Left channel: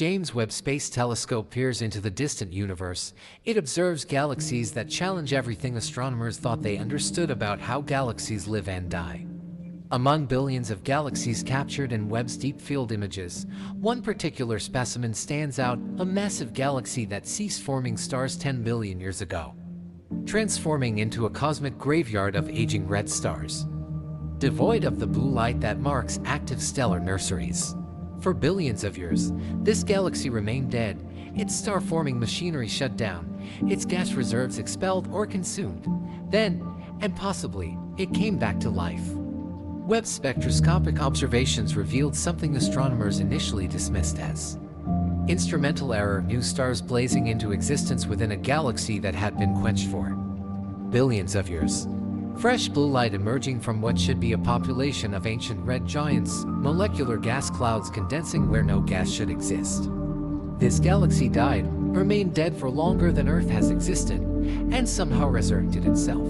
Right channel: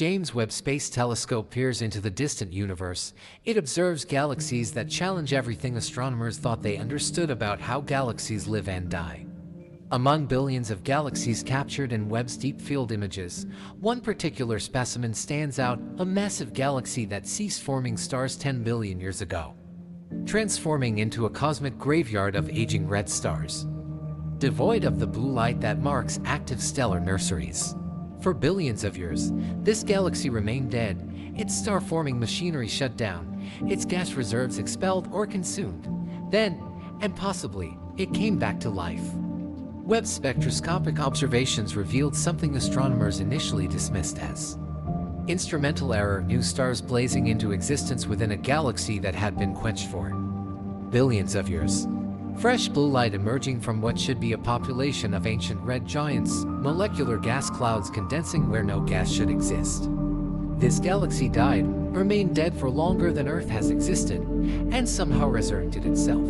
James Webb Space Telescope peers into the distant universe. It observes galaxies that challenge everything astronomers thought they understood about how galaxies live and die. Among billions of galaxies captured in Webb's deep field images, one particular specimen stands out, a massive galaxy that ceased forming stars 10 billion years ago, transforming into a cosmic graveyard of aging red stars, devoid of the blue light that marks active stellar nurseries. For billions of years, this galaxy remained dead, its star-forming machinery shut down, its gas reserves expelled or consumed. Then, and possibly, it came back to life. Webb's spectroscopic observations revealed something astronomers initially dismissed as instrumental error: new stars blazing into existence within a galaxy that had been quenched for billions of years. Fresh blue light emerging from what should be a population of ancient red giants, molecular gas clouds condensing where no gas should exist. This galaxy died, remained dead for longer than Earth has existed, and somehow resurrected itself,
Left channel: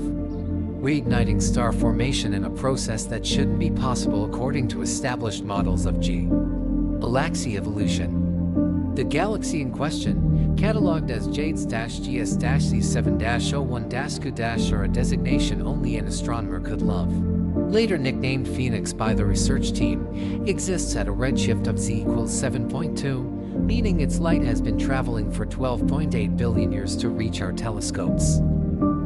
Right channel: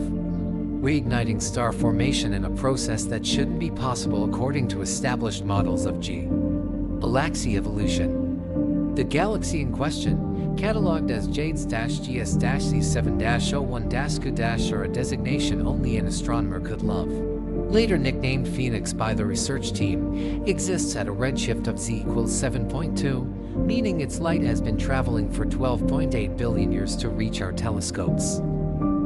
reigniting star formation in a process that shouldn't be possible according to established models of galaxy evolution. The galaxy in question, catalogued as JADES-GS-C7-01-Q- or a designation only an astronomer could love, later nicknamed Phoenix by the research team, exists at a redshift of Z equals 7.2, meaning its light has been traveling for 12.8 billion years to reach our telescopes.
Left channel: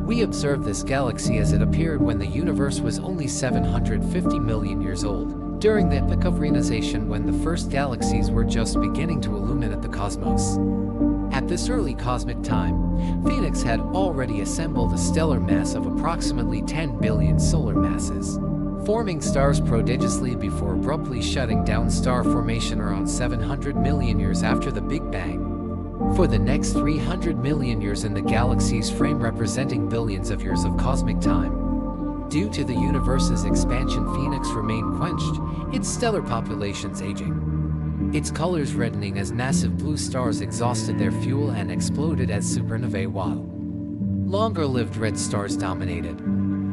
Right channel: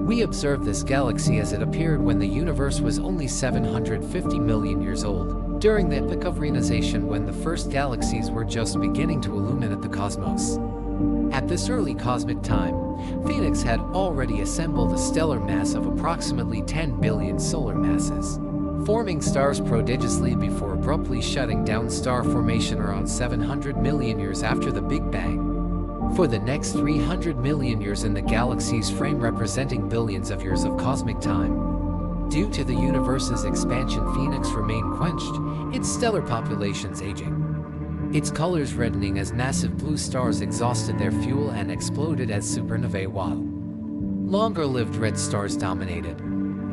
We observed this galaxy as it appeared when the universe was only 750 million years old, during the epoch of reionization when the first galaxies were just beginning to illuminate the cosmos. At this early cosmic time, Phoenix had already assembled a stellar mass of approximately 10 billion solar masses, forming stars prodigiously before abruptly shutting down star formation around 700 million years after the Big Bang. For the next 300 million years in the galaxy's frame, representing billions of years of cosmic time, due to the universe's expansion, Phoenix remained quenched, its stellar populations aging, its colors reddening as massive blue stars exhausted their fuel and exploded as supernovae, while longer-lived red stars dominated.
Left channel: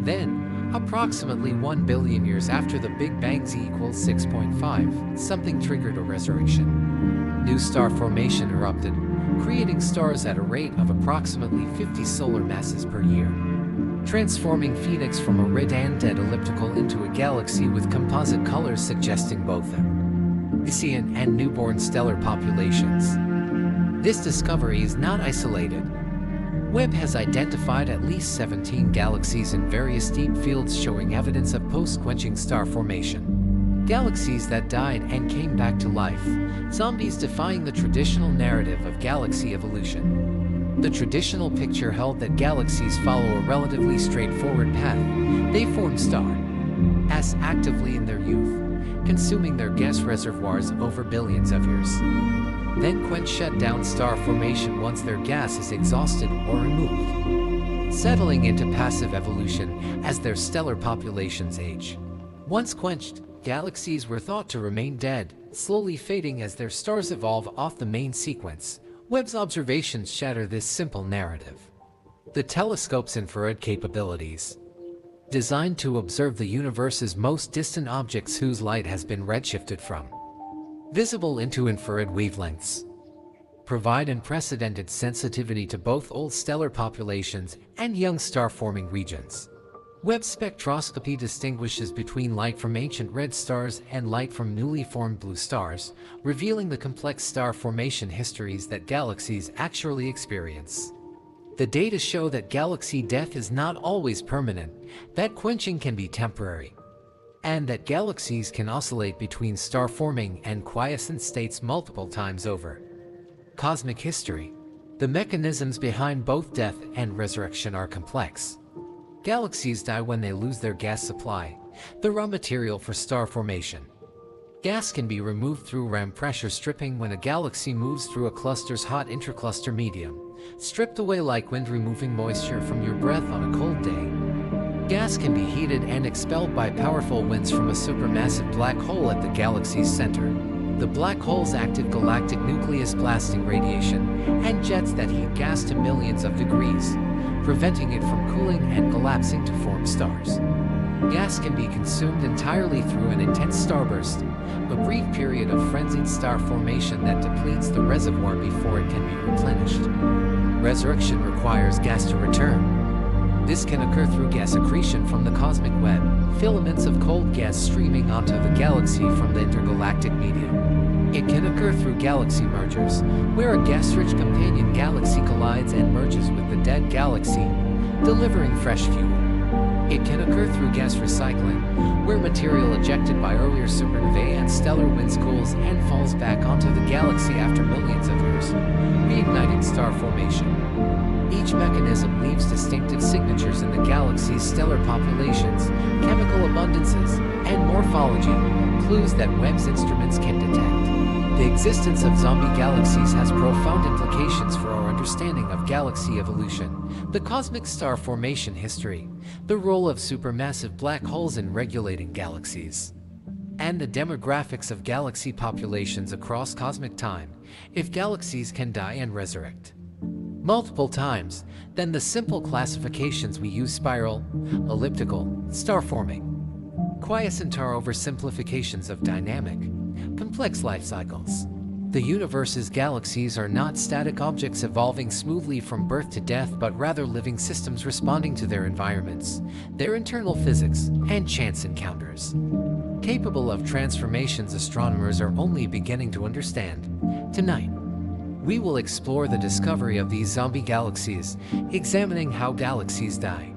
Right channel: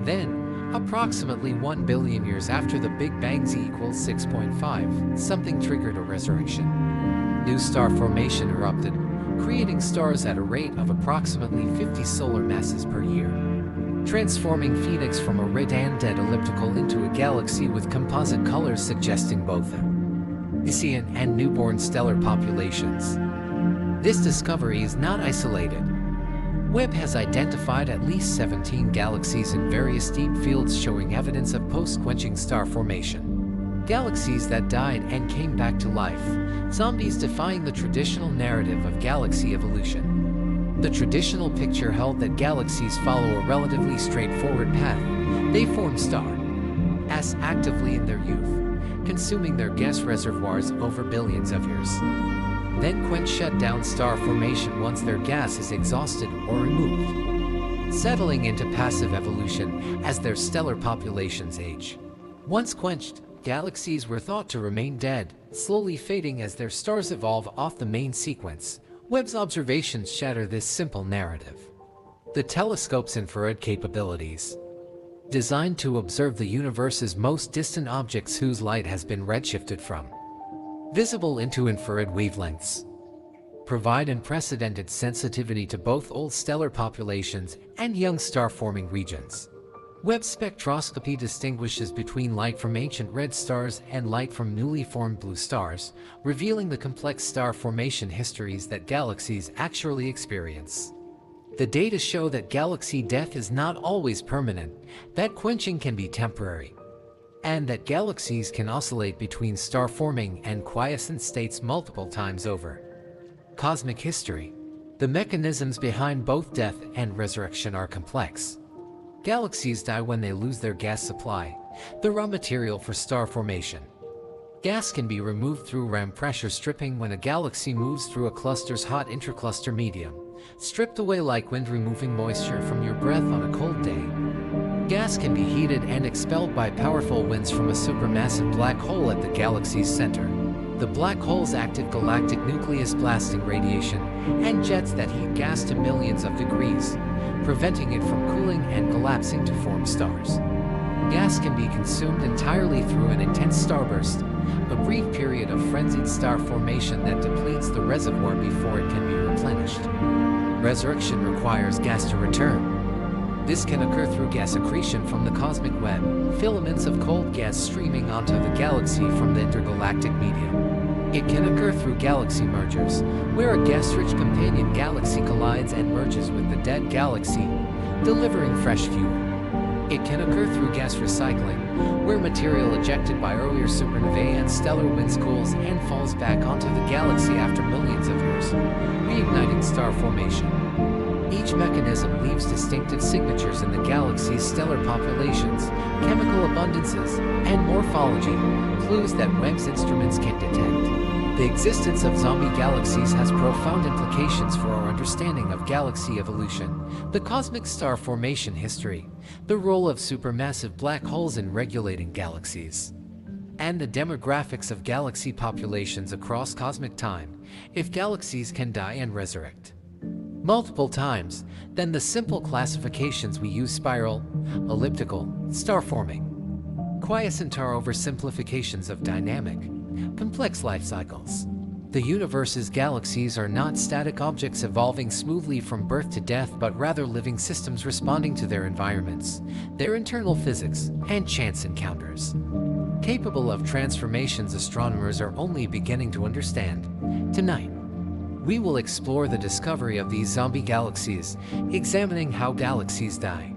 Then, approximately 1 billion years after the Big Bang, Z equals 6.5, something triggered a resurrection. New star formation erupted, creating stars at a rate of approximately 50 solar masses per year, transforming Phoenix from a red and dead elliptical into a galaxy with composite colors suggesting both Elysian and newborn stellar populations. This discovery is not isolated. Webb has identified at least 17 galaxies in various deep fields showing evidence of post-quenching star formation. Galaxies that died and came back to life, zombies defying the traditional narrative of galaxy evolution. The traditional picture held that galaxies follow a relatively straightforward path. They form stars actively in their youth, consuming their gas reservoirs over billions of years, then quench shut down star formation once their gas is exhausted or removed, settling into passive evolution as their stellar populations age. Once quenched, galaxies were thought to remain dead, slowly fading as their stars evolve off the main sequence. Webb's observations shatter this simple narrative. The telescope's infrared capabilities, designed to observe the universe's most distant objects whose light has been redshifted from visible into infrared wavelengths, provide unprecedented sensitivity to both old stellar populations and young star-forming regions. Webb spectroscopy distinguishes between light from ancient red stars and light from newly formed blue stars, revealing the complex star formation histories that galaxies actually experience. The data show that galaxy death is not always permanent, that quenching can be temporary, and that galaxies can oscillate between star-forming and quiescent states multiple times over cosmic history. The mechanisms behind both death and resurrection are complex. Galaxies die when they lose their gas supply, the raw material for star formation. Gas can be removed through ram pressure stripping when a galaxy moves through a cluster's hot intercluster medium, stripped away like wind removing moisture from your breath on a cold day. Gas can be heated and expelled by powerful winds from a supermassive black hole at the galaxy's center. The black hole's active galactic nucleus blasting radiation and jets that heat gas to millions of degrees, preventing it from cooling and collapsing to form stars. Gas can be consumed entirely through an intense starburst, a brief period of frenzied star formation that depletes the reservoir before it can be replenished. Resurrection requires gas to return. This can occur through gas accretion from the cosmic web, filaments of cold gas streaming onto the galaxy from the intergalactic medium. It can occur through galaxy mergers, where a gas-rich companion galaxy collides and merges with the dead galaxy, delivering fresh fuel. It can occur through gas recycling, where material ejected by earlier supernovae and stellar winds cools and falls back onto the galaxy after millions of years, reigniting star formation. Each mechanism leaves distinctive signatures in the galaxy's stellar populations, chemical abundances, and morphology, clues that Webb's instruments can detect. The existence of zombie galaxies has profound implications for our understanding of galaxy evolution, the cosmic star formation history, the role of supermassive black holes in regulating galaxies, and the demographics of galaxy populations across cosmic time. If galaxies can die and resurrect multiple times, then the simple classifications we use, spiral, elliptical, star-forming, quiescent, are oversimplifications of dynamic, complex life cycles. The universe's galaxies are not static objects evolving smoothly from birth to death, but rather living systems responding to their environments, their internal physics, and chance encounters. Capable of transformations astronomers are only beginning to understand. Tonight, we will explore the discovery of these zombie galaxies, examining how galaxies die,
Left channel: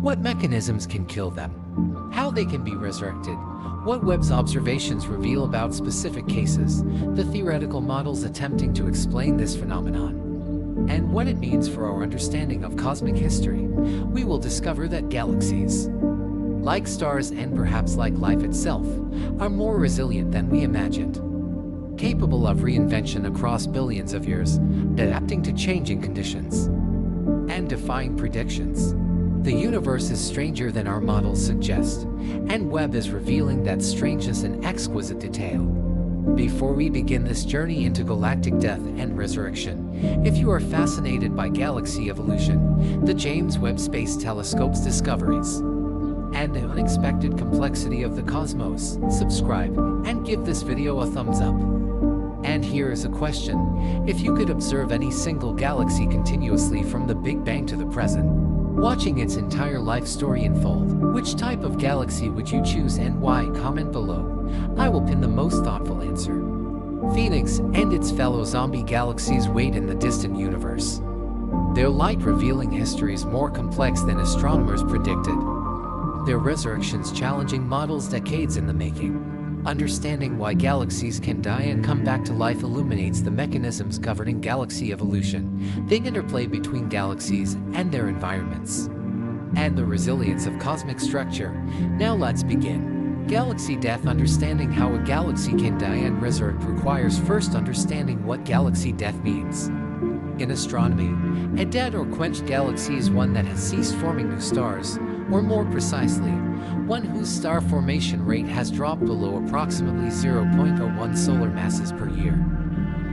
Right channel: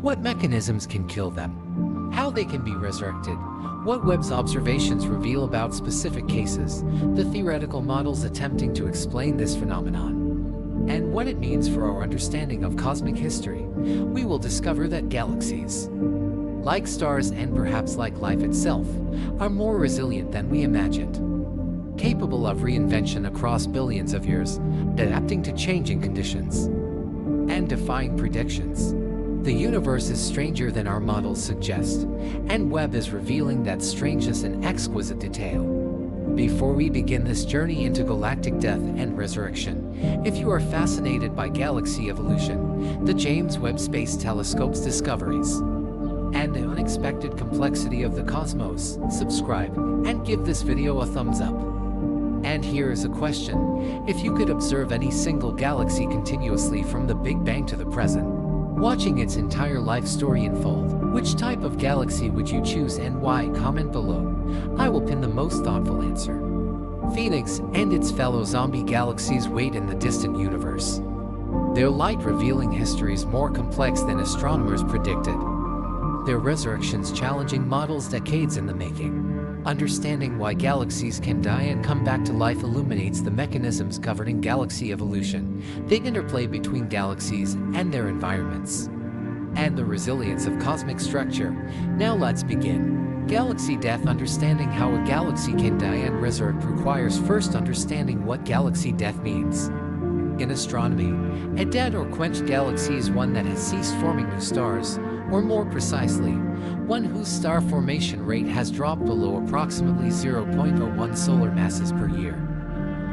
what mechanisms can kill them, how they can be resurrected, what Webb's observations reveal about specific cases, the theoretical models attempting to explain this phenomenon, and what it means for our understanding of cosmic history. We will discover that galaxies, like stars and perhaps like life itself, are more resilient than we imagined, capable of reinvention across billions of years, adapting to changing conditions, and defying predictions. The universe is stranger than our models suggest, and Webb is revealing that strangeness in exquisite detail. Before we begin this journey into galactic death and resurrection, if you are fascinated by galaxy evolution, the James Webb Space Telescope's discoveries, and the unexpected complexity of the cosmos, subscribe and give this video a thumbs up. And here is a question: if you could observe any single galaxy continuously from the Big Bang to the present, watching its entire life story unfold, which type of galaxy would you choose and why? Comment below. I will pin the most thoughtful answer. Phoenix and its fellow zombie galaxies wait in the distant universe, their light-revealing histories more complex than astronomers predicted, their resurrections challenging models decades in the making. Understanding why galaxies can die and come back to life illuminates the mechanisms governing galaxy evolution, the interplay between galaxies and their environments, and the resilience of cosmic structure. Now let's begin. Galaxy death. Understanding how a galaxy can die and resurrect requires first understanding what galaxy death means. In astronomy, a dead or quenched galaxy is one that has ceased forming new stars, or more precisely, one whose star formation rate has dropped below approximately 0.01 solar masses per year.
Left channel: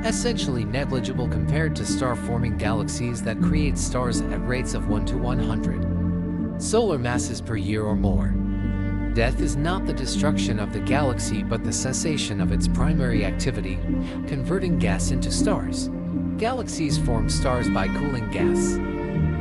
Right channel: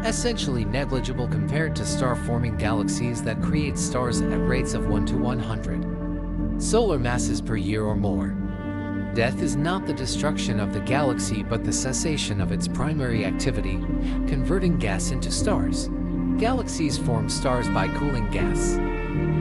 Essentially negligible compared to star-forming galaxies that create stars at rates of 1 to 100 solar masses per year or more. Death is not the destruction of the galaxy but the cessation of its primary activity, converting gas into stars. Galaxies form stars by cooling gas.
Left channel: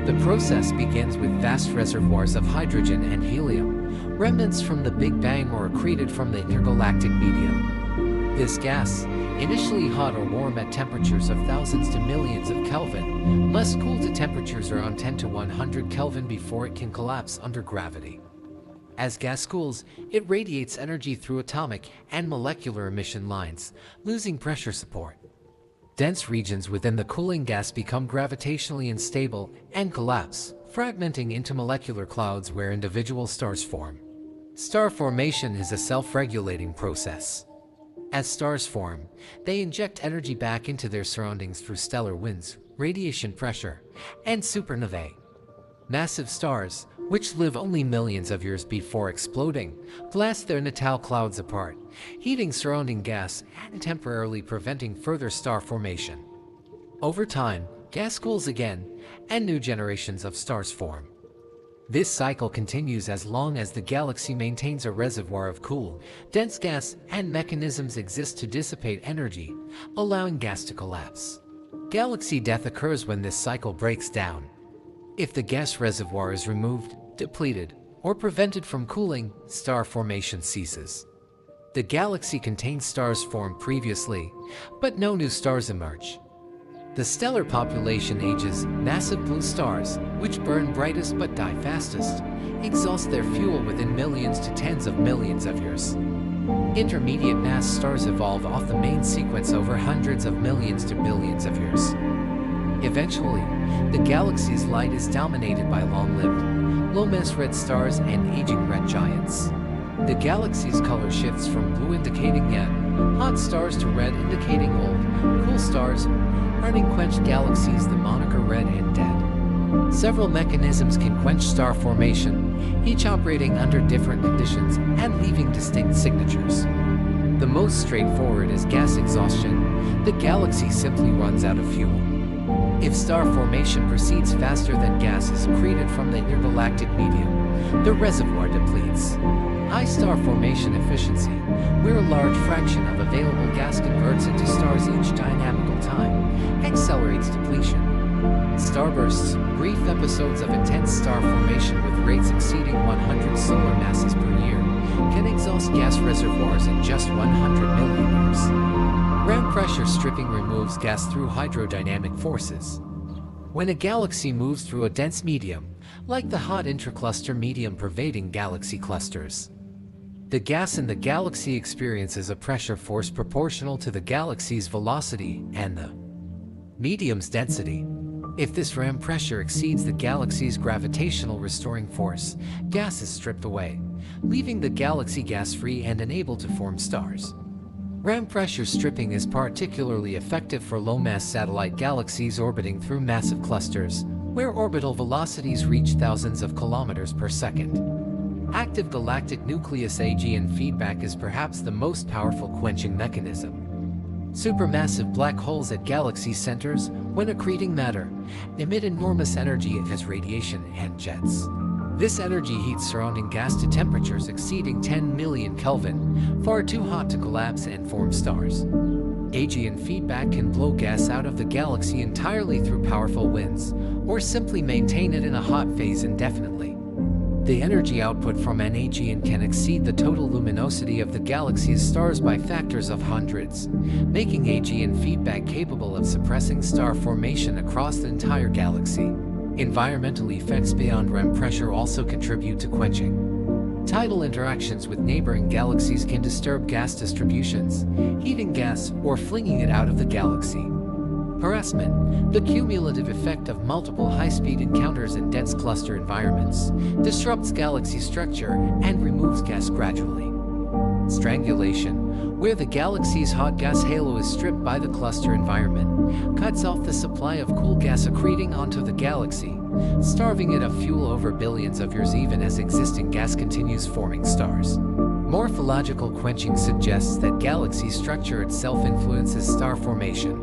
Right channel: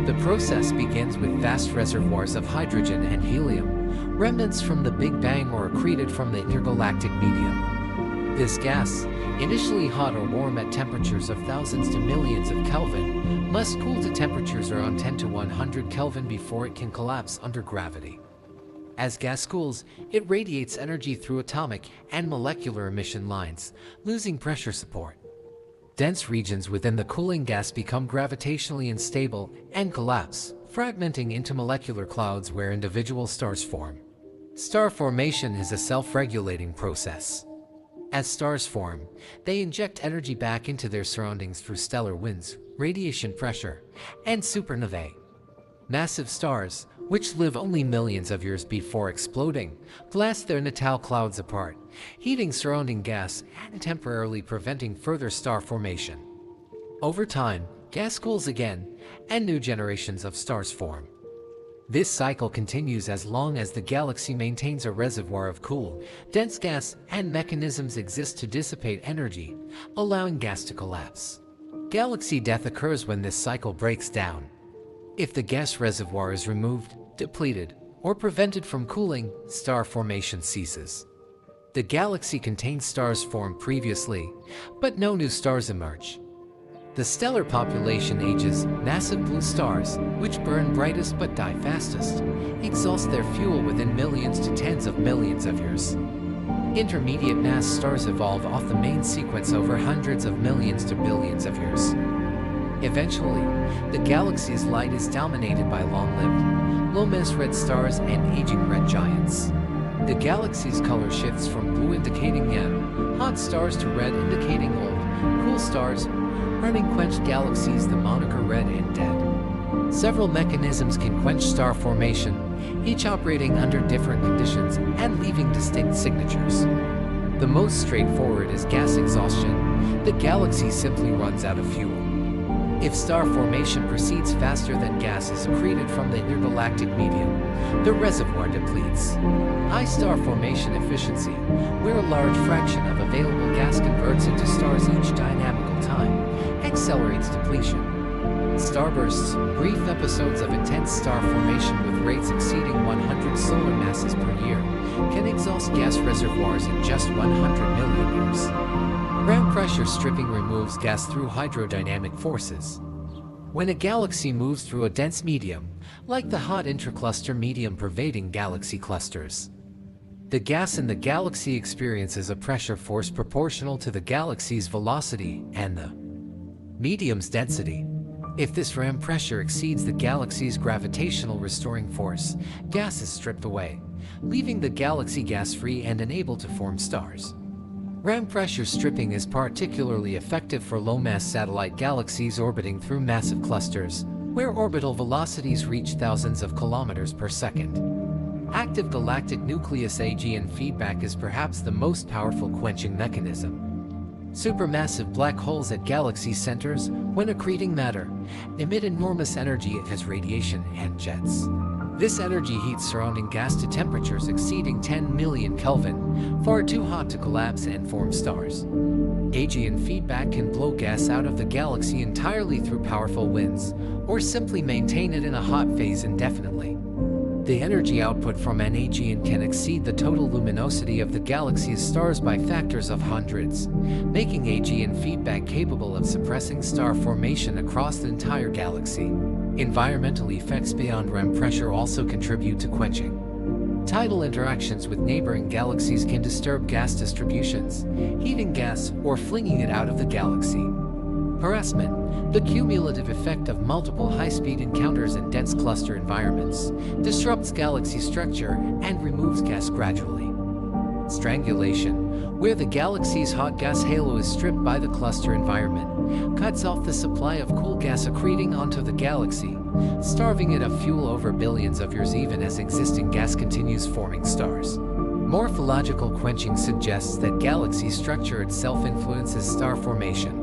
The process begins with vast reservoirs of hydrogen and helium, remnants from the Big Bang or accreted from the intergalactic medium. This gas, initially hot or warm at temperatures of thousands to millions of Kelvin, must cool to temperatures around 10 to 100 Kelvin before it can collapse under gravity. As gas cools, it radiates energy through atomic and molecular emission lines, losing pressure support. Dense regions within the cooling gas become gravitationally unstable and collapse, fragmenting into molecular clouds where individual stars form. Star formation is a self-regulating process. As stars form, they inject energy back into their surroundings through stellar winds, radiation pressure, and supernovae. Massive stars, which live only millions of years before exploding, blast their natal clouds apart, heating surrounding gas and temporarily preventing further star formation. Over time, gas cools again, and new generations of stars form. This cycle continues as long as the galaxy maintains a reservoir of cool, dense gas, and mechanisms exist to dissipate energy, allowing gas to collapse. Galaxy death occurs when this cycle breaks down. If the gas reservoir is removed, depleted, or prevented from cooling, star formation ceases. The galaxy contains stars formed previously, but no new stars emerge. The stellar population ages. Massive blue stars, which burn brightest but die fastest, exhaust their fuel within millions to tens of millions of years. Intermediate mass stars evolve off the main sequence over hundreds of millions to billions of years. Eventually, the galaxy's light is dominated by long-lived, low-mass red stars and aging red giants. The galaxy's color shifts from blue indicating young, hot stars to red indicating old, cool stars, earning quenched galaxies the moniker red and dead. Several mechanisms can quench star formation, each operating under different conditions and leaving distinct signatures. The most straightforward is gas exhaustion. The galaxy simply runs out of fuel. If star formation proceeds faster than gas is accreted from the intergalactic medium, the reservoir depletes. High star formation efficiency, where a large fraction of available gas converts into stars each dynamical time, accelerates depletion. Starbursts, brief episodes of intense star formation with rates exceeding 100 solar masses per year, can exhaust gas reservoirs in just 100 million years. Ground pressure stripping removes gas through hydrodynamic forces. When a galaxy moves through a dense medium, like the hot intracluster medium pervading galaxy clusters, the gas in the galaxy experiences a pressure force proportional to the galaxy's velocity and the medium's density. If this ram pressure exceeds the galaxy's gravitational restoring force, gas is stripped away, leaving the galaxy gas-free and unable to form stars. Ram pressure stripping is particularly effective for low-mass satellite galaxies orbiting through massive clusters, where orbital velocities reach thousands of kilometers per second. Active galactic nucleus AGN feedback is perhaps the most powerful quenching mechanism. Supermassive black holes at galaxy centers, when accreting matter, emit enormous energy as radiation and jets. This energy heats surrounding gas to temperatures exceeding 10 million Kelvin, far too hot to collapse and form stars. AGN feedback can blow gas out of the galaxy entirely through powerful winds, or simply maintain it in a hot phase indefinitely. The energy output from an AGN can exceed the total luminosity of the galaxy's stars by factors of hundreds, making AGN feedback capable of suppressing star formation across the entire galaxy. Environmental effects beyond ram pressure also contribute to quenching. Tidal interactions with neighboring galaxies can disturb gas distributions, heating gas or flinging it out of the galaxy. Harassment, the cumulative effect of multiple high-speed encounters in dense cluster environments, disrupts galaxy structure and removes gas gradually. Strangulation, where the galaxy's hot gas halo is stripped by the cluster environment, cuts off the supply of cool gas accreting onto the galaxy, starving it of fuel over billions of years even as existing gas continues forming stars. Morphological quenching suggests that galaxy structure itself influences star formation.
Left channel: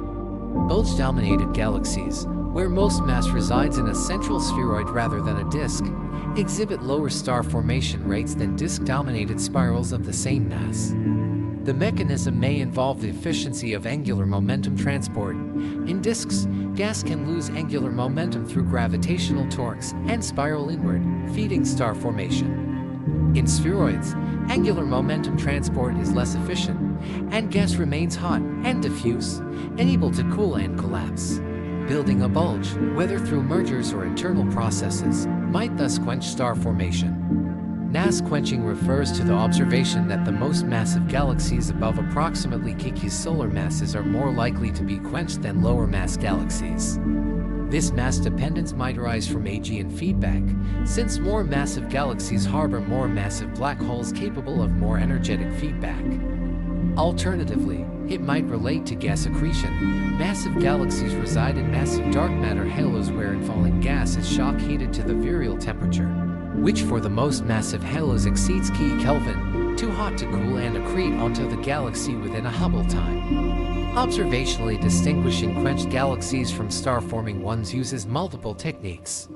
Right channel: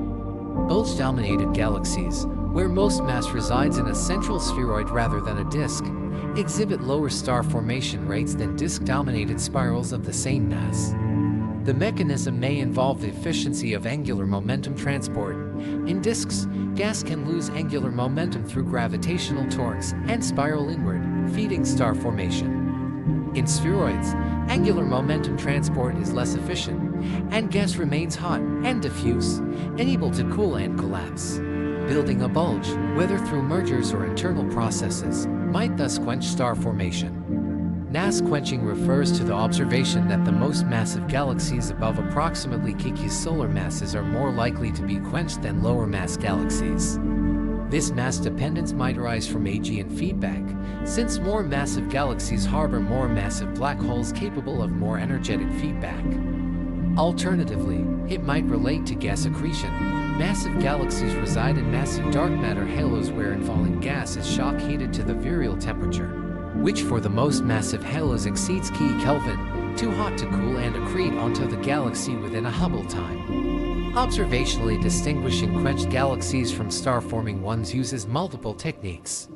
Bulge-dominated galaxies, where most mass resides in a central spheroid rather than a disk, exhibit lower star formation rates than disk-dominated spirals of the same mass. The mechanism may involve the efficiency of angular momentum transport. In disks, gas can lose angular momentum through gravitational torques and spiral inward, feeding star formation. In spheroids, angular momentum transport is less efficient, and gas remains hot and diffuse, unable to cool and collapse. Building a bulge, whether through mergers or internal processes, might thus quench star formation. Mass quenching refers to the observation that the most massive galaxies above approximately Kiki's solar masses are more likely to be quenched than lower mass galaxies. This mass dependence might arise from AGN feedback, since more massive galaxies harbor more massive black holes capable of more energetic feedback. Alternatively, it might relate to gas accretion. Massive galaxies reside in massive dark matter halos wherein falling gas is shock heated to the virial temperature, which for the most massive halos exceeds Kelvin, too hot to cool and accrete onto the galaxy within a Hubble time. Observationally distinguishing quenched galaxies from star-forming ones uses multiple techniques.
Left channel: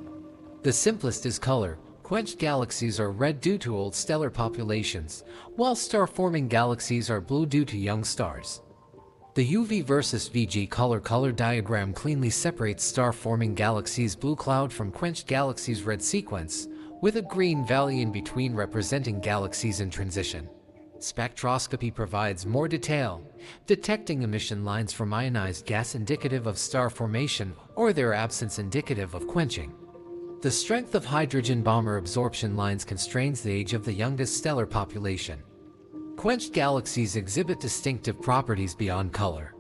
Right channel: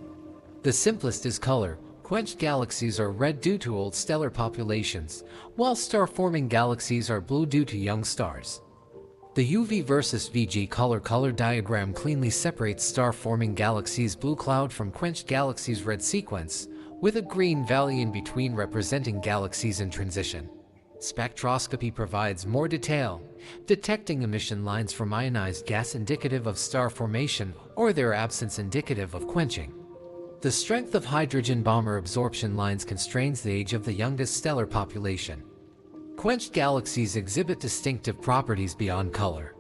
The simplest is color, Quenched galaxies are red due to old stellar populations, while star-forming galaxies are blue due to young stars. The UV versus VG color diagram cleanly separates star-forming galaxies' blue cloud from quenched galaxies' red sequence, with a green valley in between representing galaxies in transition. Spectroscopy provides more detail, detecting emission lines from ionized gas indicative of star formation or their absence indicative of quenching. The strength of hydrogen bomber absorption lines constrains the age of the youngest stellar population. Quenched galaxies exhibit distinctive properties beyond color.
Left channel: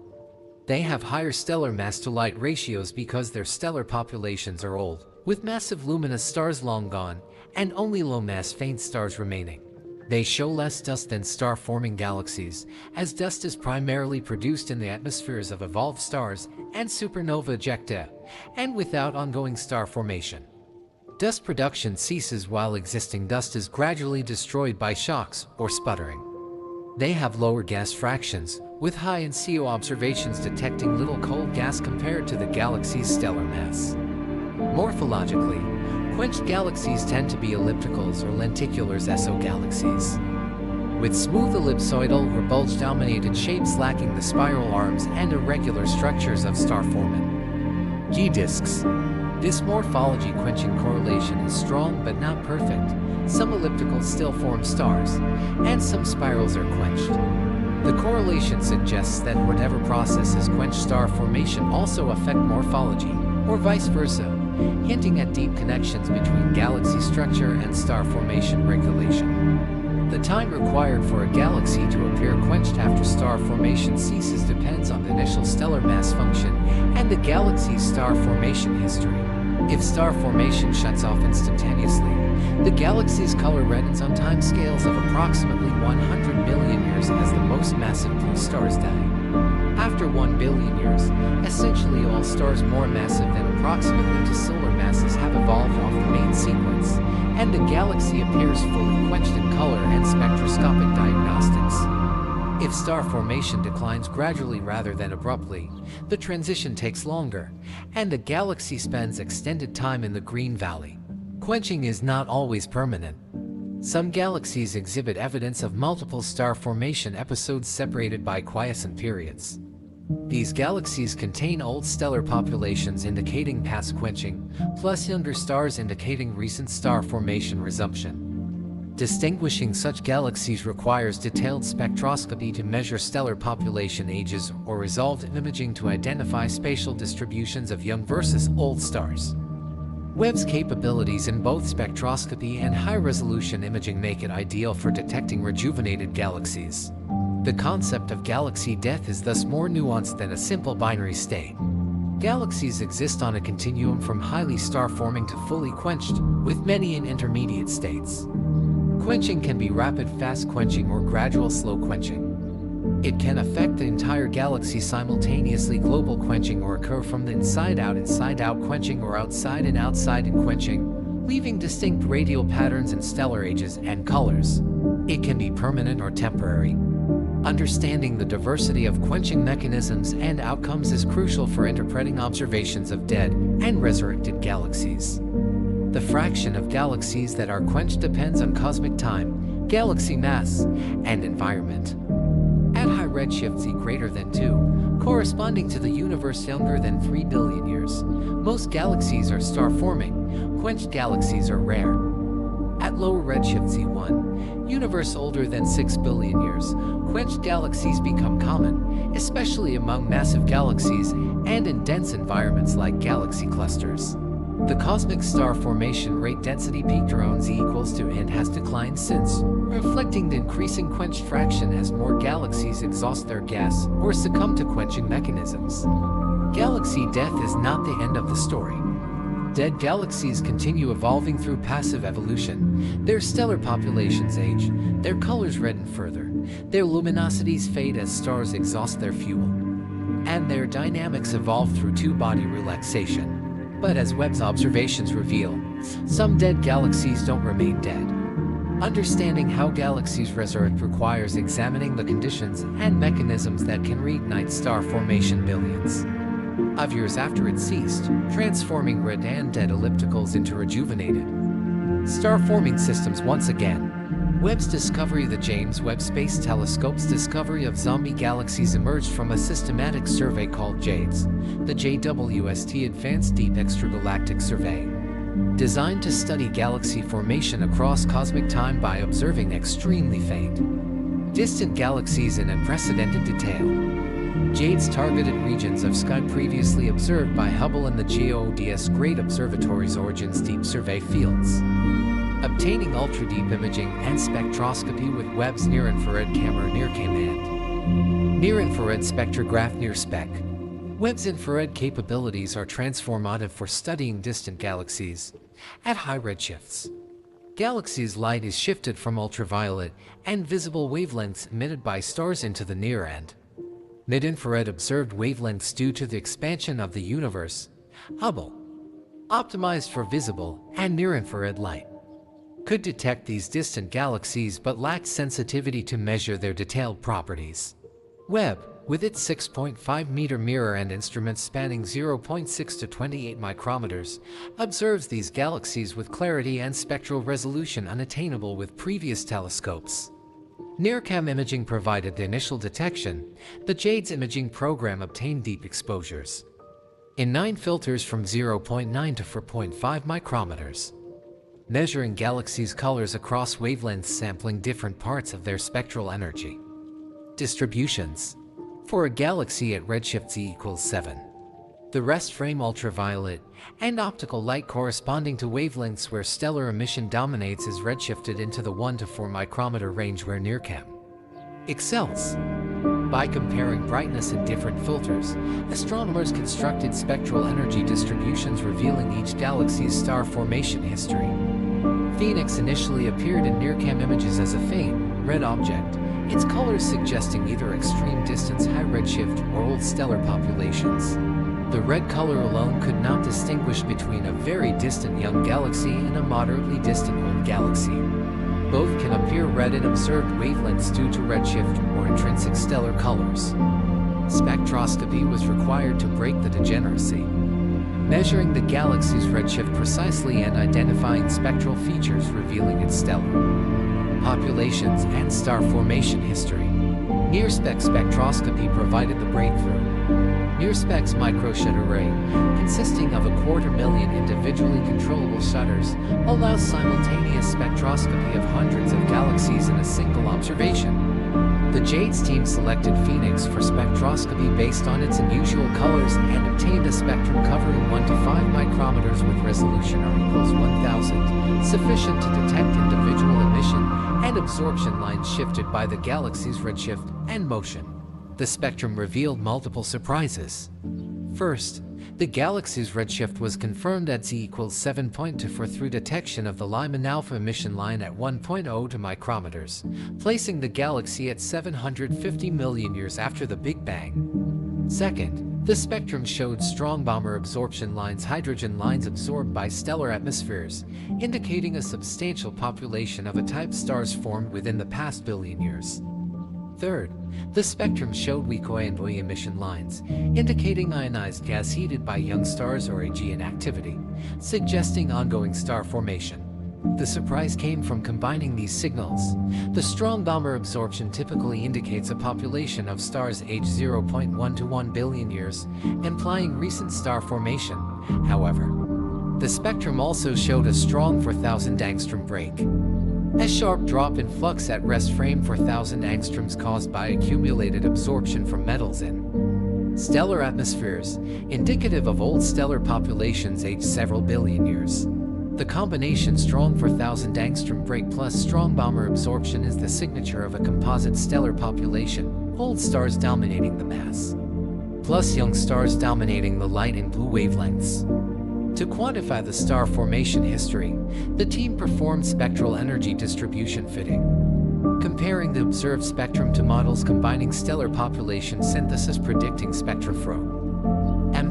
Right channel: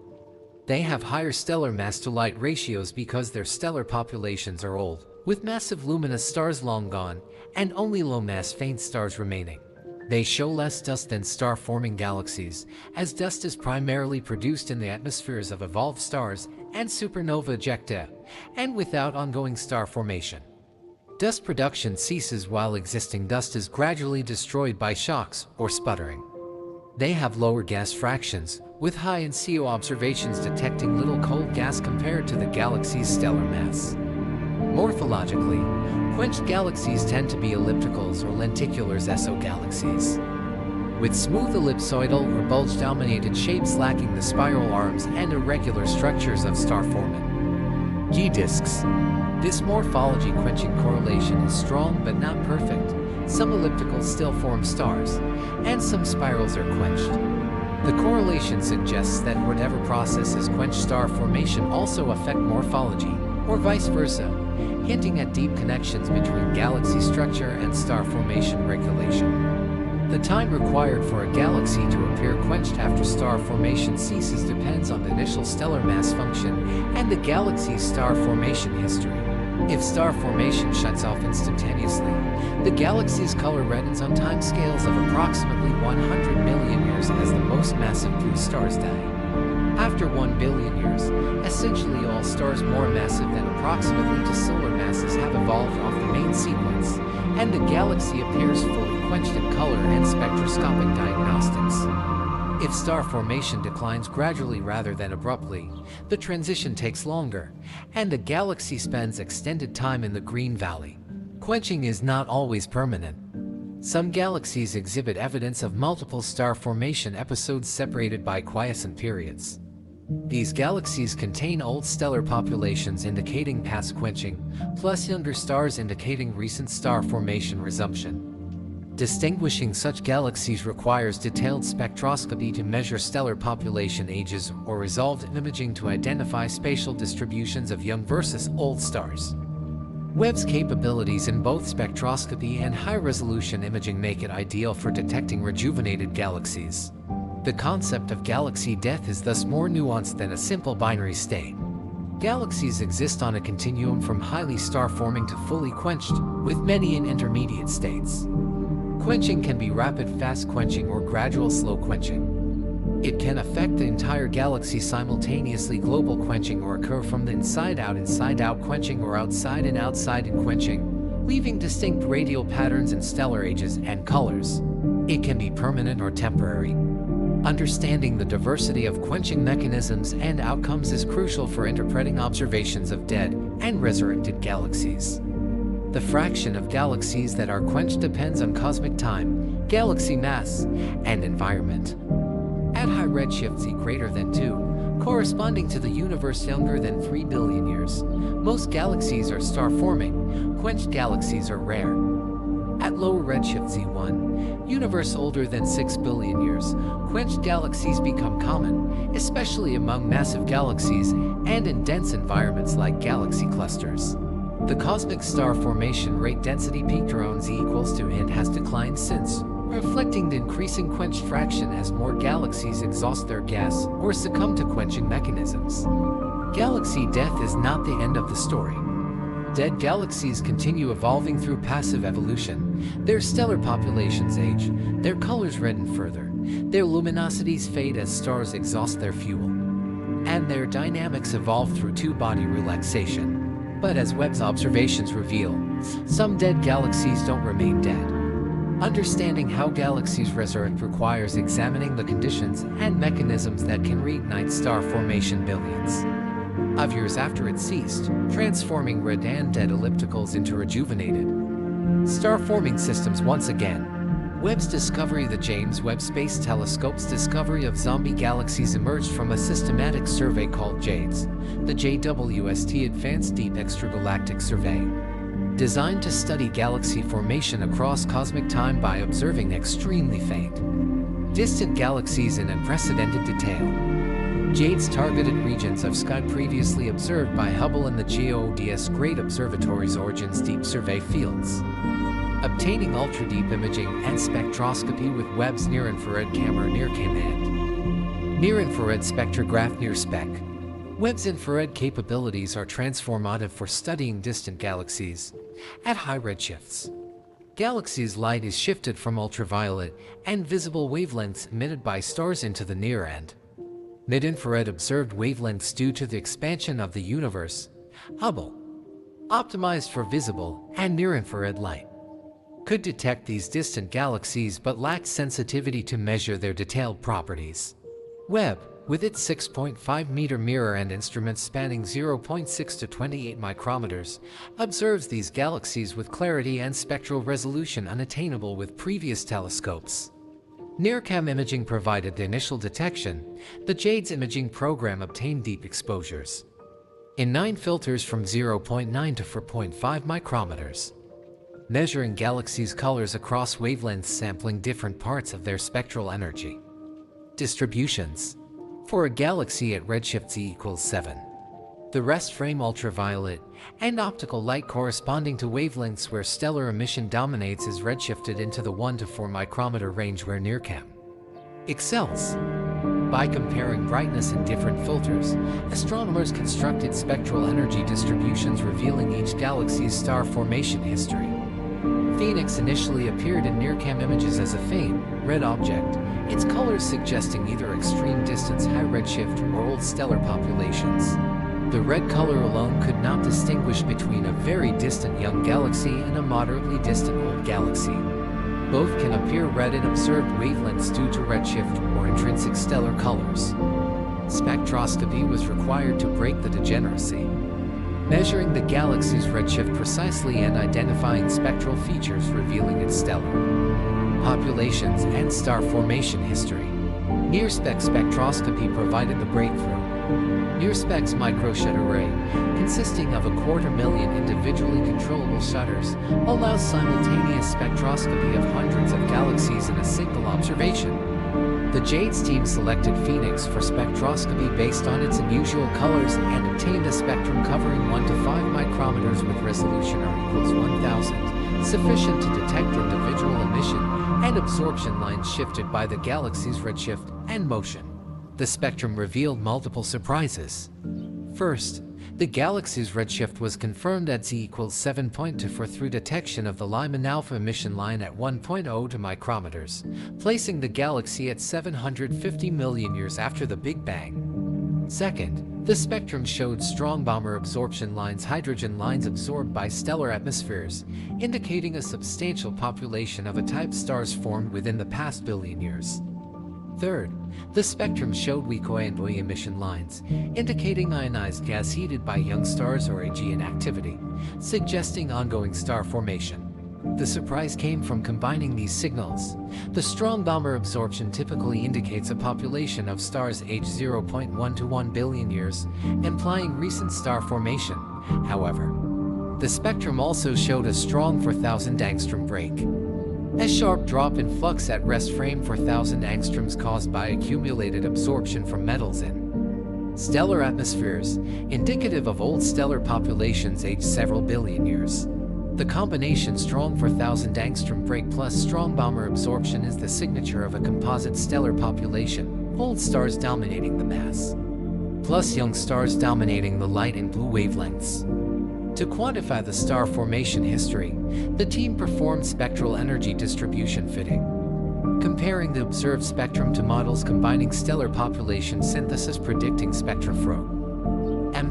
They have higher stellar mass-to-light ratios because their stellar populations are old, with massive luminous stars long gone, and only low-mass faint stars remaining. They show less dust than star-forming galaxies, as dust is primarily produced in the atmospheres of evolved stars and supernova ejecta, and without ongoing star formation. Dust production ceases while existing dust is gradually destroyed by shocks or sputtering. They have lower gas fractions, with high NCO observations detecting little cold gas compared to the galaxy's stellar mass. Morphologically, quenched galaxies tend to be ellipticals or lenticulars exogalaxies, with smooth ellipsoidal or bulge-dominated shapes lacking the spiral arms and irregular structures of star foremen. G-disks. This morphology quenching correlation is strong but not perfect. Some ellipticals still form stars, and some spirals are quenched. The correlation suggests that whatever processes quench star formation also affect morphology, or vice versa, hinting at deep connections between galaxy structure and star formation regulation. The time required for a galaxy to appear quenched after star formation ceases depends on the initial stellar mass function and the galaxy's star formation history. If star formation shuts off instantaneously, the galaxy's color reddens on timescales of approximately 100 million years as the most massive blue stars die. After 1 billion years, essentially all stars more massive than approximately two solar masses have evolved off the main sequence, and the galaxy appears fully quenched in color and spectroscopic diagnostics. If star formation declines gradually rather than abruptly, the transition takes longer, and the galaxy spends extended time in the green valley. Quenching is not always permanent. Some galaxies exhibit evidence of multiple star formation episodes separated by quiescent periods. These galaxies contain old stellar populations indicating past quenching, plus younger stars indicating recent star formation resumption. Distinguishing such galaxies requires detailed spectroscopy to measure stellar population ages or resolved imaging to identify spatial distributions of young versus old stars. Webb's capabilities in both spectroscopy and high-resolution imaging make it ideal for detecting rejuvenated galaxies. The concept of galaxy death is thus more nuanced than a simple binary state. Galaxies exist on a continuum from highly star-forming to fully quenched, with many in intermediate states. Quenching can be rapid fast quenching or gradual slow quenching. It can affect the entire galaxy simultaneously, global quenching, or occur from the inside out quenching, or outside in quenching, leaving distinct radial patterns in stellar ages and colors. It can be permanent or temporary. Understanding the diversity of quenching mechanisms and outcomes is crucial for interpreting observations of dead and resurrected galaxies. The fraction of galaxies that are quenched depends on cosmic time, galaxy mass, and environment. At high redshift Z greater than 2, corresponding to the universe younger than 3 billion years, most galaxies are star-forming. Quenched galaxies are rare. At lower redshift Z1, universe older than 6 billion years, quenched galaxies become common, especially among massive galaxies and in dense environments like galaxy clusters. The cosmic star formation rate density peaked around Z equals 2 and has declined since, reflecting the increasing quenched fraction as more galaxies exhaust their gas or succumb to quenching mechanisms. Galaxy death is not the end of the story. Dead galaxies continue evolving through passive evolution. Their stellar populations age, their colors redden further, their luminosities fade as stars exhaust their fuel, and their dynamics evolve through two-body relaxation. But as Webb's observations reveal, some dead galaxies don't remain dead. Understanding how galaxies resurrect requires examining the conditions and mechanisms that can reignite star formation billions of years after it ceased, transforming red and dead ellipticals into rejuvenated, Star-forming systems once again. Webb's discovery. The James Webb Space Telescope's discovery of zombie galaxies emerged from a systematic survey called JADES, the JWST Advanced Deep Extragalactic Survey, designed to study galaxy formation across cosmic time by observing extremely faint, distant galaxies in unprecedented detail. JADES targeted regions of sky previously observed by Hubble and the GODS Great Observatory's Origins Deep Survey fields, obtaining ultra-deep imaging and spectroscopy with Webb's near-infrared camera NIRCam and near-infrared spectrograph NIRSpec. Webb's infrared capabilities are transformative for studying distant galaxies at high redshifts. Galaxies' light is shifted from ultraviolet and visible wavelengths emitted by stars into the near and mid-infrared observed wavelengths due to the expansion of the universe. Hubble, optimized for visible and near-infrared light, could detect these distant galaxies but lacked sensitivity to measure their detailed properties. Webb, with its 6.5-meter mirror and instruments spanning 0.6 to 28 micrometers, observes these galaxies with clarity and spectral resolution unattainable with previous telescopes. NIRCam imaging provided the initial detection. The JADES imaging program obtained deep exposures in 9 filters from 0.9 to 4.5 micrometers, measuring galaxies' colors across wavelengths, sampling different parts of their spectral energy distributions. For a galaxy at redshift z=7, the rest frame ultraviolet and optical light corresponding to wavelengths where stellar emission dominates is redshifted into the 1 to 4 micrometer range where NIRCam excels. By comparing brightness in different filters, astronomers constructed spectral energy distributions revealing each galaxy's star formation history. Phoenix initially appeared in NIRCam images as a faint, red object, its colors suggesting either extreme distance, high redshift, or old stellar populations. The red color alone could not distinguish between a very distant young galaxy and a moderately distant old galaxy. Both can appear red in observed wavelengths due to redshift or intrinsic stellar colors. Spectroscopy was required to break the degeneracy, measuring the galaxy's redshift precisely and identifying spectral features revealing its stellar populations and star formation history. NIRSpec spectroscopy provided the breakthrough. NIRSpec's microshutter array, consisting of 250,000 individually controllable shutters, allows simultaneous spectroscopy of hundreds of galaxies in a single observation. The JADES team selected Phoenix for spectroscopy based on its unusual colors and obtained a spectrum covering 1 to 5 micrometers with resolution R=1000, sufficient to detect individual emission and absorption lines shifted by the galaxy's redshift and motion. The spectrum revealed multiple surprises. First, the galaxy's redshift was confirmed at z=7.24 through detection of the Lyman alpha emission line at 1.02 micrometers, placing the galaxy at 750 million years after the Big Bang. Second, the spectrum showed strong Balmer absorption lines, hydrogen lines absorbed by stellar atmospheres, indicating a substantial population of A-type stars formed within the past billion years. Third, the spectrum showed weak envoy emission lines, indicating ionized gas heated by young stars or AGN activity, suggesting ongoing star formation. The surprise came from combining these signals. The strong Balmer absorption typically indicates a population of stars aged 0.1 to 1 billion years, implying recent star formation. However, the spectrum also showed a strong 4,000 angstrom break, a sharp drop in flux at rest frame 4,000 angstroms caused by accumulated absorption from metals in stellar atmospheres, indicative of old stellar populations aged several billion years. The combination strong 4,000 angstrom break plus strong Balmer absorption is the signature of a composite stellar population, old stars dominating the mass, plus young stars dominating the light and blue wavelengths. To quantify the star formation history, the team performed spectral energy distribution fitting, comparing the observed spectrum to models combining stellar population synthesis predicting spectrofro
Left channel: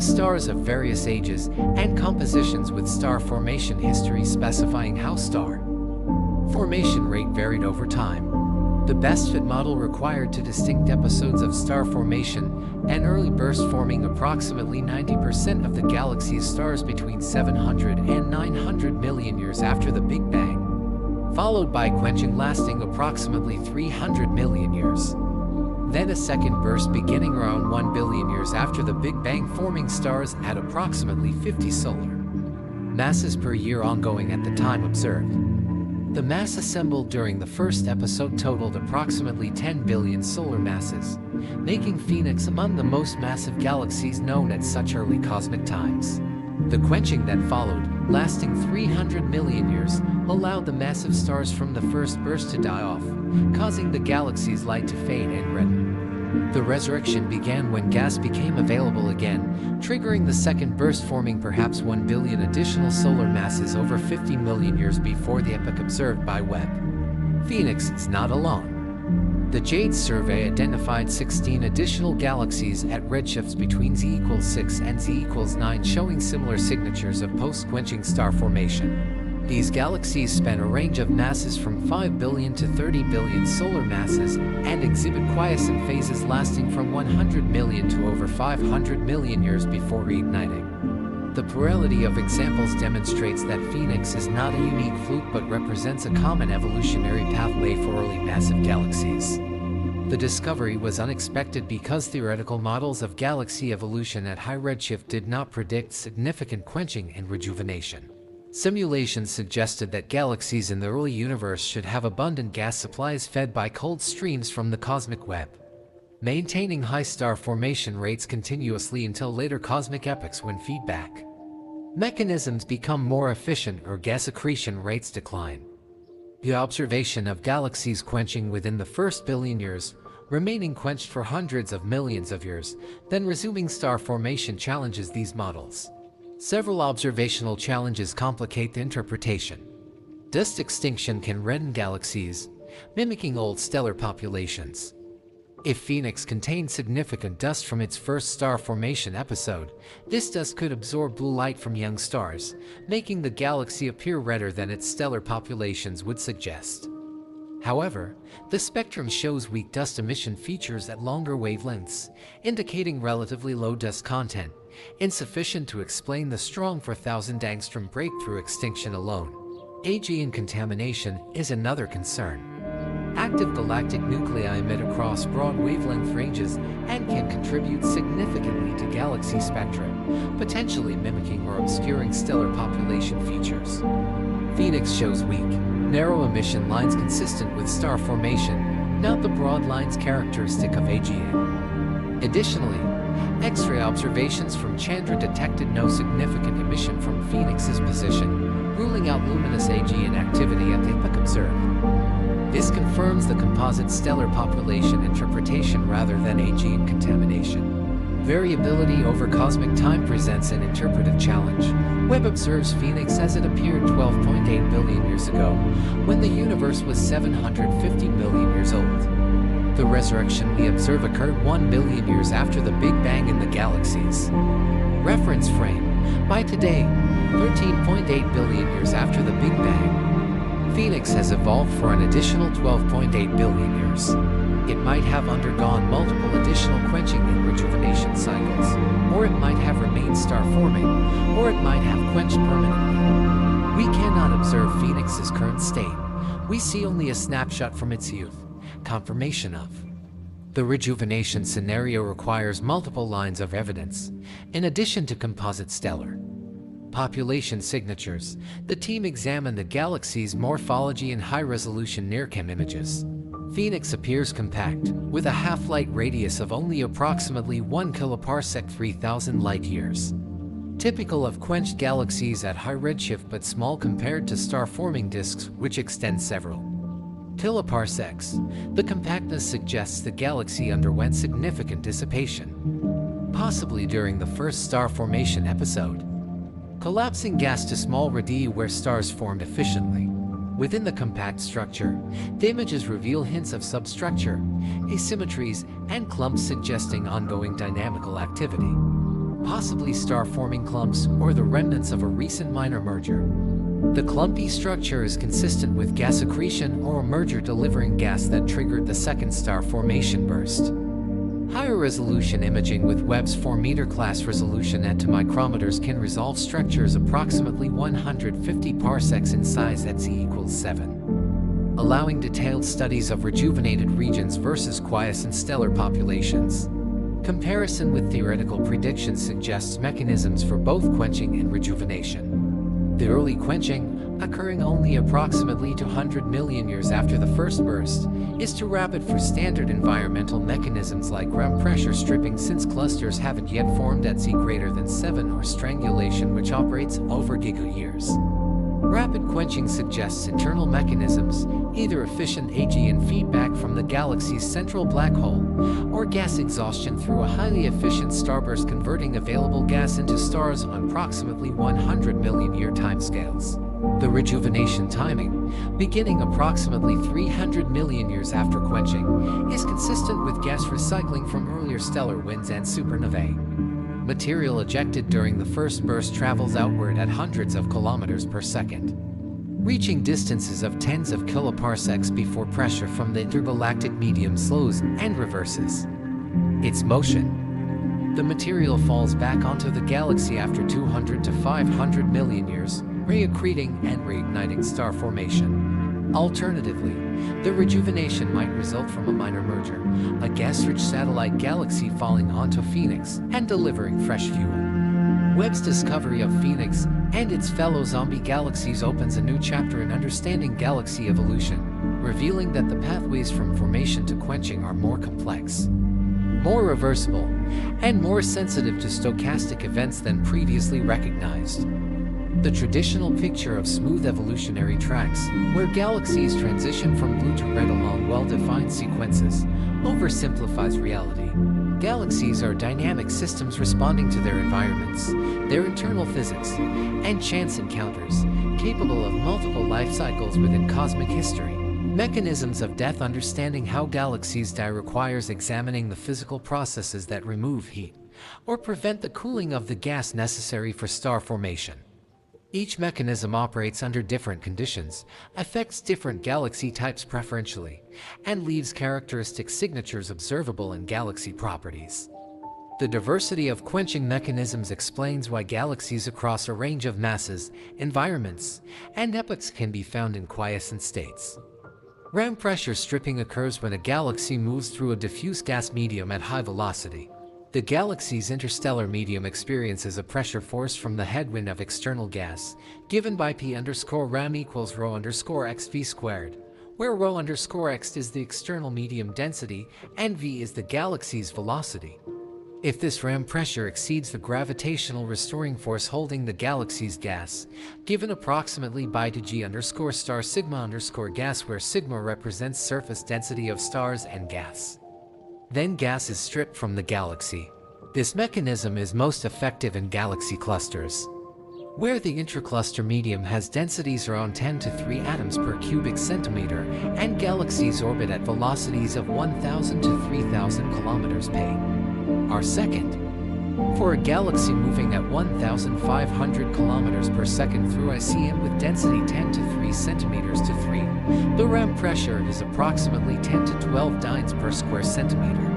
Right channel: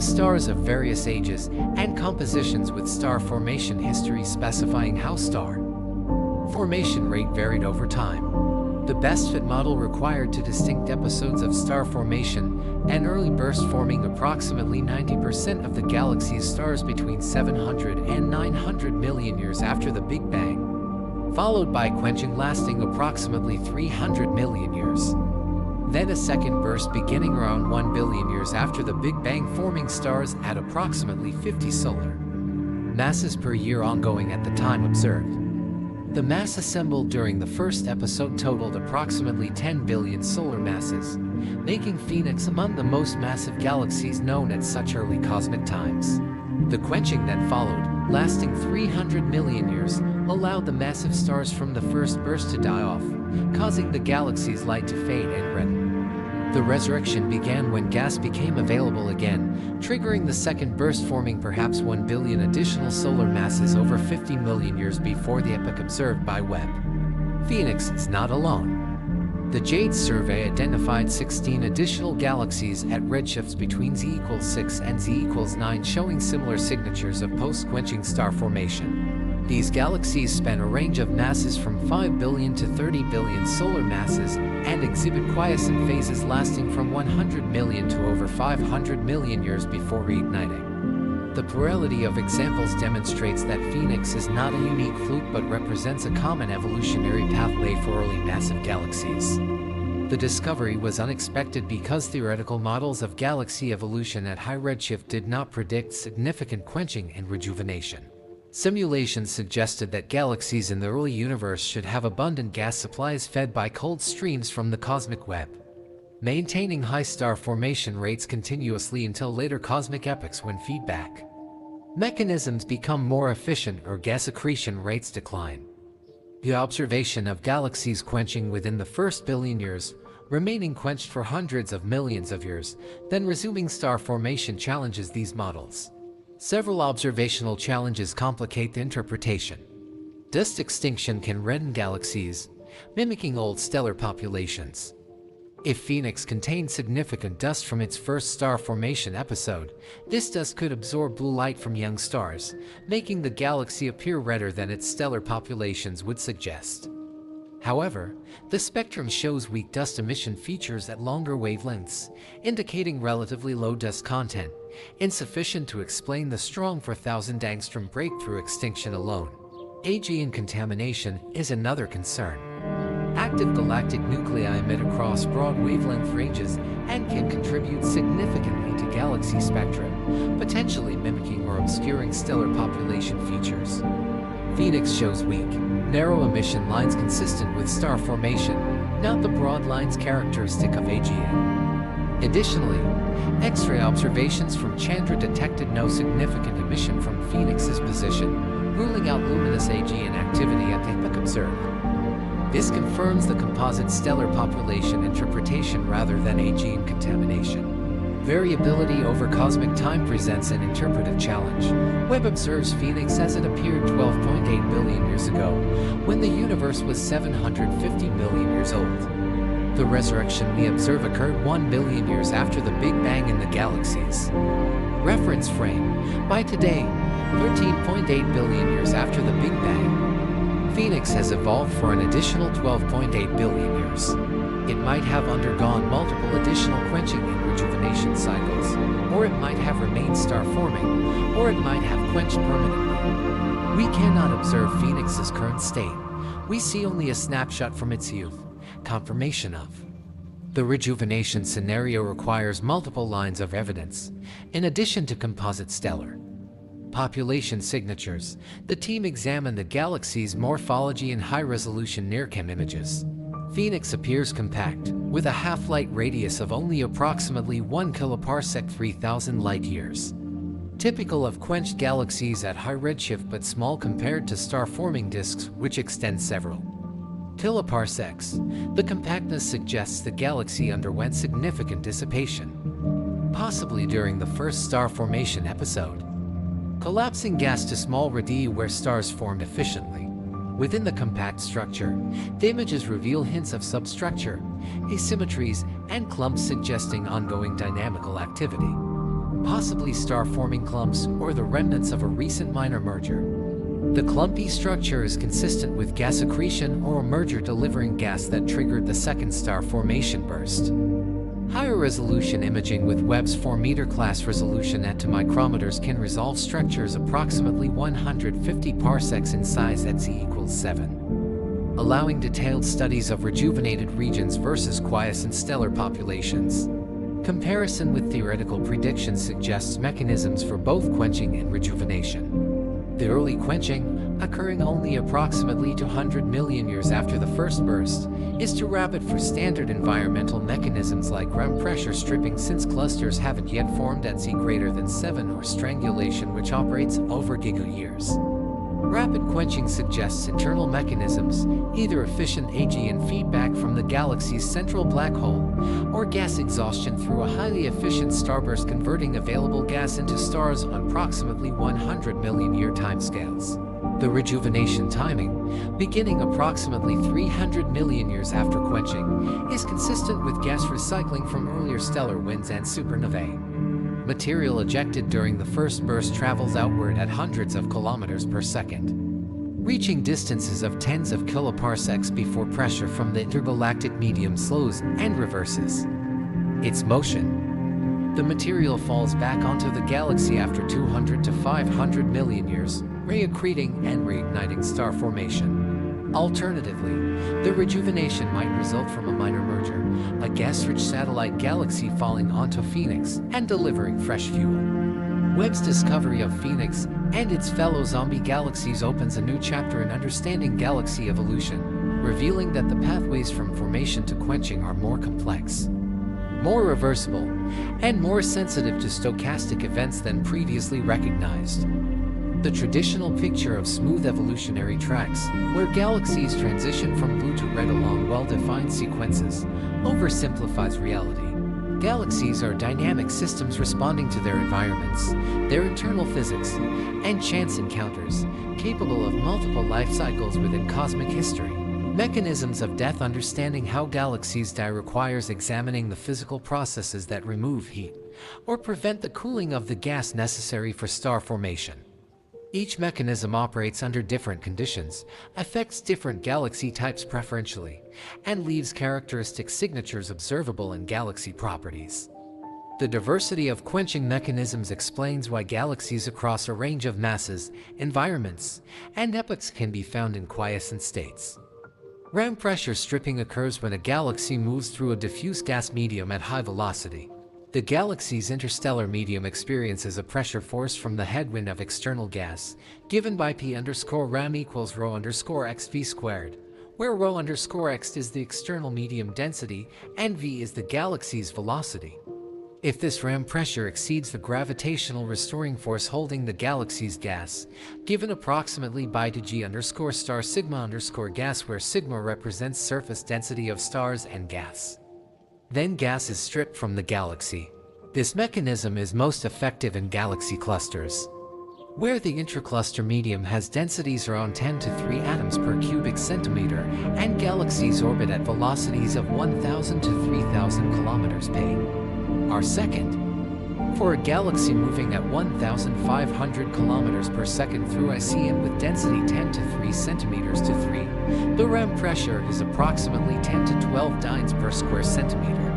stars of various ages and compositions with star formation history specifying how star formation rate varied over time. The best fit model required two distinct episodes of star formation and early burst forming approximately 90% of the galaxy's stars between 700 and 900 million years after the Big Bang, followed by quenching lasting approximately 300 million years. Then a second burst beginning around 1 billion years after the Big Bang, forming stars at approximately 50 solar masses per year ongoing at the time observed. The mass assembled during the first episode totaled approximately 10 billion solar masses, making Phoenix among the most massive galaxies known at such early cosmic times. The quenching that followed, lasting 300 million years, allowed the massive stars from the first burst to die off, causing the galaxy's light to fade and redden. The resurrection began when gas became available again, triggering the second burst, forming perhaps 1 billion additional solar masses over 50 million years before the epoch observed by Webb. Phoenix is not alone. The JADE survey identified 16 additional galaxies at redshifts between z=6 and z=9, showing similar signatures of post-quenching star formation. These galaxies span a range of masses from 5 billion to 30 billion solar masses and exhibit quiescent phases lasting from 100 million to over 500 million years before reigniting. The plurality of examples demonstrates that Phoenix is not a unique fluke but represents a common evolutionary pathway for early massive galaxies. The discovery was unexpected because theoretical models of galaxy evolution at high redshift did not predict significant quenching and rejuvenation. Simulations suggested that galaxies in the early universe should have abundant gas supplies fed by cold streams from the cosmic web, maintaining high star formation rates continuously until later cosmic epochs when feedback mechanisms become more efficient or gas accretion rates decline. The observation of galaxies quenching within the first billion years, remaining quenched for hundreds of millions of years, then resuming star formation challenges these models. Several observational challenges complicate the interpretation. Dust extinction can redden galaxies, mimicking old stellar populations. If Phoenix contained significant dust from its first star formation episode, this dust could absorb blue light from young stars, making the galaxy appear redder than its stellar populations would suggest. However, the spectrum shows weak dust emission features at longer wavelengths, indicating relatively low dust content, insufficient to explain the strong 4,000 angstrom breakthrough extinction alone. AGN contamination is another concern. Active galactic nuclei emit across broad wavelength ranges and can contribute significantly to galaxy spectra, potentially mimicking or obscuring stellar population features. Phoenix shows weak, narrow emission lines consistent with star formation, not the broad lines characteristic of AGN. Additionally, X-ray observations from Chandra detected no significant emission from Phoenix's position, ruling out luminous AGN activity at the epoch observed. This confirms the composite stellar population interpretation rather than AGN contamination. Variability over cosmic time presents an interpretive challenge. Webb observes Phoenix as it appeared 12.8 billion years ago, when the universe was 750 million years old. The resurrection we observe occurred 1 billion years after the Big Bang in the galaxies. Reference frame: by today, 13.8 billion years after the Big Bang. Phoenix has evolved for an additional 12.8 billion years. It might have undergone multiple additional quenching and rejuvenation cycles, or it might have remained star-forming, or it might have quenched permanently. We cannot observe Phoenix's current state. We see only a snapshot from its youth, confirmation of. The rejuvenation scenario requires multiple lines of evidence, in addition to composite stellar population signatures. The team examined the galaxy's morphology in high-resolution NIRCam images. Phoenix appears compact, with a half-light radius of only approximately 1 kiloparsec 3,000 light-years. Typical of quenched galaxies at high redshift but small compared to star-forming disks which extend several kiloparsecs, the compactness suggests the galaxy underwent significant dissipation, possibly during the first star formation episode. Collapsing gas to small radii where stars formed efficiently. Within the compact structure, the images reveal hints of substructure, asymmetries, and clumps suggesting ongoing dynamical activity, possibly star-forming clumps or the remnants of a recent minor merger. The clumpy structure is consistent with gas accretion or a merger delivering gas that triggered the second star formation burst. Higher resolution imaging with Webb's 4-meter class resolution at 2 micrometers can resolve structures approximately 150 parsecs in size at Z=7, allowing detailed studies of rejuvenated regions versus quiescent stellar populations. Comparison with theoretical predictions suggests mechanisms for both quenching and rejuvenation. The early quenching, occurring only approximately 200 million years after the first burst, is too rapid for standard environmental mechanisms like REM pressure stripping, since clusters haven't yet formed at Z greater than 7, or strangulation, which operates over giga-years. Rapid quenching suggests internal mechanisms, either efficient AGN feedback from the galaxy's central black hole, or gas exhaustion through a highly efficient starburst converting available gas into stars on approximately 100 million year timescales. The rejuvenation timing, beginning approximately 300 million years after quenching, is consistent with gas recycling from earlier stellar winds and supernovae. Material ejected during the first burst travels outward at hundreds of kilometers per second, reaching distances of tens of kiloparsecs before pressure from the intergalactic medium slows and reverses its motion. The material falls back onto the galaxy after 200 to 500 million years, reaccreting and reigniting star formation. Alternatively, the rejuvenation might result from a minor merger, a gas-rich satellite galaxy falling onto Phoenix and delivering fresh fuel. Webb's discovery of Phoenix and its fellow zombie galaxies opens a new chapter in understanding galaxy evolution, revealing that the pathways from formation to quenching are more complex, more reversible, and more sensitive to stochastic events than previously recognized. The traditional picture of smooth evolutionary tracks, where galaxies transition from blue to red along well-defined sequences, oversimplifies reality. Galaxies are dynamic systems responding to their environments, their internal physics, and chance encounters, capable of multiple life cycles within cosmic history. Mechanisms of death. Understanding how galaxies die requires examining the physical processes that remove heat or prevent the cooling of the gas necessary for star formation. Each mechanism operates under different conditions, affects different galaxy types preferentially, and leaves characteristic signatures observable in galaxy properties. The diversity of quenching mechanisms explains why galaxies across a range of masses, environments, and epochs can be found in quiescent states. REM pressure stripping occurs when a galaxy moves through a diffuse gas medium at high velocity. The galaxy's interstellar medium experiences a pressure force from the headwind of external gas, given by P_REM equals ρ_xv squared, where ρ_x is the external medium density and v is the galaxy's velocity. If this REM pressure exceeds the gravitational restoring force holding the galaxy's gas, given approximately by g_star sigma_gas, where sigma represents surface density of stars and gas, then gas is stripped from the galaxy. This mechanism is most effective in galaxy clusters, where the intracluster medium has densities around 10 to 3 atoms per cubic centimeter, and galaxies orbit at velocities of 1,000 to 3,000 kilometers per second. For a galaxy moving at 1,500 kilometers per second through ICM with density 10 to 3 centimeters to 3, the REM pressure is approximately 10 to 12 dynes per square centimeter.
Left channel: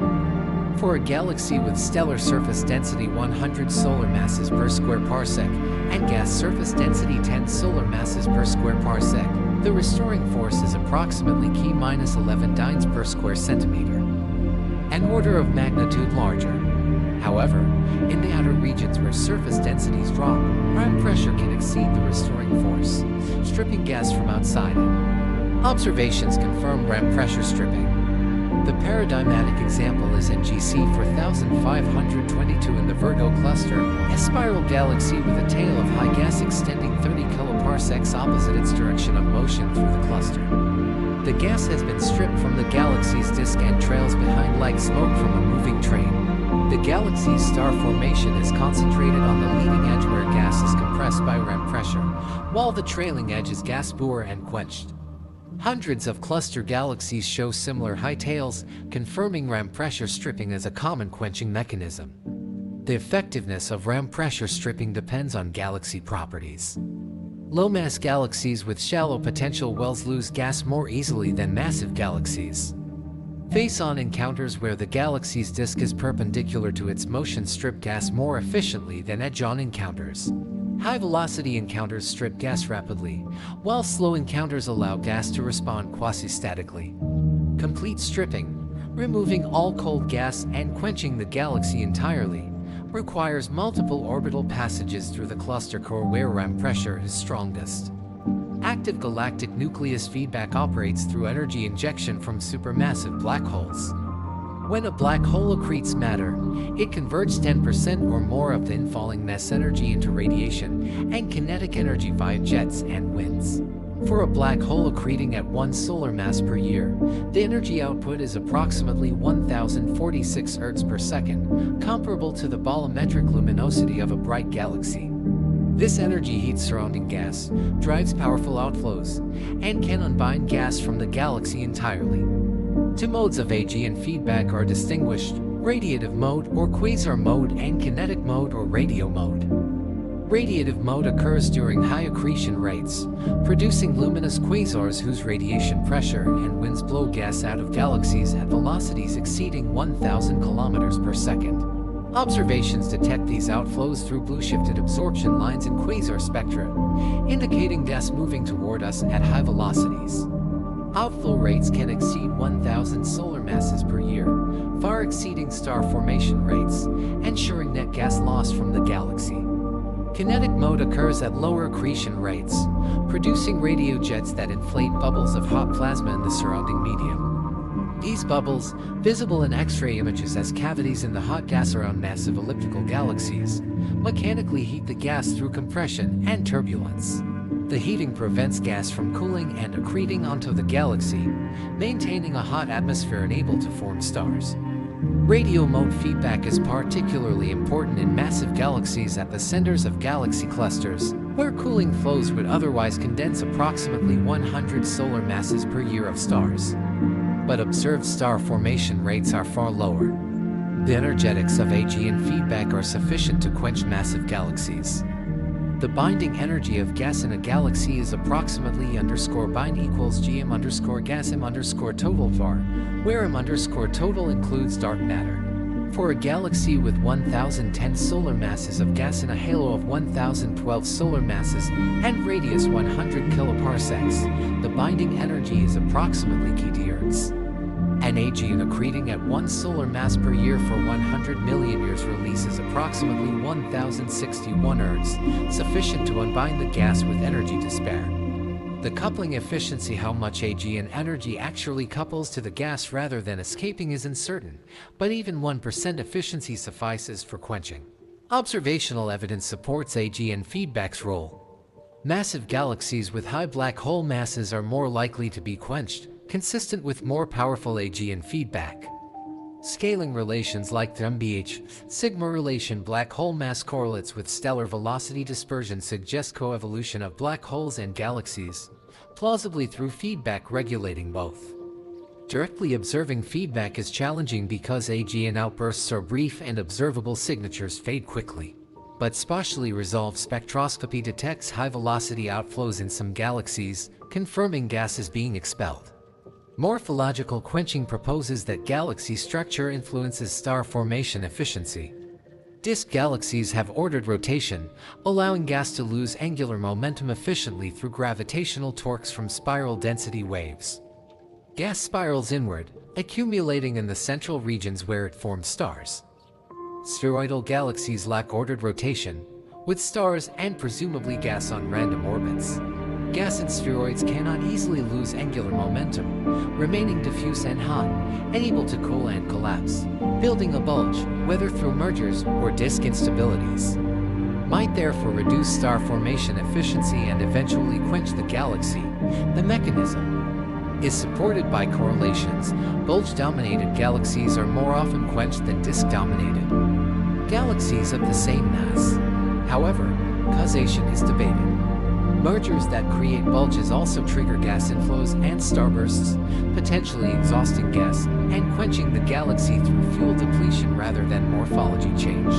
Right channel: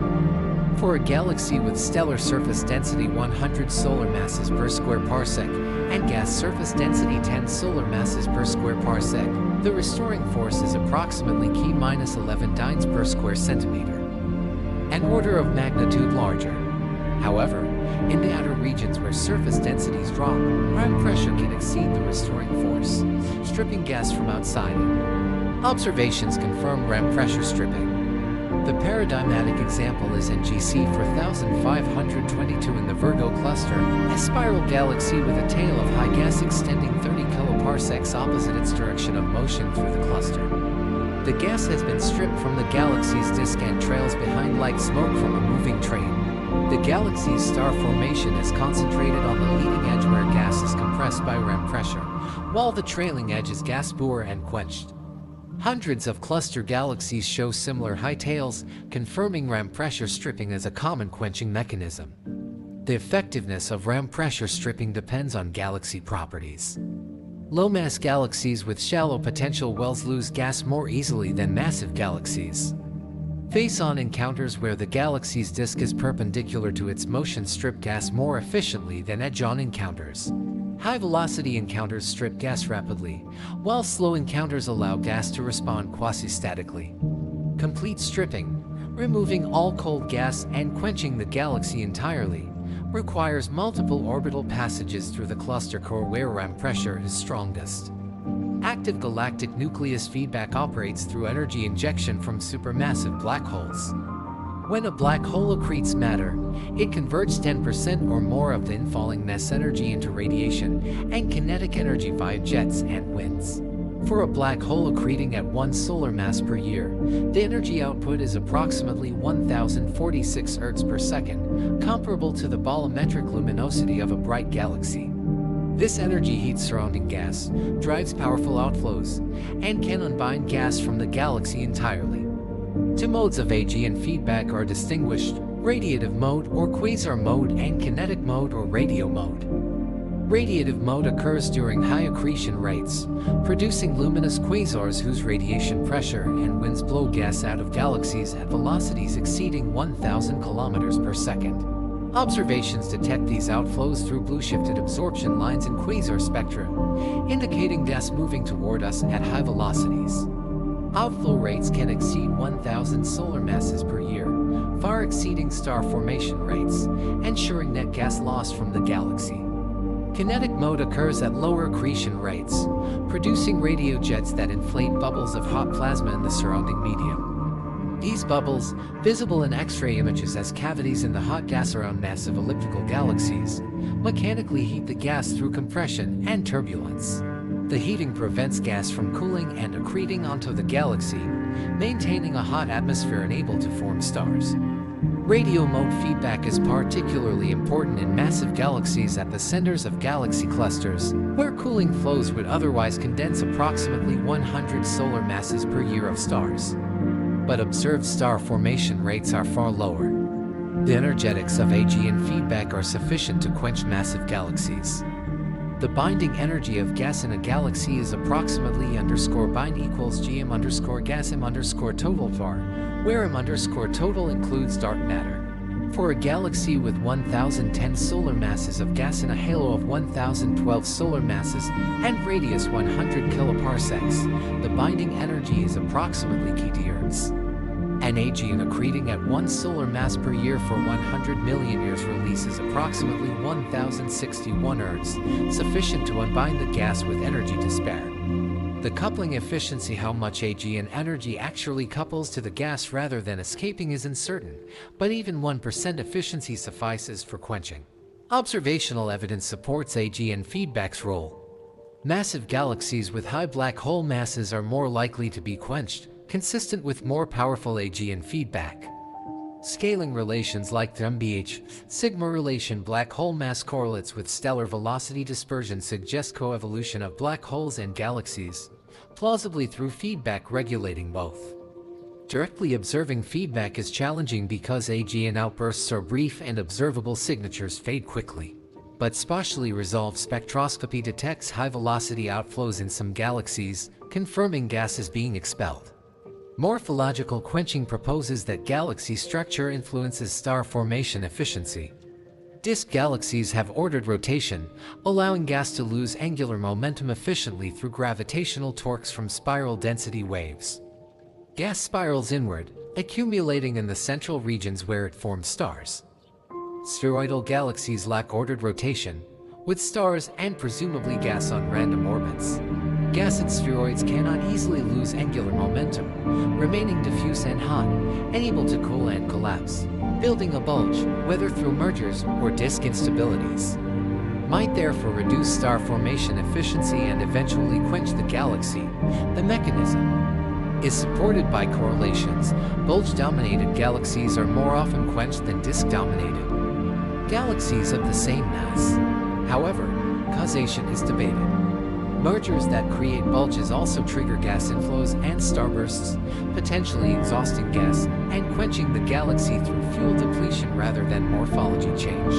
For a galaxy with stellar surface density 100 solar masses per square parsec and gas surface density 10 solar masses per square parsec, the restoring force is approximately K-11 dynes per square centimeter, an order of magnitude larger. However, in the outer regions where surface densities drop, REM pressure can exceed the restoring force, stripping gas from outside it. Observations confirm REM pressure stripping. The paradigmatic example is NGC 4522 in the Virgo cluster, a spiral galaxy with a tail of high gas extending 30 kiloparsecs opposite its direction of motion through the cluster. The gas has been stripped from the galaxy's disk and trails behind like smoke from a moving train. The galaxy's star formation is concentrated on the leading edge where gas is compressed by REM pressure, while the trailing edge is gas poor and quenched. Hundreds of cluster galaxies show similar high tails, confirming REM pressure stripping as a common quenching mechanism. The effectiveness of REM pressure stripping depends on galaxy properties. Low-mass galaxies with shallow potential wells lose gas more easily than massive galaxies. Face-on encounters where the galaxy's disk is perpendicular to its motion strip gas more efficiently than edge-on encounters. High-velocity encounters strip gas rapidly, while slow encounters allow gas to respond quasi-statically. Complete stripping, removing all cold gas and quenching the galaxy entirely, requires multiple orbital passages through the cluster core where RAM pressure is strongest. Active galactic nucleus feedback operates through energy injection from supermassive black holes. When a black hole accretes matter, it converts 10% or more of the infalling mass energy into radiation and kinetic energy via jets and winds. For a black hole accreting at 1 solar mass per year, the energy output is approximately 1046 Ergs per second, comparable to the bolometric luminosity of a bright galaxy. This energy heats surrounding gas, drives powerful outflows, and can unbind gas from the galaxy entirely. Two modes of AGN feedback are distinguished: radiative mode or quasar mode and kinetic mode or radio mode. Radiative mode occurs during high accretion rates, producing luminous quasars whose radiation pressure and winds blow gas out of galaxies at velocities exceeding 1,000 kilometers per second. Observations detect these outflows through blue-shifted absorption lines in quasar spectra, indicating gas moving toward us at high velocities. Outflow rates can exceed 1,000 solar masses per year, far exceeding star formation rates, ensuring net gas loss from the galaxy. Kinetic mode occurs at lower accretion rates, producing radiojets that inflate bubbles of hot plasma in the surrounding medium. These bubbles, visible in X-ray images as cavities in the hot gas around massive elliptical galaxies, mechanically heat the gas through compression and turbulence. The heating prevents gas from cooling and accreting onto the galaxy, maintaining a hot atmosphere and able to form stars. Radio mode feedback is particularly important in massive galaxies at the centers of galaxy clusters, where cooling flows would otherwise condense approximately 100 solar masses per year of stars. But observed star formation rates are far lower. The energetics of AGN feedback are sufficient to quench massive galaxies. The binding energy of gas in a galaxy is approximately _bind equals gm_gas m_total var, where m_total includes dark matter. For a galaxy with 1,010 solar masses of gas in a halo of 1,012 solar masses and radius 100 kiloparsecs, the binding energy is approximately kT. An AGN accreting at 1 solar mass per year for 100 million years releases approximately 1,061 Ergs, sufficient to unbind the gas with energy to spare. The coupling efficiency, how much AGN energy actually couples to the gas rather than escaping, is uncertain, but even 1% efficiency suffices for quenching. Observational evidence supports AGN feedback's role. Massive galaxies with high black hole masses are more likely to be quenched, consistent with more powerful AGN feedback. Scaling relations like the MBH sigma relation black hole mass correlates with stellar velocity dispersion suggest coevolution of black holes and galaxies, plausibly through feedback regulating both. Directly observing feedback is challenging because AGN outbursts are brief and observable signatures fade quickly. But spatially resolved spectroscopy detects high-velocity outflows in some galaxies, confirming gas is being expelled. Morphological quenching proposes that galaxy structure influences star formation efficiency. Disk galaxies have ordered rotation, allowing gas to lose angular momentum efficiently through gravitational torques from spiral density waves. Gas spirals inward, accumulating in the central regions where it forms stars. Spheroidal galaxies lack ordered rotation, with stars and presumably gas on random orbits. Gas in spheroids cannot easily lose angular momentum, remaining diffuse and hot, and able to cool and collapse, building a bulge, whether through mergers or disk instabilities. Might therefore reduce star formation efficiency and eventually quench the galaxy. The mechanism is supported by correlations. Bulge-dominated galaxies are more often quenched than disk-dominated galaxies of the same mass. However, causation is debated. Mergers that create bulges also trigger gas inflows and starbursts, potentially exhausting gas and quenching the galaxy through fuel depletion rather than morphology change.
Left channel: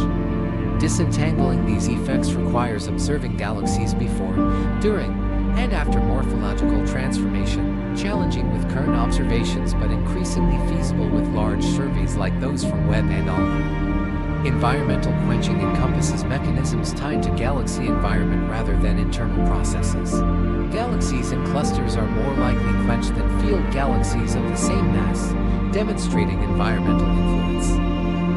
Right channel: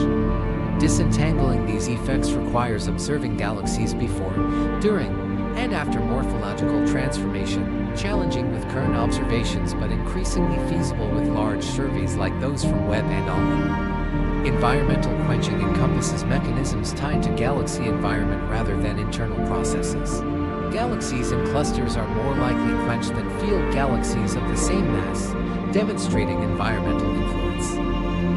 Disentangling these effects requires observing galaxies before, during, and after morphological transformation, challenging with current observations but increasingly feasible with large surveys like those from Webb and ALMA. Environmental quenching encompasses mechanisms tied to galaxy environment rather than internal processes. Galaxies and clusters are more likely quenched than field galaxies of the same mass, demonstrating environmental influence.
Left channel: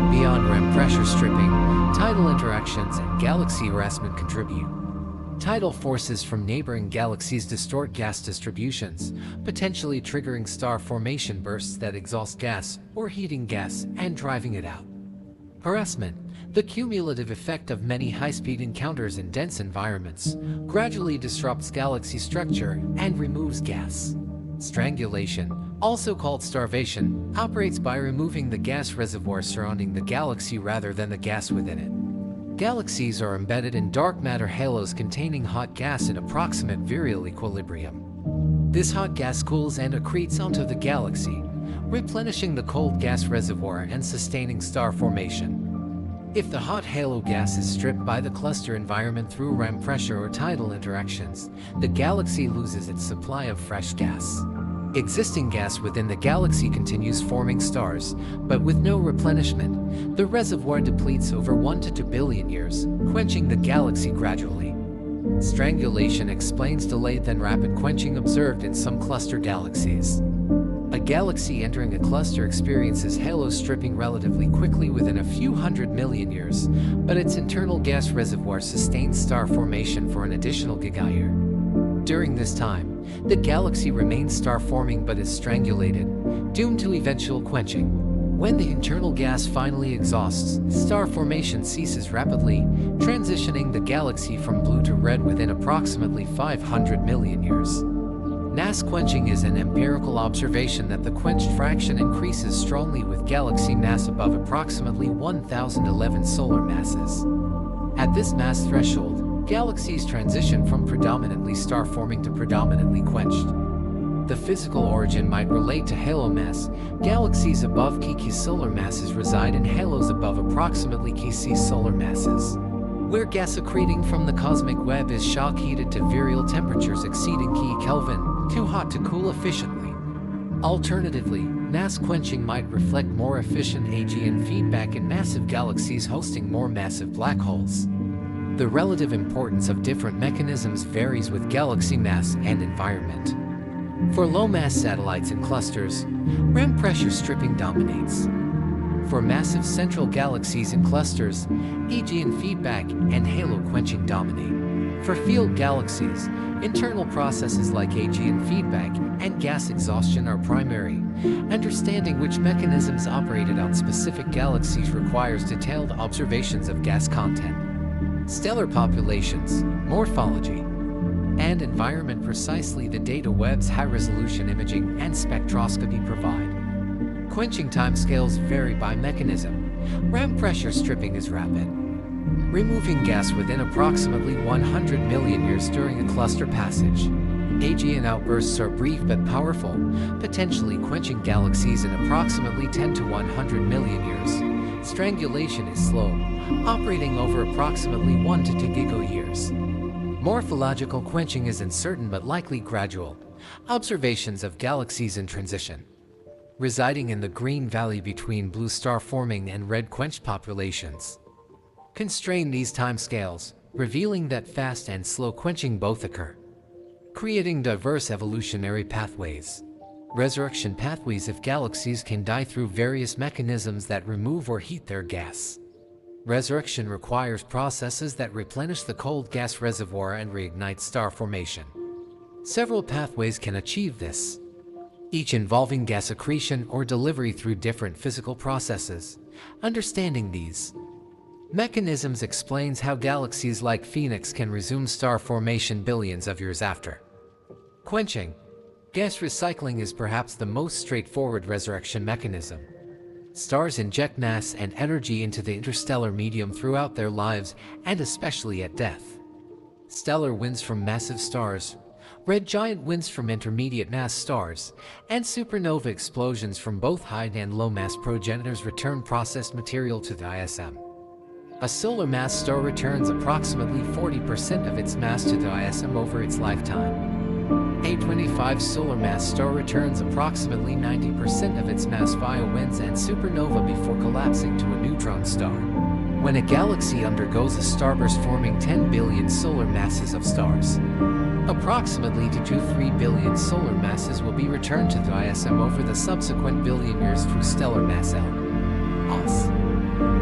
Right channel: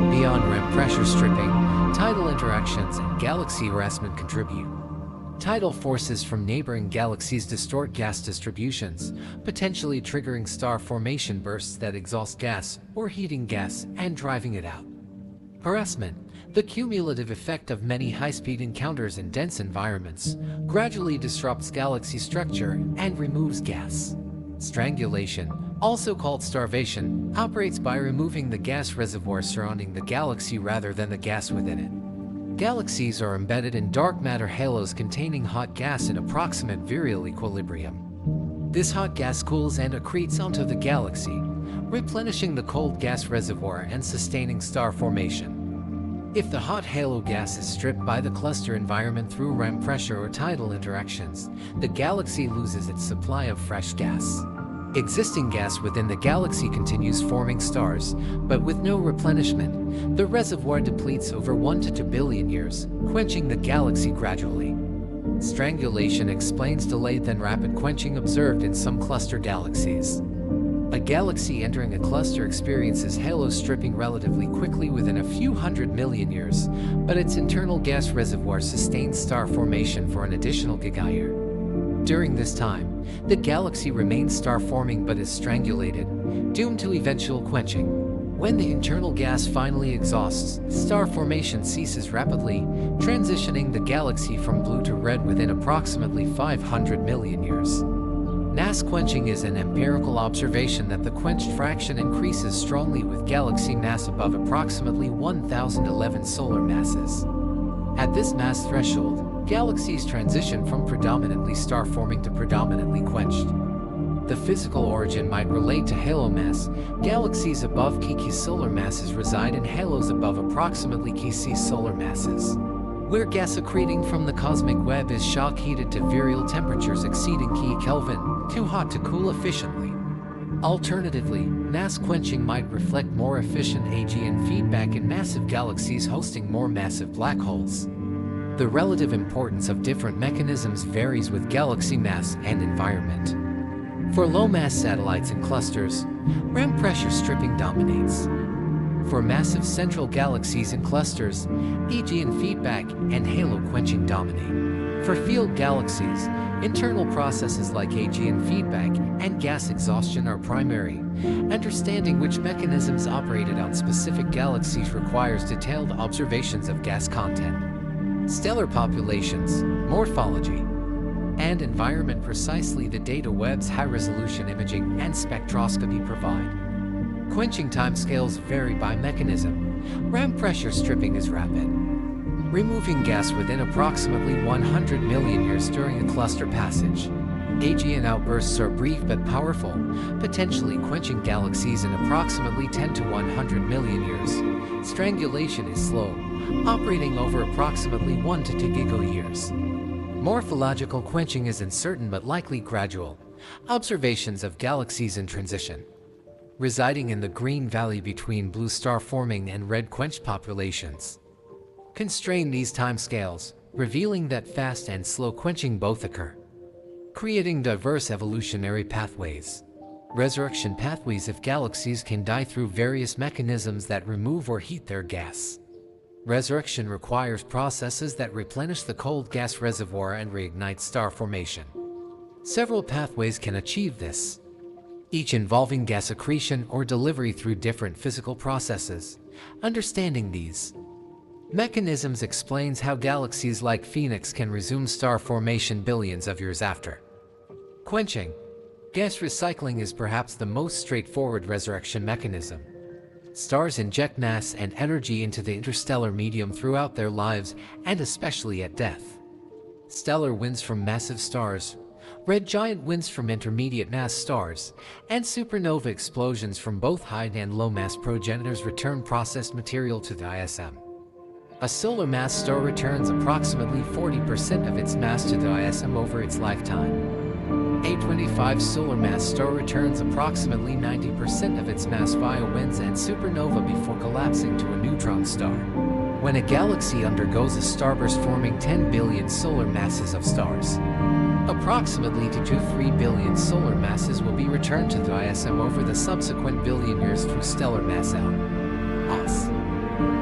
Beyond REM pressure stripping, tidal interactions and galaxy harassment contribute. Tidal forces from neighboring galaxies distort gas distributions, potentially triggering star formation bursts that exhaust gas or heating gas and driving it out. Harassment, the cumulative effect of many high-speed encounters in dense environments, gradually disrupts galaxy structure and removes gas. Strangulation, also called starvation, operates by removing the gas reservoir surrounding the galaxy rather than the gas within it. Galaxies are embedded in dark matter halos containing hot gas in approximate virial equilibrium. This hot gas cools and accretes onto the galaxy, replenishing the cold gas reservoir and sustaining star formation. If the hot halo gas is stripped by the cluster environment through REM pressure or tidal interactions, the galaxy loses its supply of fresh gas. Existing gas within the galaxy continues forming stars, but with no replenishment, the reservoir depletes over 1 to 2 billion years, quenching the galaxy gradually. Strangulation explains delayed then rapid quenching observed in some cluster galaxies. A galaxy entering a cluster experiences halo stripping relatively quickly within a few 100 million years, but its internal gas reservoir sustains star formation for an additional gigayear. During this time, the galaxy remains star-forming but is strangulated, doomed to eventual quenching. When the internal gas finally exhausts, star formation ceases rapidly, transitioning the galaxy from blue to red within approximately 500 million years. Mass quenching is an empirical observation that the quenched fraction increases strongly with galaxy mass above approximately 1011 solar masses. At this mass threshold, galaxies transition from predominantly star-forming to predominantly quenched. The physical origin might relate to halo mass. Galaxies above key solar masses reside in halos above approximately key solar masses, where gas accreting from the cosmic web is shock-heated to virial temperatures exceeding key Kelvin, too hot to cool efficiently. Alternatively, mass quenching might reflect more efficient AGN feedback in massive galaxies hosting more massive black holes. The relative importance of different mechanisms varies with galaxy mass and environment. For low-mass satellites and clusters, REM pressure stripping dominates. For massive central galaxies and clusters, AGN feedback and halo quenching dominate. For field galaxies, internal processes like AGN feedback and gas exhaustion are primary. Understanding which mechanisms operated on specific galaxies requires detailed observations of gas content, stellar populations, morphology, and environment. Precisely the data Webb's high-resolution imaging and spectroscopy provide. Quenching timescales vary by mechanism. REM pressure stripping is rapid, removing gas within approximately 100 million years during a cluster passage. AGN outbursts are brief but powerful, potentially quenching galaxies in approximately 10 to 100 million years. Strangulation is slow, operating over approximately 1 to 2 gigayears. Morphological quenching is uncertain but likely gradual. Observations of galaxies in transition, residing in the green valley between blue star-forming and red quenched populations, constrain these timescales, revealing that fast and slow quenching both occur, creating diverse evolutionary pathways. Resurrection pathways if galaxies can die through various mechanisms that remove or heat their gas. Resurrection requires processes that replenish the cold gas reservoir and reignite star formation. Several pathways can achieve this, each involving gas accretion or delivery through different physical processes. Understanding these mechanisms explains how galaxies like Phoenix can resume star formation billions of years after quenching. Gas recycling is perhaps the most straightforward resurrection mechanism. Stars inject mass and energy into the interstellar medium throughout their lives, and especially at death. Stellar winds from massive stars, red giant winds from intermediate mass stars, and supernova explosions from both high and low mass progenitors return processed material to the ISM. A solar mass star returns approximately 40% of its mass to the ISM over its lifetime. A 25 solar mass star returns approximately 90% of its mass via winds and supernova before collapsing to a neutron star. When a galaxy undergoes a starburst forming 10 billion solar masses of stars, approximately 2 to 3 billion solar masses will be returned to the ISM over the subsequent billion years through stellar mass loss.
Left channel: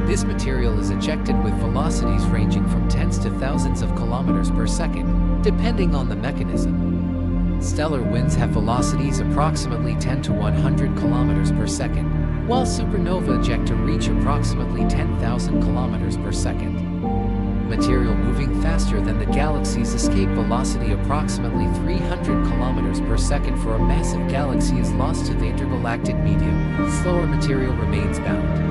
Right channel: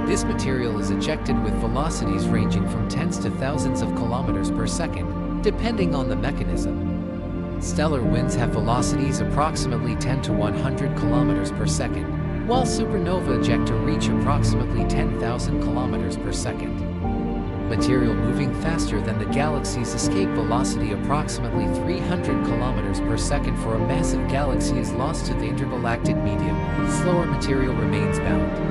This material is ejected with velocities ranging from tens to thousands of kilometers per second, depending on the mechanism. Stellar winds have velocities approximately 10 to 100 kilometers per second, while supernova ejecta reach approximately 10,000 kilometers per second. Material moving faster than the galaxy's escape velocity, approximately 300 kilometers per second for a massive galaxy, is lost to the intergalactic medium. Slower material remains bound.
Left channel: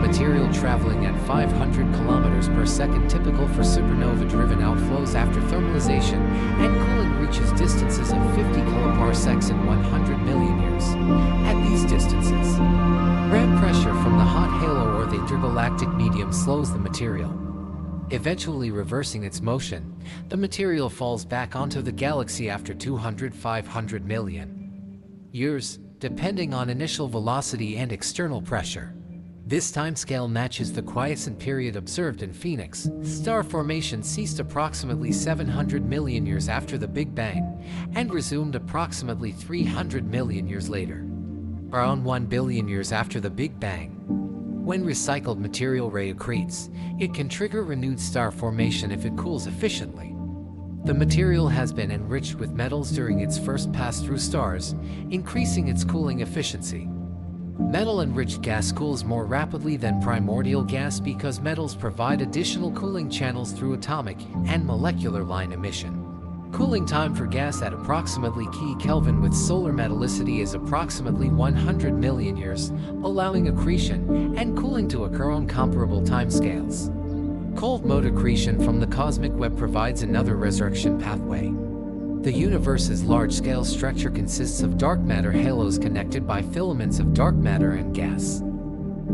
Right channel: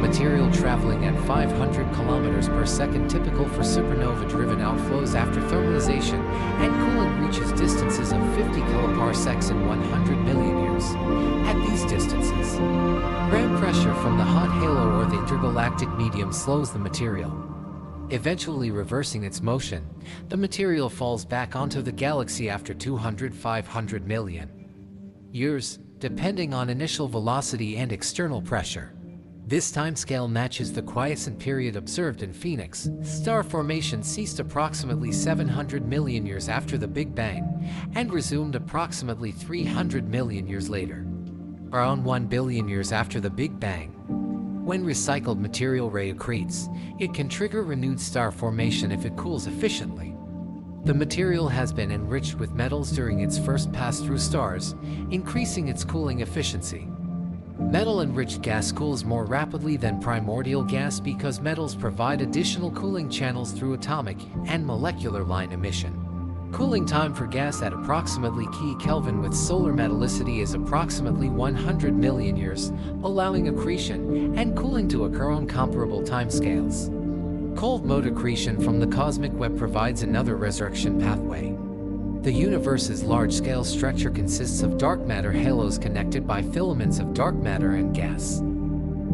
Material traveling at 500 kilometers per second, typical for supernova-driven outflows after thermalization and cooling, reaches distances of 50 kiloparsecs in 100 million years. At these distances, ram pressure from the hot halo or the intergalactic medium slows the material. Eventually reversing its motion, the material falls back onto the galaxy after 200–500 million years, depending on initial velocity and external pressure. This timescale matches the quiescent period observed in Phoenix. Star formation ceased approximately 700 million years after the Big Bang and resumed approximately 300 million years later. Around 1 billion years after the Big Bang, when recycled material reaccretes, it can trigger renewed star formation if it cools efficiently. The material has been enriched with metals during its first pass through stars, increasing its cooling efficiency. Metal-enriched gas cools more rapidly than primordial gas because metals provide additional cooling channels through atomic and molecular line emission. Cooling time for gas at approximately Kelvin with solar metallicity is approximately 100 million years, allowing accretion and cooling to occur on comparable timescales. Cold mode accretion from the cosmic web provides another resurrection pathway. The universe's large-scale structure consists of dark matter halos connected by filaments of dark matter and gas.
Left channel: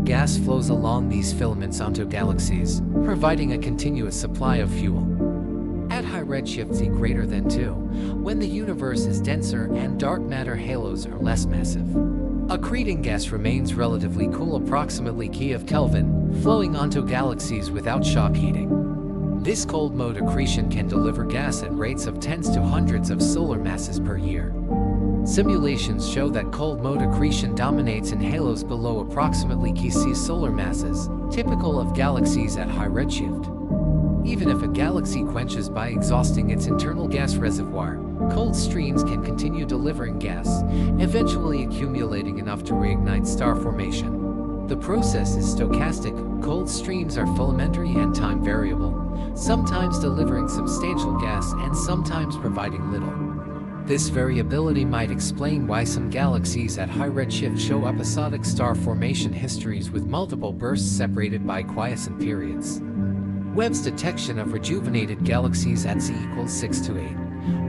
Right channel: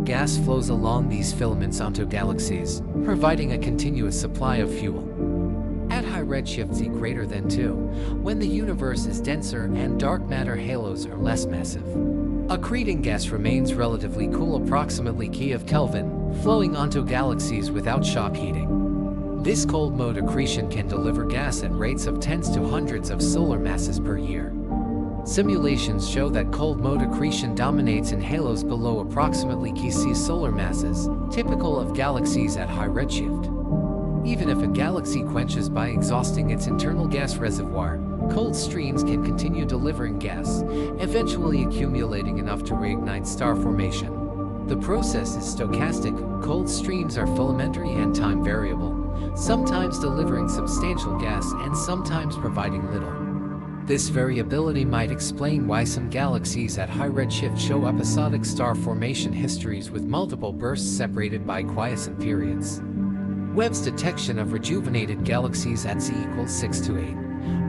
Gas flows along these filaments onto galaxies, providing a continuous supply of fuel. At high redshift Z greater than 2, when the universe is denser and dark matter halos are less massive, accreting gas remains relatively cool, approximately Kelvin, flowing onto galaxies without shock heating. This cold mode accretion can deliver gas at rates of tens to hundreds of solar masses per year. Simulations show that cold mode accretion dominates in halos below approximately C solar masses, typical of galaxies at high redshift. Even if a galaxy quenches by exhausting its internal gas reservoir, cold streams can continue delivering gas, eventually accumulating enough to reignite star formation. The process is stochastic. Cold streams are filamentary and time variable, sometimes delivering substantial gas and sometimes providing little. This variability might explain why some galaxies at high redshift show episodic star formation histories with multiple bursts separated by quiescent periods. Webb's detection of rejuvenated galaxies at Z equals 6 to 8,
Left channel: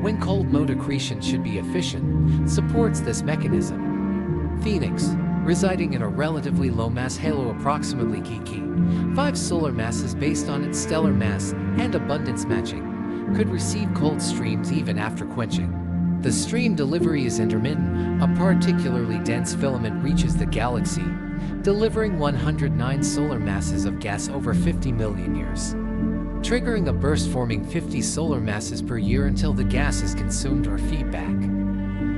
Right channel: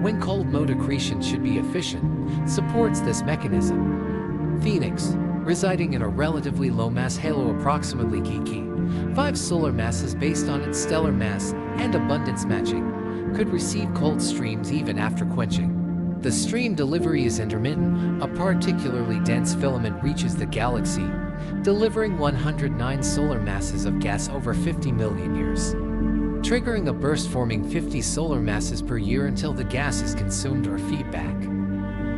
when cold mode accretion should be efficient, supports this mechanism. Phoenix, residing in a relatively low-mass halo approximately 5 solar masses based on its stellar mass and abundance matching, could receive cold streams even after quenching. The stream delivery is intermittent. A particularly dense filament reaches the galaxy, delivering 109 solar masses of gas over 50 million years, triggering a burst forming 50 solar masses per year until the gas is consumed or feedback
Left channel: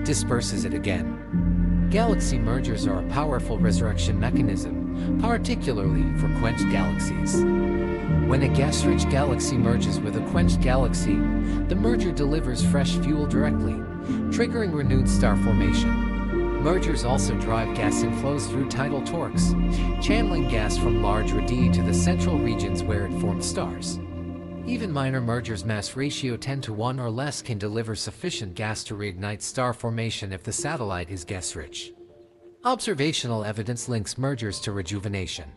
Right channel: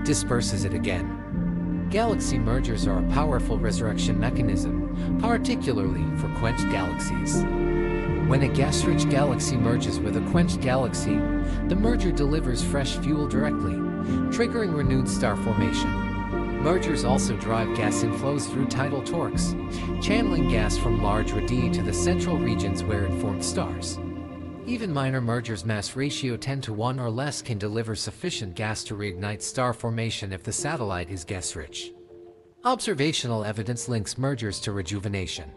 disperses it again. Galaxy mergers are a powerful resurrection mechanism, particularly for quenched galaxies. When a gas-rich galaxy merges with a quenched galaxy, the merger delivers fresh fuel directly, triggering renewed star formation. Mergers also drive gas inflows through tidal torques, channeling gas from large radii to the central regions where it formed stars. Even minor mergers mass ratio 10 to 1 or less can deliver sufficient gas to reignite star formation if the satellite is gas-rich. Observational evidence links mergers to rejuvenation.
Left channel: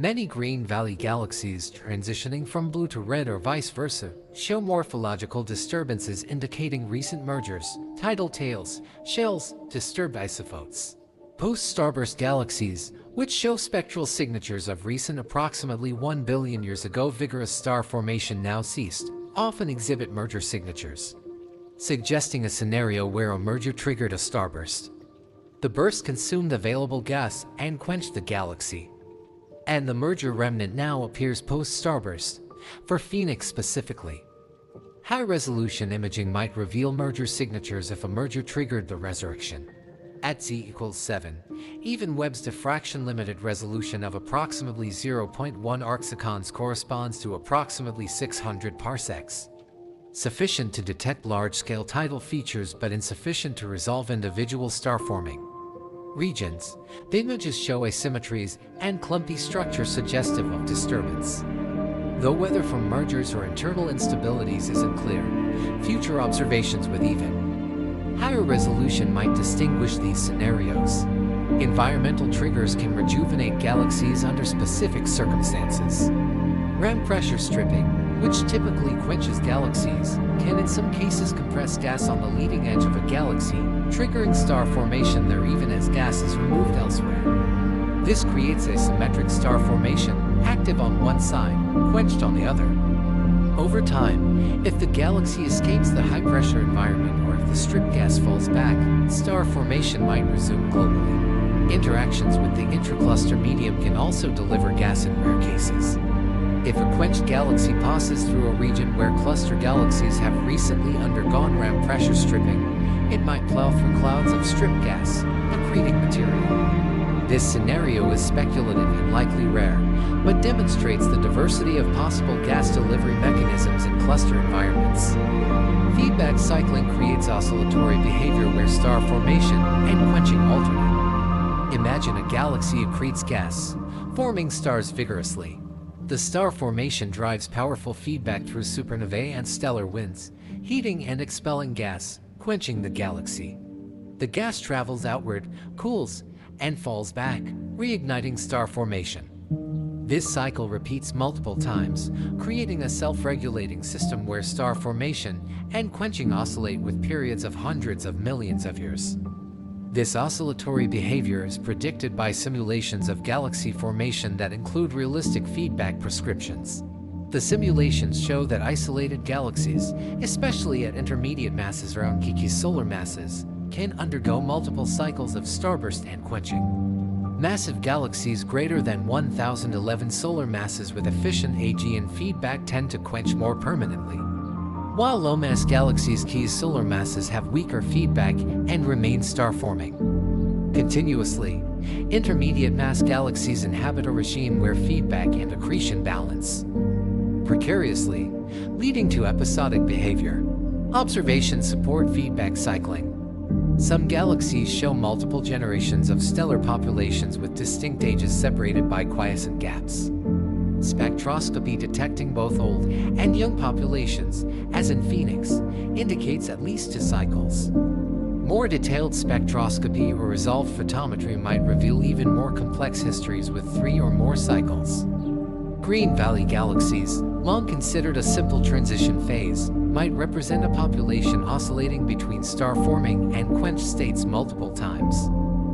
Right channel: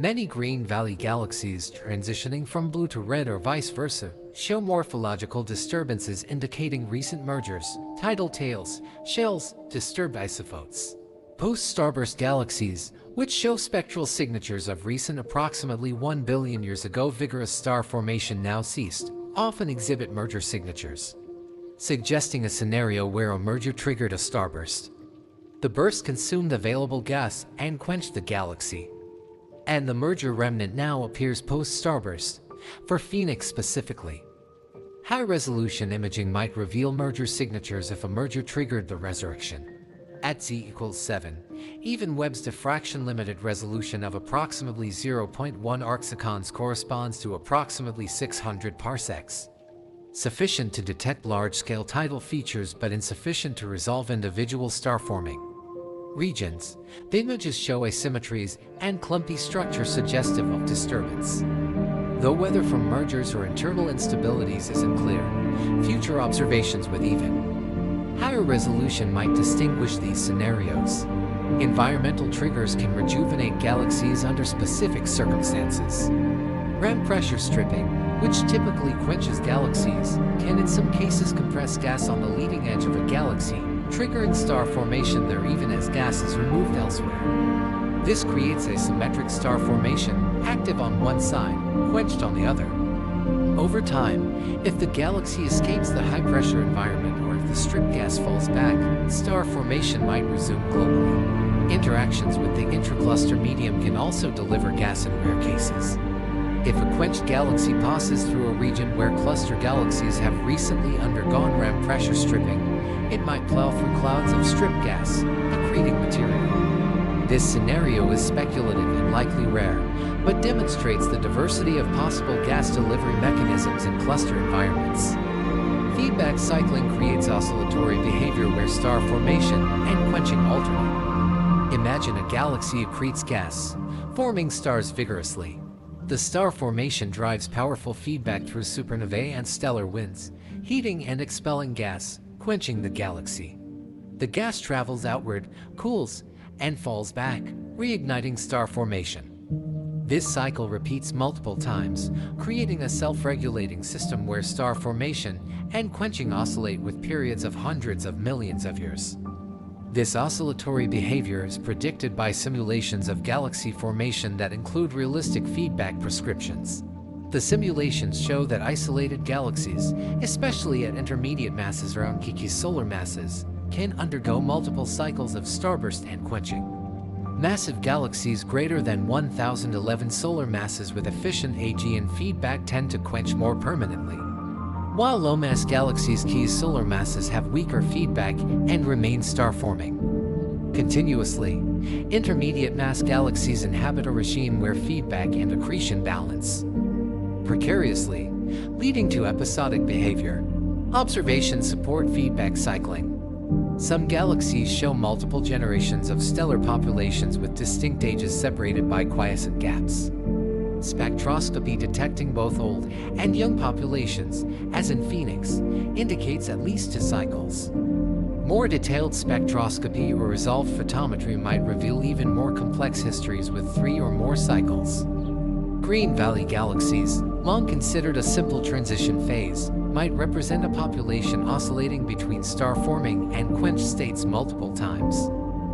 Many Green Valley galaxies transitioning from blue to red or vice versa show morphological disturbances indicating recent mergers, tidal tails, shells, disturbed isophotes. Post-starburst galaxies, which show spectral signatures of recent approximately 1 billion years ago vigorous star formation now ceased, often exhibit merger signatures, suggesting a scenario where a merger triggered a starburst. The burst consumed available gas and quenched the galaxy, and the merger remnant now appears post-starburst, for Phoenix specifically. High-resolution imaging might reveal merger signatures if a merger triggered the resurrection. At z=7, even Webb's diffraction-limited resolution of approximately 0.1 arcsecons corresponds to approximately 600 parsecs. Sufficient to detect large-scale tidal features but insufficient to resolve individual star-forming regions. The images show asymmetries and clumpy structure suggestive of disturbance. Though whether from mergers or internal instabilities isn't clear, future observations with even higher resolution might distinguish these scenarios. Environmental triggers can rejuvenate galaxies under specific circumstances. Ram pressure stripping, which typically quenches galaxies, can in some cases compress gas on the leading edge of a galaxy, triggering star formation there even as gas is removed elsewhere. This creates a symmetric star formation, active on one side, quenched on the other. Over time, if the galaxy escapes the high-pressure environment or if the stripped gas falls back, star formation might resume globally. Interactions with the intracluster medium can also deliver gas in rare cases. If a quenched galaxy passes through a region where cluster galaxies have recently undergone ram pressure stripping, it might plow through clouds of stripped gas, accreting material. This scenario is speculative and likely rare, but demonstrates the diversity of possible gas delivery mechanisms in cluster environments. Feedback cycling creates oscillatory behavior where star formation and quenching alternate. Imagine a galaxy accretes gas, forming stars vigorously. The star formation drives powerful feedback through supernovae and stellar winds, heating and expelling gas, quenching the galaxy. The gas travels outward, cools, and falls back, reigniting star formation. This cycle repeats multiple times, creating a self-regulating system where star formation and quenching oscillate with periods of hundreds of millions of years. This oscillatory behavior is predicted by simulations of galaxy formation that include realistic feedback prescriptions. The simulations show that isolated galaxies, especially at intermediate masses around geeky solar masses, can undergo multiple cycles of starburst and quenching. Massive galaxies greater than 1011 solar masses with efficient AG and feedback tend to quench more permanently, while low-mass galaxies' key solar masses have weaker feedback and remain star-forming continuously. Intermediate mass galaxies inhabit a regime where feedback and accretion balance precariously, leading to episodic behavior. Observations support feedback cycling. Some galaxies show multiple generations of stellar populations with distinct ages separated by quiescent gaps. Spectroscopy detecting both old and young populations, as in Phoenix, indicates at least 2 cycles. More detailed spectroscopy or resolved photometry might reveal even more complex histories with 3 or more cycles. Green Valley galaxies, long considered a simple transition phase, might represent a population oscillating between star-forming and quenched states multiple times.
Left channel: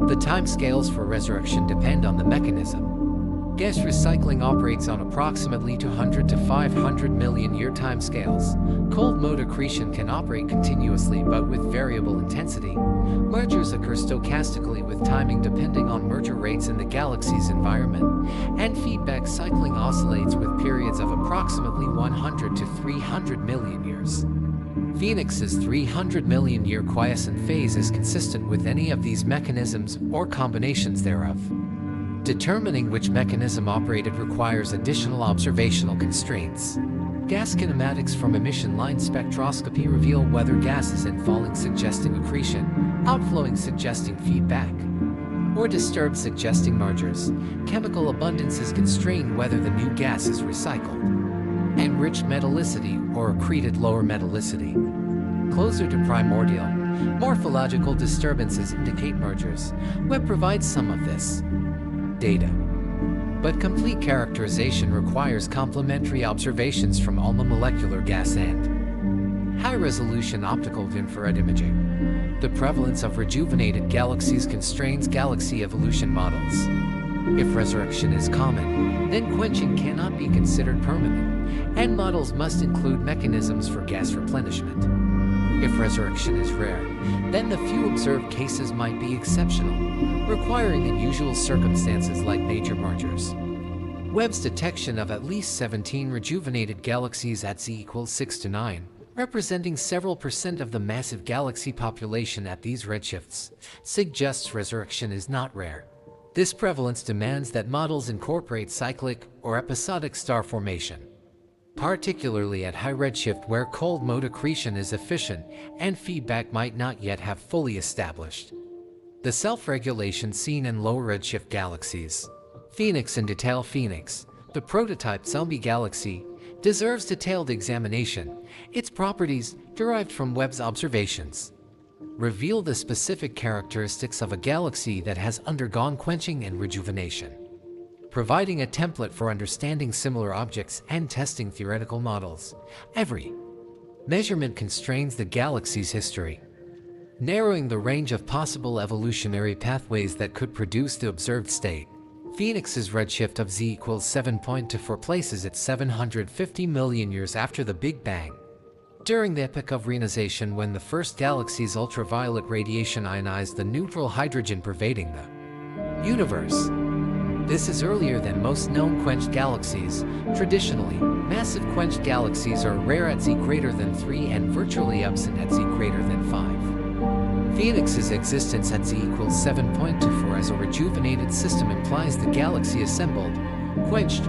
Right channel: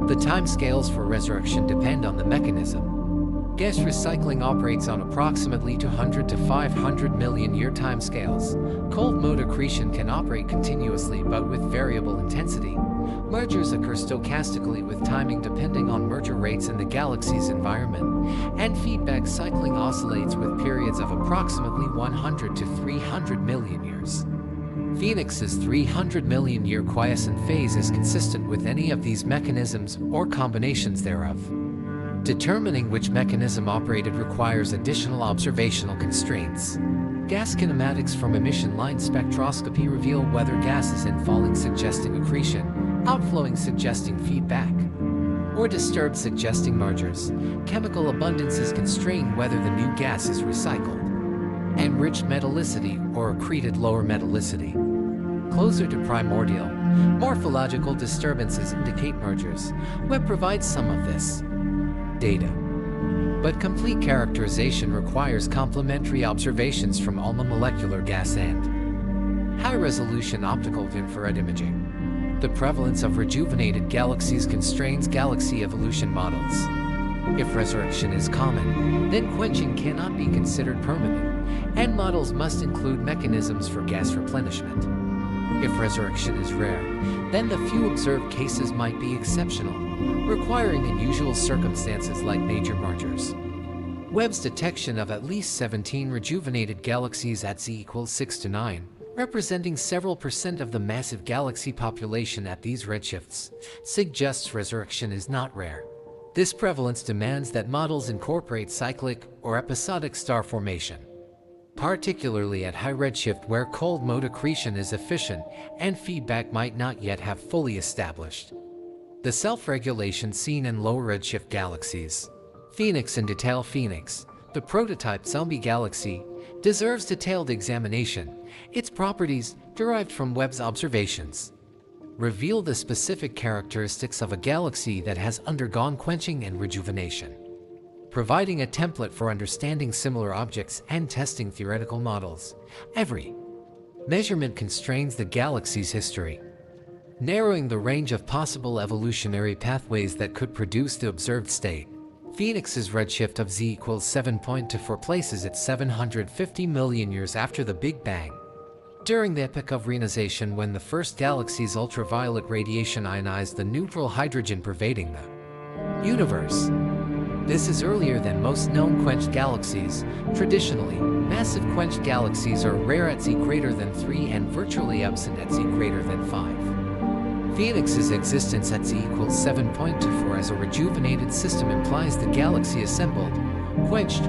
The timescales for resurrection depend on the mechanism. Gas recycling operates on approximately 200 to 500 million year timescales. Cold mode accretion can operate continuously but with variable intensity. Mergers occur stochastically with timing depending on merger rates in the galaxy's environment, and feedback cycling oscillates with periods of approximately 100 to 300 million years. Phoenix's 300 million year quiescent phase is consistent with any of these mechanisms or combinations thereof. Determining which mechanism operated requires additional observational constraints. Gas kinematics from emission line spectroscopy reveal whether gas is infalling suggesting accretion, outflowing suggesting feedback, or disturbed suggesting mergers. Chemical abundances constrain whether the new gas is recycled. Enriched metallicity or accreted lower metallicity. Closer to primordial, morphological disturbances indicate mergers. Webb provides some of this data, but complete characterization requires complementary observations from all the molecular gas and high-resolution optical infrared imaging. The prevalence of rejuvenated galaxies constrains galaxy evolution models. If resurrection is common, then quenching cannot be considered permanent, and models must include mechanisms for gas replenishment. If resurrection is rare, then the few observed cases might be exceptional, requiring unusual circumstances like major mergers. Webb's detection of at least 17 rejuvenated galaxies at z equals 6 to 9, representing several percent of the massive galaxy population at these redshifts, suggests resurrection is not rare. This prevalence demands that models incorporate cyclic or episodic star formation, particularly at high redshift where cold mode accretion is efficient and feedback might not yet have fully established. The self-regulation seen in low redshift galaxies. Phoenix in detail. Phoenix, the prototype zombie galaxy, deserves detailed examination. Its properties, derived from Webb's observations, reveal the specific characteristics of a galaxy that has undergone quenching and rejuvenation, providing a template for understanding similar objects and testing theoretical models. Every measurement constrains the galaxy's history, narrowing the range of possible evolutionary pathways that could produce the observed state. Phoenix's redshift of z equals 7.24 places it 750 million years after the Big Bang, during the epoch of reionization when the first galaxy's ultraviolet radiation ionized the neutral hydrogen pervading the universe. This is earlier than most known quenched galaxies. Traditionally, massive quenched galaxies are rare at z greater than 3 and virtually absent at z greater than 5. Phoenix's existence at z equals 7.24 as a rejuvenated system implies the galaxy assembled, quenched,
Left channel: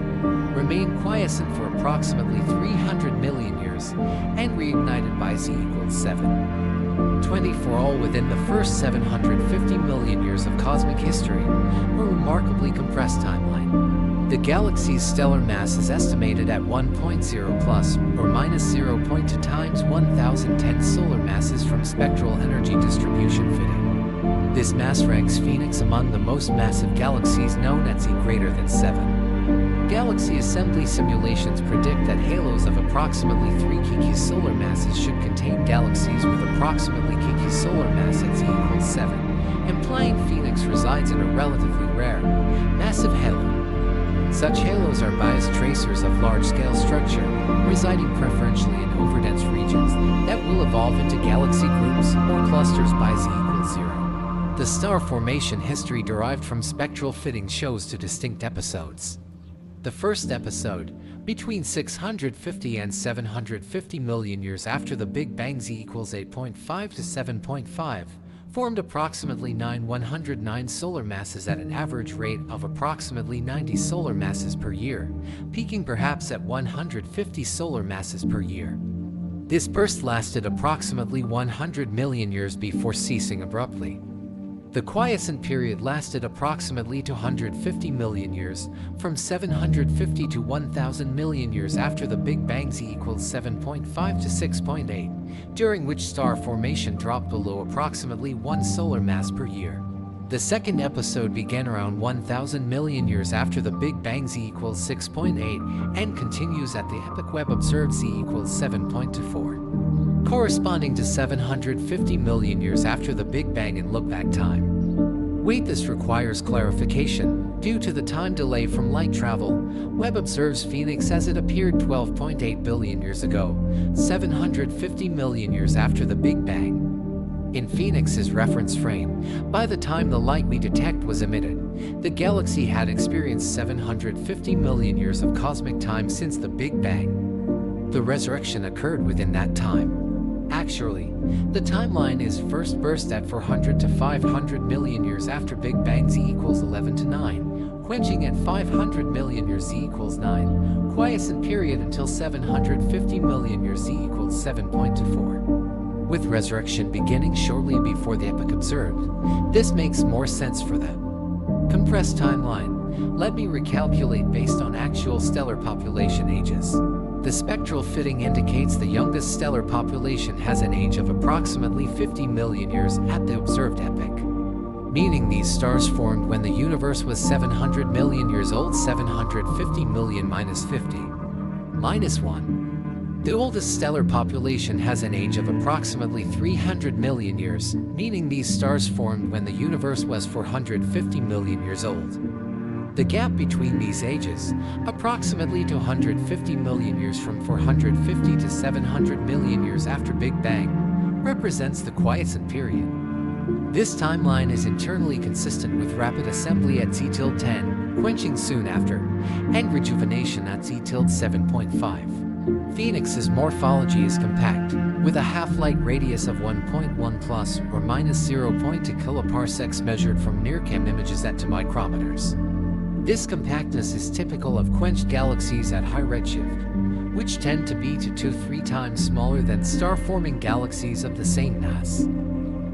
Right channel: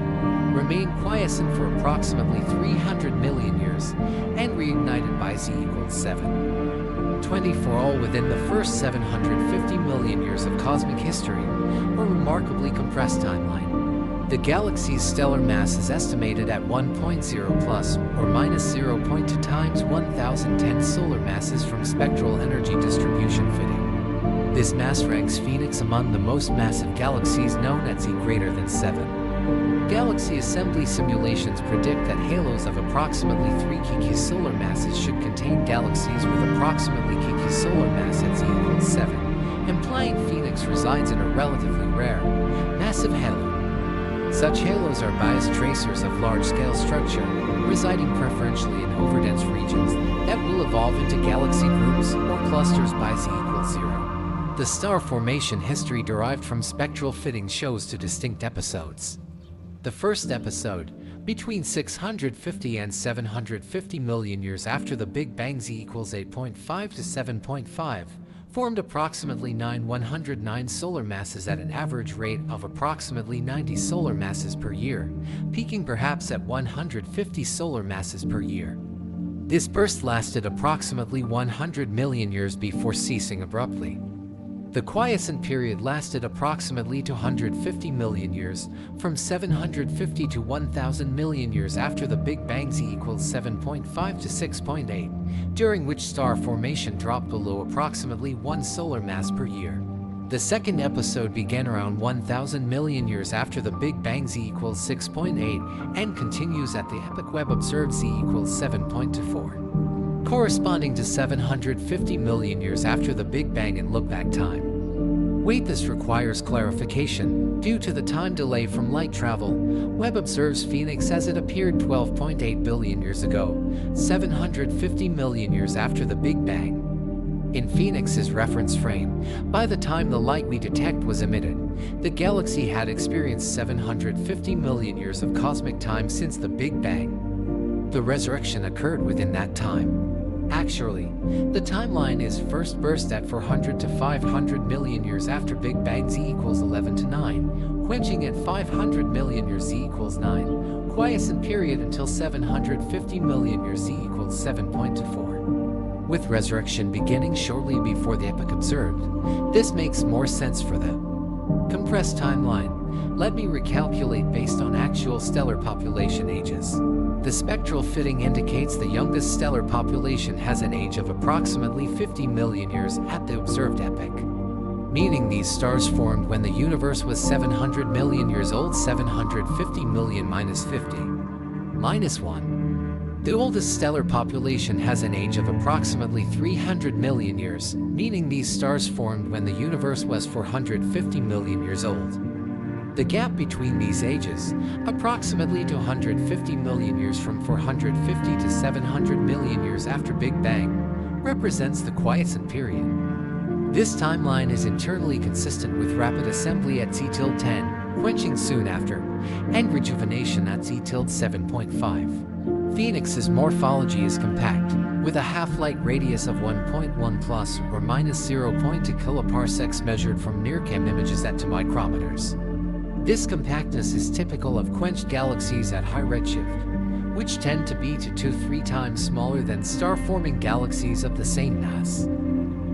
remained quiescent for approximately 300 million years, and reignited by z equals 7.24, all within the first 750 million years of cosmic history, a remarkably compressed timeline. The galaxy's stellar mass is estimated at 1.0 plus or minus 0.2 times 1010 solar masses from spectral energy distribution fitting. This mass ranks Phoenix among the most massive galaxies known at z greater than 7. Galaxy assembly simulations predict that halos of approximately 3 kk solar masses should contain galaxies with approximately kk solar mass at z equals 7, implying Phoenix resides in a relatively rare, massive halo. Such halos are biased tracers of large-scale structure, residing preferentially in overdense regions that will evolve into galaxy groups or clusters by z equals 0. The star formation history derived from spectral fitting shows two distinct episodes. The first episode, between 650 and 750 million years after the Big Bang z equals 8.5 to 7.5, formed approximately 9,109 solar masses at an average rate of approximately 90 solar masses per year, peaking perhaps at 150 solar masses per year. This burst lasted approximately 100 million years before ceasing abruptly. The quiescent period lasted approximately 250 million years, from 750 to 1,000 million years after the Big Bang z equals 7.5 to 6.8, during which star formation dropped below approximately 1 solar mass per year. The second episode began around 1,000 million years after the Big Bang z equals 6.8 and continues at the epoch Webb observed z equals 7.24. Corresponding to 750 million years after the Big Bang in look-back time. Wait, this requires clarification. Due to the time delay from light travel, Webb observes Phoenix as it appeared 12.8 billion years ago, 750 million years after the Big Bang. In Phoenix's reference frame, by the time the light we detect was emitted, the galaxy had experienced 750 million years of cosmic time since the Big Bang. The resurrection occurred within that time. Actually, the timeline is first burst at 400 to 500 million years after Big Bang z equals 11 to 9, quenching at 500 million years z equals 9, quiescent period until 750 million years z equals 7.24. With resurrection beginning shortly before the epoch observed, this makes more sense for the compressed timeline. Let me recalculate based on actual stellar population ages. The spectral fitting indicates the youngest stellar population has an age of approximately 50 million years at the observed epoch, meaning these stars formed when the universe was 700 million years old. 750 million minus 50 minus 1. The oldest stellar population has an age of approximately 300 million years, meaning these stars formed when the universe was 450 million years old. The gap between these ages, approximately 250 million years from 450 to 700 million years after Big Bang, represents the quiescent period. This timeline is internally consistent with rapid assembly at Z-10, quenching soon after, and rejuvenation at Z-7.5. Phoenix's morphology is compact, with a half-light radius of 1.1 plus or minus 0.2 kiloparsecs measured from NIRCam images at 2 micrometers. This compactness is typical of quenched galaxies at high redshift, which tend to be 2 to 3 times smaller than star-forming galaxies of the same mass.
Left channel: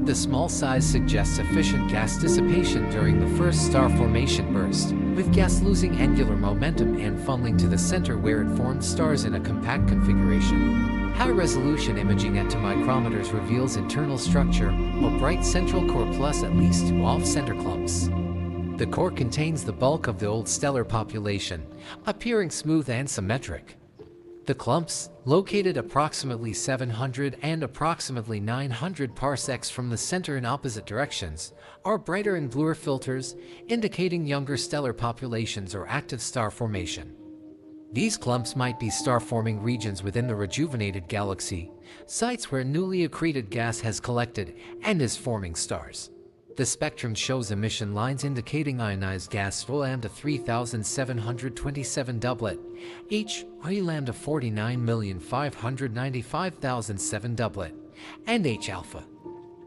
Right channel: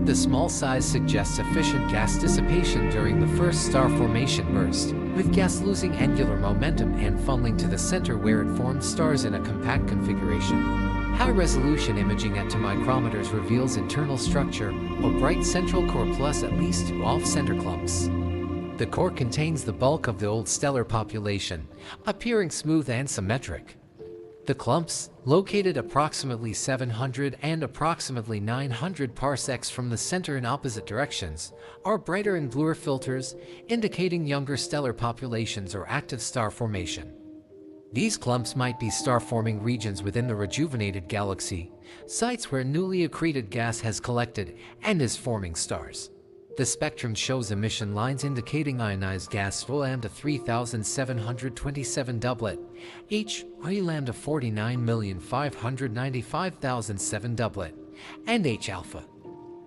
The small size suggests efficient gas dissipation during the first star formation burst, with gas losing angular momentum and funneling to the center where it formed stars in a compact configuration. High-resolution imaging at 2 micrometers reveals internal structure, a bright central core plus at least 2 off-center clumps. The core contains the bulk of the old stellar population, appearing smooth and symmetric. The clumps, located approximately 700 and approximately 900 parsecs from the center in opposite directions, are brighter and bluer filters, indicating younger stellar populations or active star formation. These clumps might be star-forming regions within the rejuvenated galaxy, sites where newly accreted gas has collected and is forming stars. The spectrum shows emission lines indicating ionized gas lambda 3727 doublet, H lambda 49,595,007 doublet, and H alpha.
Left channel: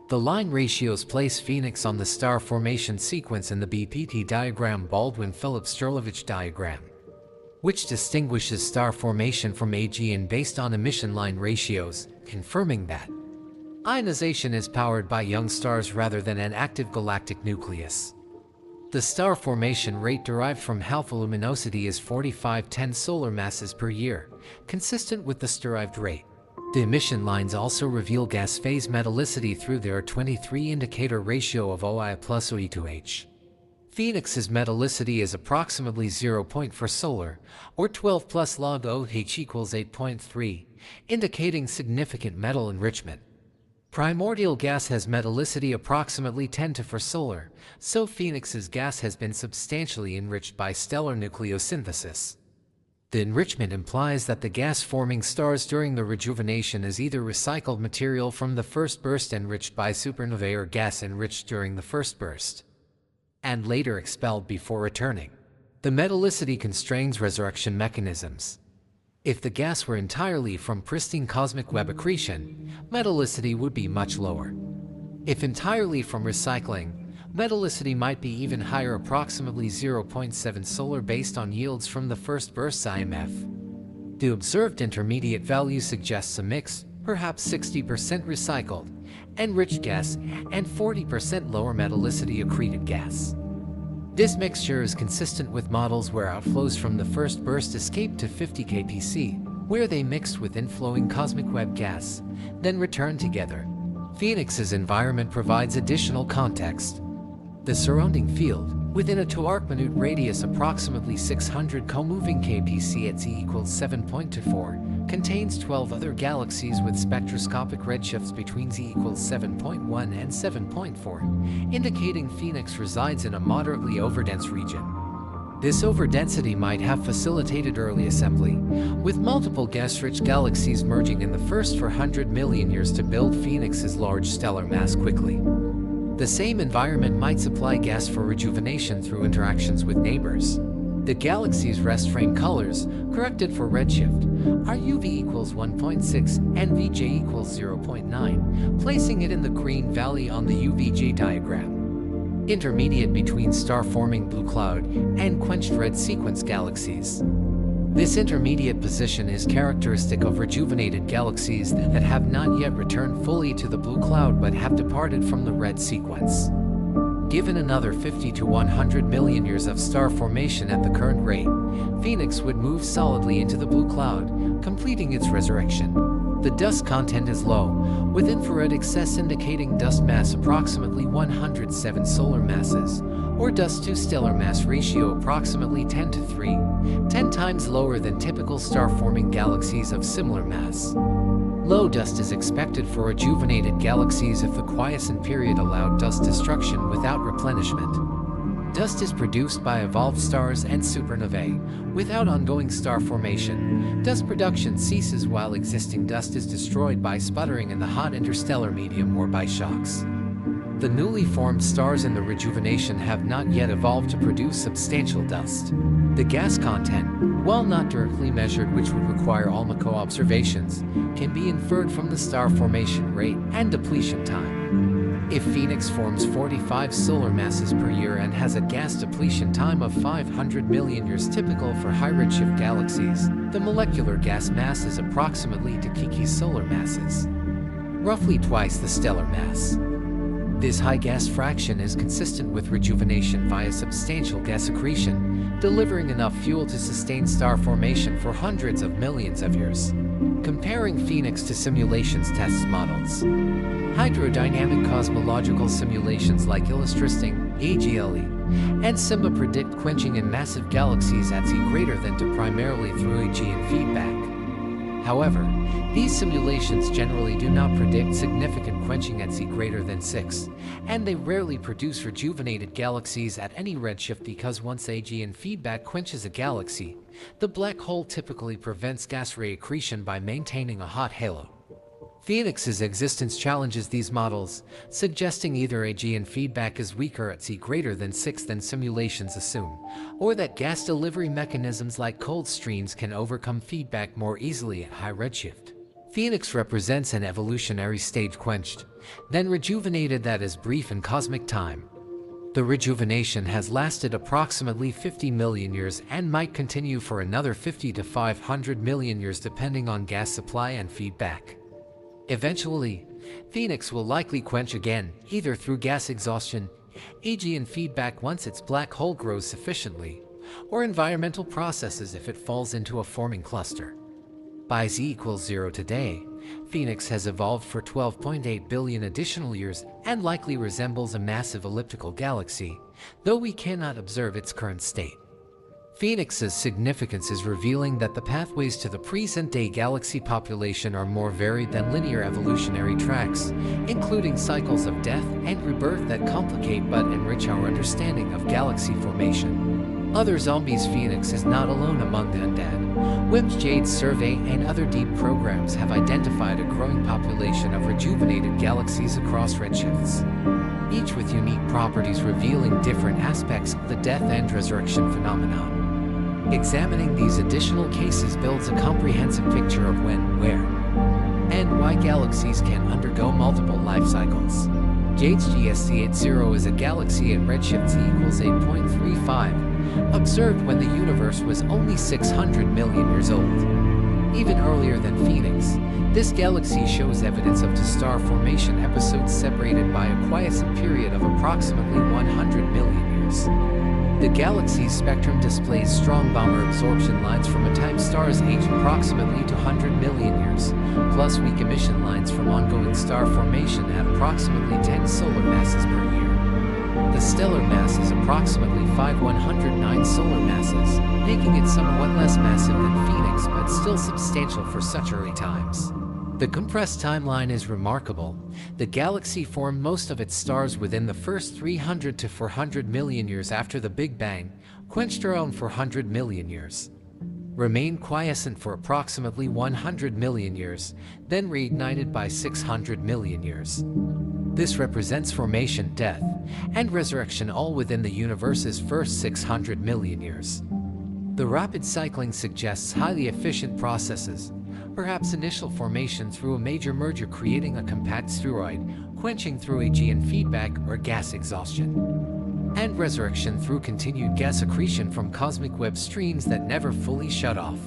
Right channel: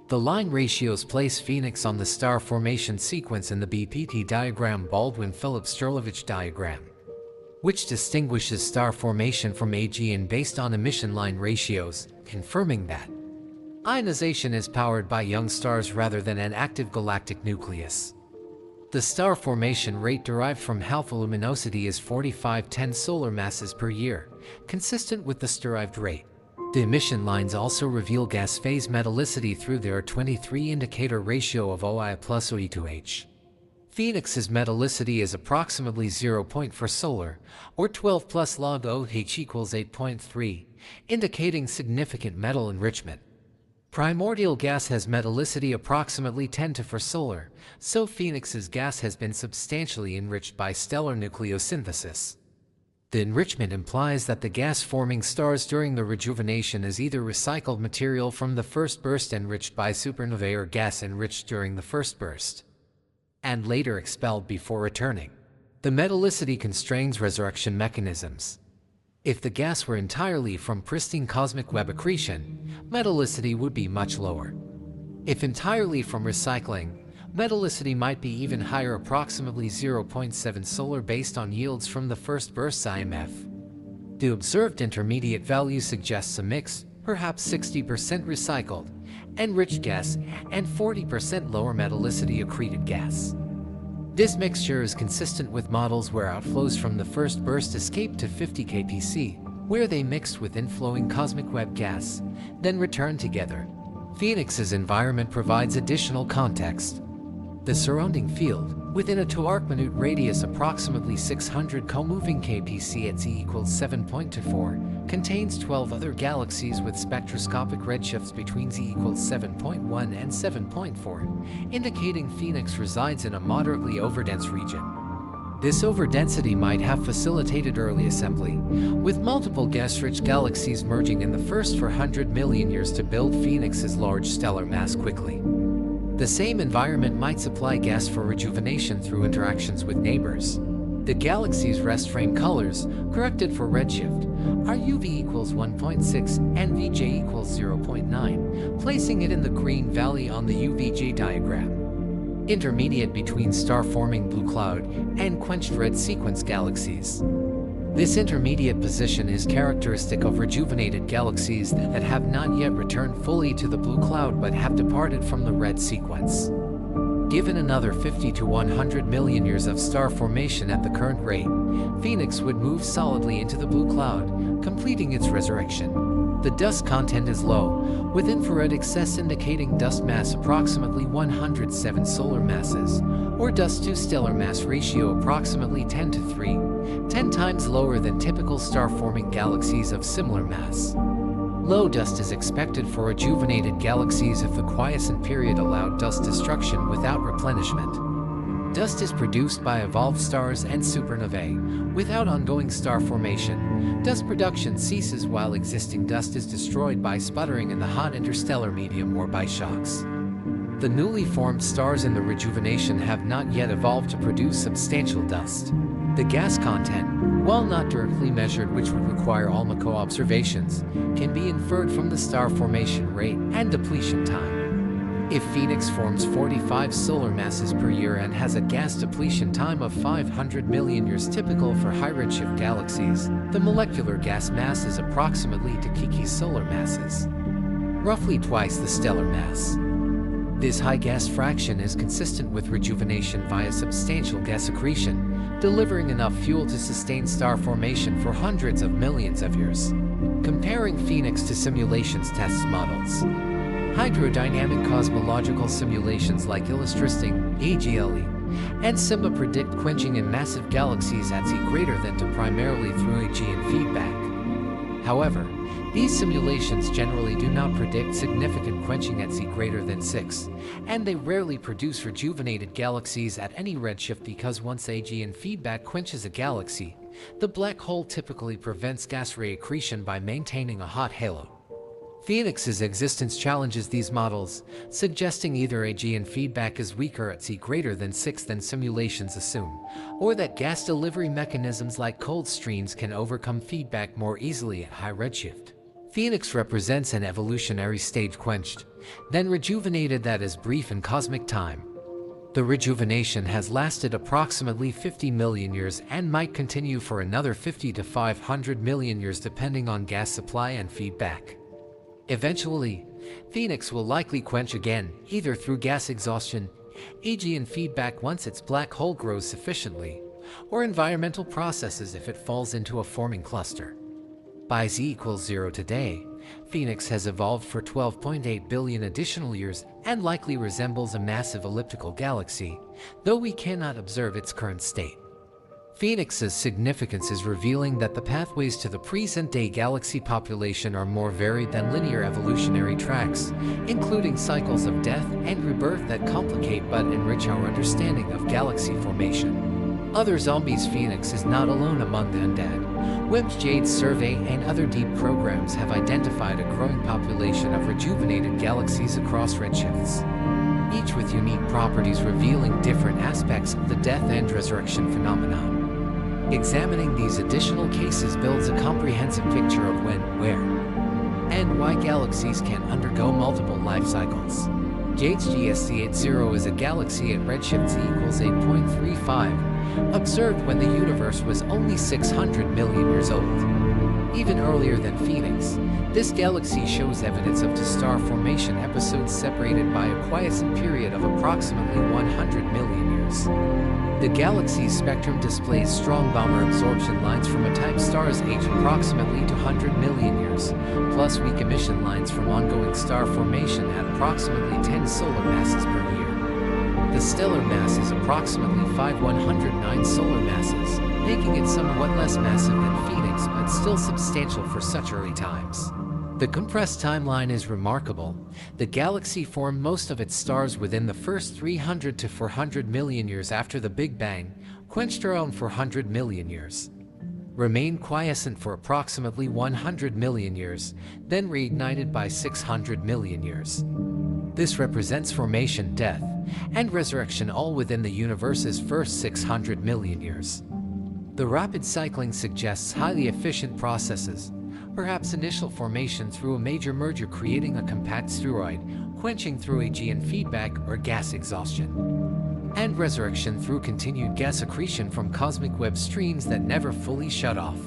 The line ratios place Phoenix on the star formation sequence in the BPT diagram Baldwin-Phillips-Strelowich diagram, which distinguishes star formation from AGN based on emission line ratios, confirming that ionization is powered by young stars rather than an active galactic nucleus. The star formation rate derived from alpha luminosity is 4510 solar masses per year, consistent with this derived rate. The emission lines also reveal gas phase metallicity through their 23 indicator ratio of OI plus OE to H. Phoenix's metallicity is approximately 0.4 solar, or 12 plus log OH equals 8.3, indicating significant metal enrichment. Primordial gas has metallicity approximately 10 to 4 solar, so Phoenix's gas has been substantially enriched by stellar nucleosynthesis. The enrichment implies that the gas-forming stars during the rejuvenation is either recycled material from the first burst enriched by supernovae or gas enriched during the first burst, and later expelled before returning. The metallicity constrains resurrection mechanisms. If the gas were entirely from pristine cosmic Webb accretion, metallicity would be much lower. If entirely from recycling, metallicity might be even higher, approximately 0.7 solar based on yields from the first burst IMF. The observed intermediate value suggests a mix, perhaps 60% recycled, enriched gas, and 40% lower metallicity accreted gas. This mixture is consistent with models where outflows from the first burst escaped to 50 kpc, where they mixed with inflowing cosmic Webb gas, then returned together. Phoenix's environment provides additional context. The surrounding field, within a 2 arc-minute radius approximately 600 co-moving kpc at Z equals 7.24, contains 12 other galaxies with spectroscopic redshifts between Z equals 7.1 and 7.4, indicating Phoenix resides in a moderately overdense region. This overdensity might have facilitated early assembly, with multiple gas-rich galaxies merging in the first 400 million years to build Phoenix's large stellar mass quickly. The same environment might supply gas for rejuvenation through interactions with neighbors. The galaxy's rest frame colors, corrected for redshift, are UV equals 1.6 and VJ equals 0.9, placing it in the green valley on the UVJ diagram, intermediate between star-forming blue cloud and quenched red sequence galaxies. This intermediate position is characteristic of rejuvenated galaxies that have not yet returned fully to the blue cloud but have departed from the red sequence. Given another 50 to 100 million years of star formation at the current rate, Phoenix would move solidly into the blue cloud, completing its resurrection. The dust content is low, with infrared excess indicating dust mass approximately 107 solar masses, or dust to stellar mass ratio approximately 10 to 3, 10 times lower than typical star-forming galaxies of similar mass. Low dust is expected for rejuvenated galaxies if the quiescent period allowed dust destruction without replenishment. Dust is produced by evolved stars and supernovae. Without ongoing star formation, dust production ceases while existing dust is destroyed by sputtering in the hot interstellar medium or by shocks. The newly formed stars in the rejuvenation have not yet evolved to produce substantial dust. The gas content, while not directly measured, which would require ALMACO observations, can be inferred from the star formation rate and depletion time. If Phoenix forms 45 solar masses per year and has a gas depletion time of 500 million years typical for high redshift galaxies, the molecular gas mass is approximately Tyche's solar masses, roughly twice the stellar mass. This high gas fraction is consistent with rejuvenation via substantial gas accretion, delivering enough fuel to sustain star formation for hundreds of millions of years. Comparing Phoenix to simulations test models. Hydrodynamic cosmological simulations like Illustristing, AGLE, and SIMBA predict quenching in massive galaxies at Z greater than 2 primarily through Augean feedback. However, these simulations generally do not predict significant quenching at Z greater than 6, and they rarely produce rejuvenated galaxies at any redshift because once Augean feedback quenches a galaxy, the black hole typically prevents gas ray accretion by maintaining a hot halo. Phoenix's existence challenges these models, suggesting either Augean feedback is weaker at Z greater than 6 than simulations assume, or that gas delivery mechanisms like cold streams can overcome feedback more easily at high redshift. Phoenix represents an evolutionary stage quenched, then rejuvenated that is brief in cosmic time. The rejuvenation has lasted approximately 50 million years and might continue for another 50 to 500 million years depending on gas supply and feedback. Eventually, Phoenix will likely quench again, either through gas exhaustion, Augean feedback once its black hole grows sufficiently, or environmental processes if it falls into a forming cluster. By Z=0 today, Phoenix has evolved for 12.8 billion additional years and likely resembles a massive elliptical galaxy, though we cannot observe its current state. Phoenix's significance is revealing that the pathways to the present-day galaxy population are more varied than linear evolutionary tracks, including cycles of death and rebirth that complicate but enrich our understanding of galaxy formation. Other zombies. Phoenix is not alone among the undead. Webb's Jade survey and other deep programs have identified a growing population of rejuvenated galaxies across redshifts, each with unique properties revealing different aspects of the death and resurrection phenomenon. Examining these additional cases builds a comprehensive picture of when, where, and why galaxies can undergo multiple life cycles. Jade's GSC80 is a galaxy at redshift Z=8.35, observed when the universe was only 600 million years old. Even earlier than Phoenix, this galaxy shows evidence of two-star formation episodes separated by a quiescent period of approximately 100 million years. The galaxy's spectrum displays strong Balmer absorption lines from a type stars aged approximately 200 million years, plus weak emission lines from ongoing star formation at approximately 10 solar masses per year. The stellar mass is approximately 5,109 solar masses, making it somewhat less massive than Phoenix but still substantial for such early times. The compressed timeline is remarkable. The galaxy formed most of its stars within the first 300 to 400 million years after the Big Bang, quenched around 400 million years, remained quiescent for approximately 100 million years, then reignited by 600 million years. This represents formation, death, and resurrection all within the universe's first 600 million years. The rapid cycling suggests highly efficient processes, perhaps initial formation through a major merger creating a compact spheroid, quenching through Augean feedback or gas exhaustion, and resurrection through continued gas accretion from cosmic web streams that never fully shut off.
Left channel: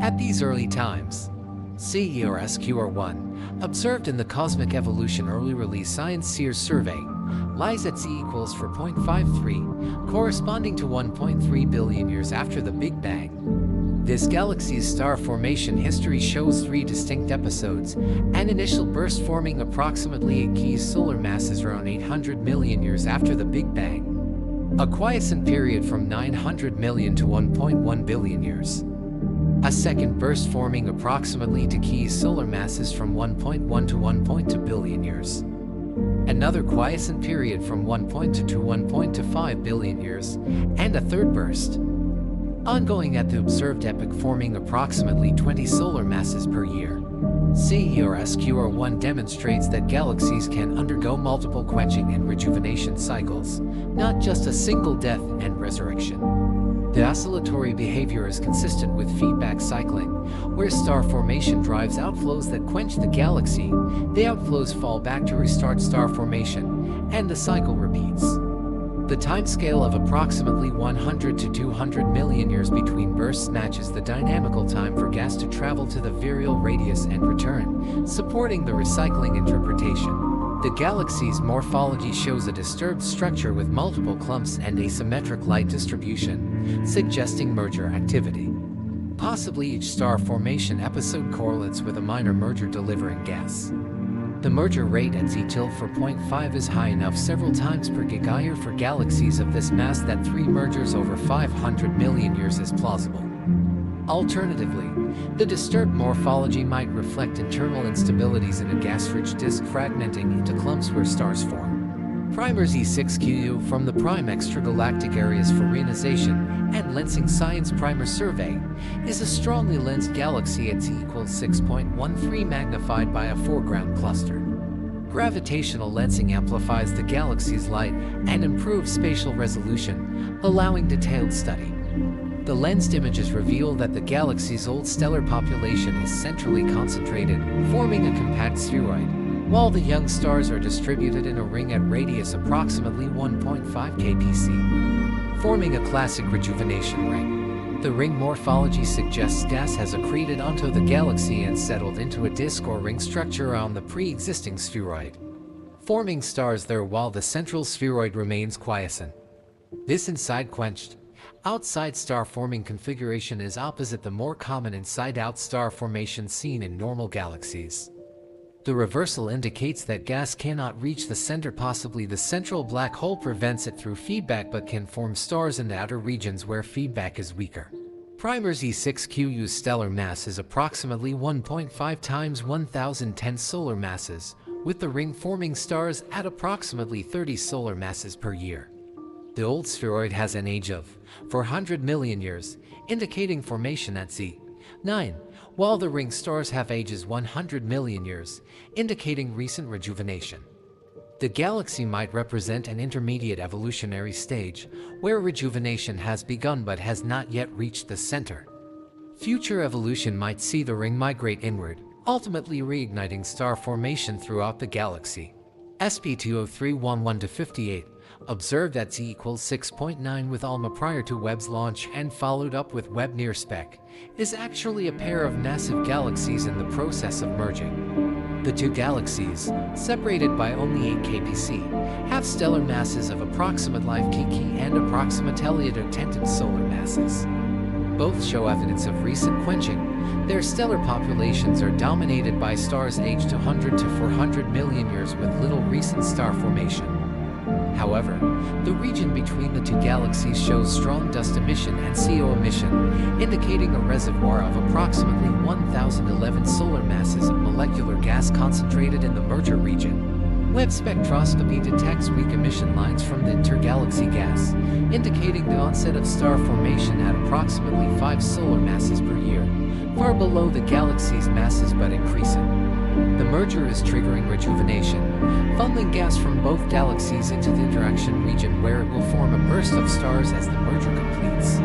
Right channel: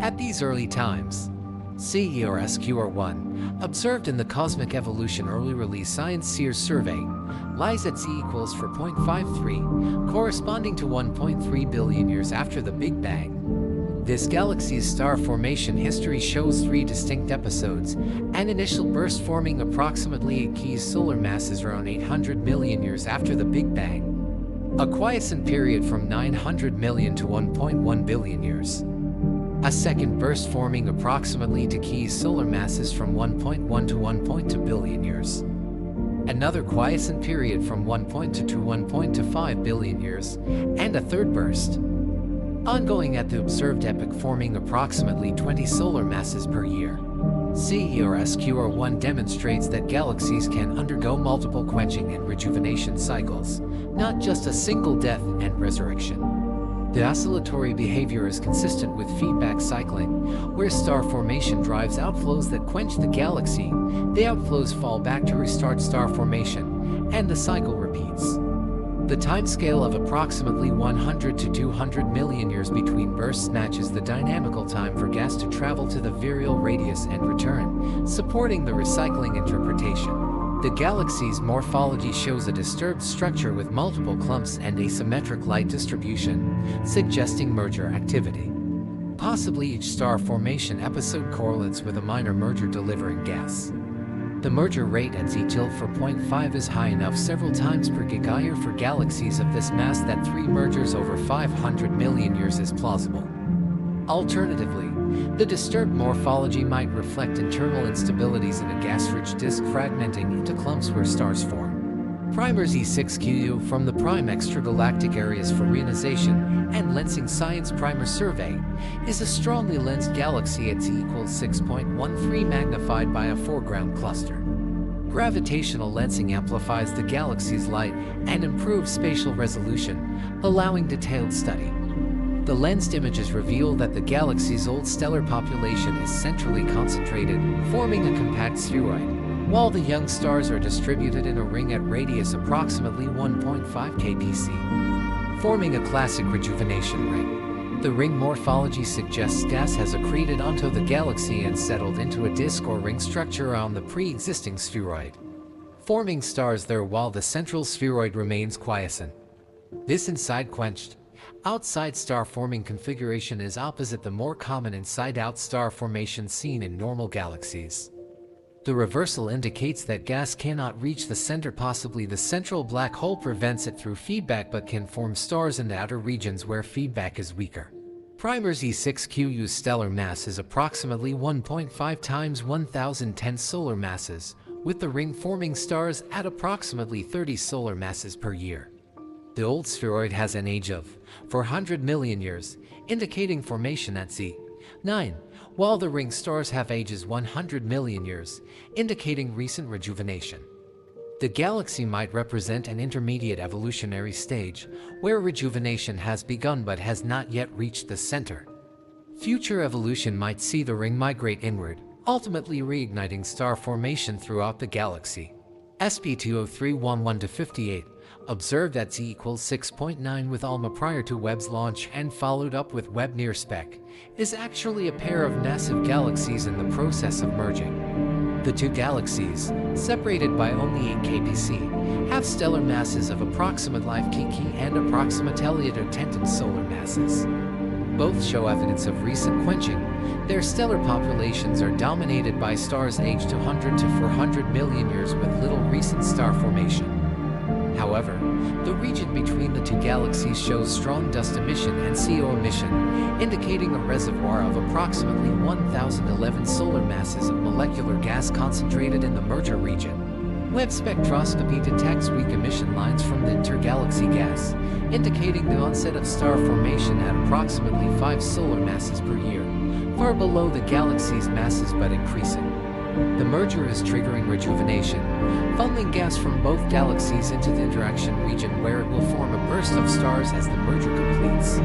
At these early times, CE or SQR1, observed in the Cosmic Evolution Early Release Science Sears survey, lies at Z=4.53, corresponding to 1.3 billion years after the Big Bang. This galaxy's star formation history shows 3 distinct episodes: an initial burst forming approximately 8 key solar masses around 800 million years after the Big Bang, a quiescent period from 900 million to 1.1 billion years, a second burst forming approximately 2 key solar masses from 1.1 to 1.2 billion years, another quiescent period from 1.2 to 1.25 billion years, and a third burst, ongoing at the observed epoch, forming approximately 20 solar masses per year. SQR1 demonstrates that galaxies can undergo multiple quenching and rejuvenation cycles, not just a single death and resurrection. The oscillatory behavior is consistent with feedback cycling, where star formation drives outflows that quench the galaxy. The outflows fall back to restart star formation, and the cycle repeats. The timescale of approximately 100 to 200 million years between bursts matches the dynamical time for gas to travel to the virial radius and return, supporting the recycling interpretation. The galaxy's morphology shows a disturbed structure with multiple clumps and asymmetric light distribution, suggesting merger activity. Possibly each star formation episode correlates with a minor merger delivering gas. The merger rate at Z-4.5 is high enough several times per gigayear for galaxies of this mass that 3 mergers over 500 million years is plausible. Alternatively, the disturbed morphology might reflect internal instabilities in a gas-rich disk fragmenting into clumps where stars form. Primer Z6QU from the Prime Extragalactic Areas for Reionization and Lensing Science Primer Survey is a strongly lensed galaxy at Z equals 6.13 magnified by a foreground cluster. Gravitational lensing amplifies the galaxy's light and improves spatial resolution, allowing detailed study. The lensed images reveal that the galaxy's old stellar population is centrally concentrated, forming a compact spheroid, while the young stars are distributed in a ring at radius approximately 1.5 kpc, forming a classic rejuvenation ring. The ring morphology suggests gas has accreted onto the galaxy and settled into a disk or ring structure around the pre-existing spheroid, forming stars there while the central spheroid remains quiescent. This inside quenched, outside star forming configuration is opposite the more common inside-out star formation seen in normal galaxies. The reversal indicates that gas cannot reach the center. Possibly the central black hole prevents it through feedback but can form stars in the outer regions where feedback is weaker. Primer Z6QU's stellar mass is approximately 1.5 times 1010 solar masses, with the ring forming stars at approximately 30 solar masses per year. The old spheroid has an age of 400 million years, indicating formation at Z9, while the ring stars have ages 100 million years, indicating recent rejuvenation. The galaxy might represent an intermediate evolutionary stage, where rejuvenation has begun but has not yet reached the center. Future evolution might see the ring migrate inward, ultimately reigniting star formation throughout the galaxy. SP20311-58, observed at Z equals 6.9 with ALMA prior to Webb's launch and followed up with Webb near spec, is actually a pair of massive galaxies in the process of merging. The two galaxies, separated by only 8 kpc, have stellar masses of approximate 5 kk and approximately 10 solar masses. Both show evidence of recent quenching. Their stellar populations are dominated by stars aged 200 to 400 million years with little recent star formation. However, the region between the two galaxies shows strong dust emission and CO emission, indicating a reservoir of approximately 1011 solar masses of molecular gas concentrated in the merger region. Webb spectroscopy detects weak emission lines from the intergalaxy gas, indicating the onset of star formation at approximately 5 solar masses per year, far below the galaxy's masses but increasing. The merger is triggering rejuvenation, funneling gas from both galaxies into the interaction region where it will form a burst of stars as the merger completes.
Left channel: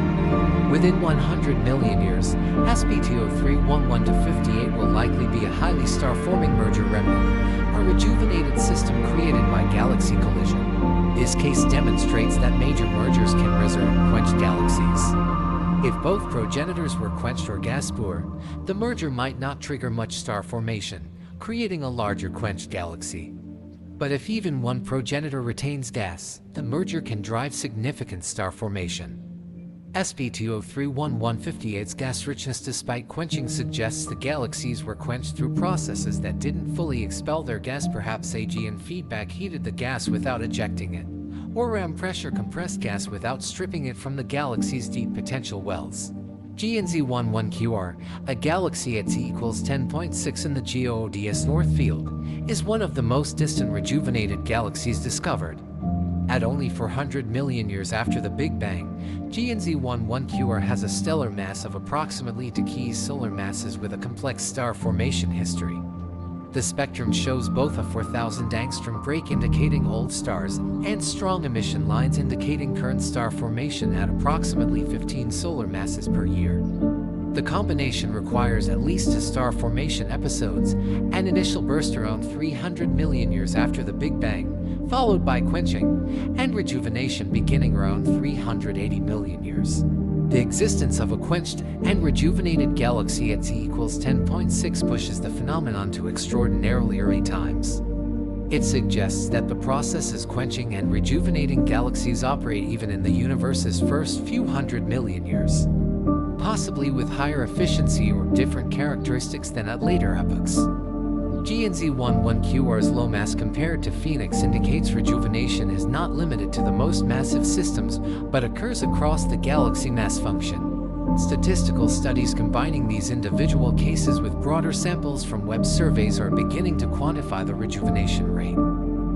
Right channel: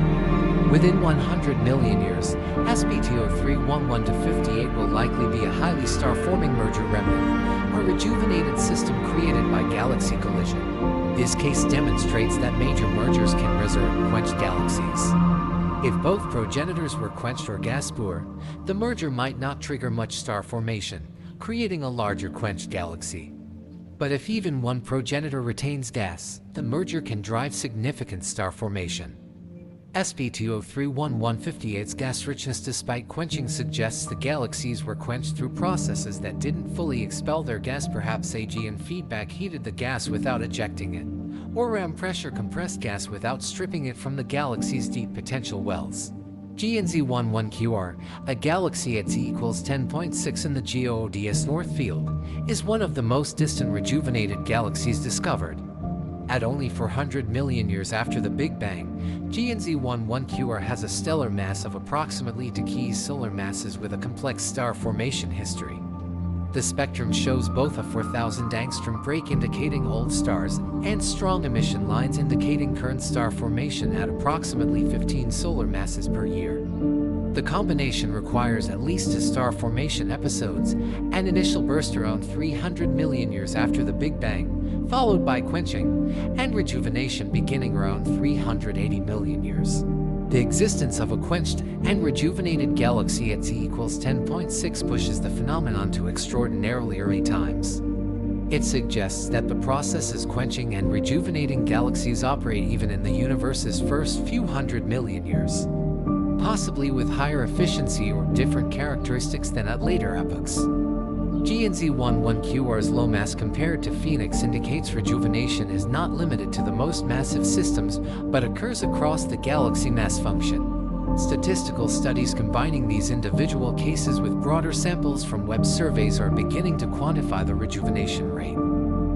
Within 100 million years, SP20311-58 will likely be a highly star-forming merger remnant, a rejuvenated system created by galaxy collision. This case demonstrates that major mergers can resurrect quenched galaxies. If both progenitors were quenched or gas poor, the merger might not trigger much star formation, creating a larger quenched galaxy. But if even one progenitor retains gas, the merger can drive significant star formation. SP20311-58's gas richness despite quenching suggests the galaxies were quenched through processes that didn't fully expel their gas. Perhaps AG and feedback heated the gas without ejecting it, or RAM pressure compressed gas without stripping it from the galaxy's deep potential wells. GNZ11QR, a galaxy at z equals 10.6 in the GODS North Field, is one of the most distant rejuvenated galaxies discovered. At only 400 million years after the Big Bang, GNZ11QR has a stellar mass of approximately 2 key solar masses with a complex star formation history. The spectrum shows both a 4,000 angstrom break indicating old stars and strong emission lines indicating current star formation at approximately 15 solar masses per year. The combination requires at least 2 star formation episodes, an initial burst around 300 million years after the Big Bang, followed by quenching and rejuvenation beginning around 380 million years. The existence of a quenched and rejuvenated galaxy at z equals 10.6 pushes the phenomenon to extraordinarily early times. It suggests that the processes quenching and rejuvenating galaxies operate even in the universe's first few hundred million years, possibly with higher efficiency or different characteristics than at later epochs. GNZ11QR's low mass compared to Phoenix indicates rejuvenation is not limited to the most massive systems, but occurs across the galaxy mass function. Statistical studies combining these individual cases with broader samples from Webb surveys are beginning to quantify the rejuvenation rate.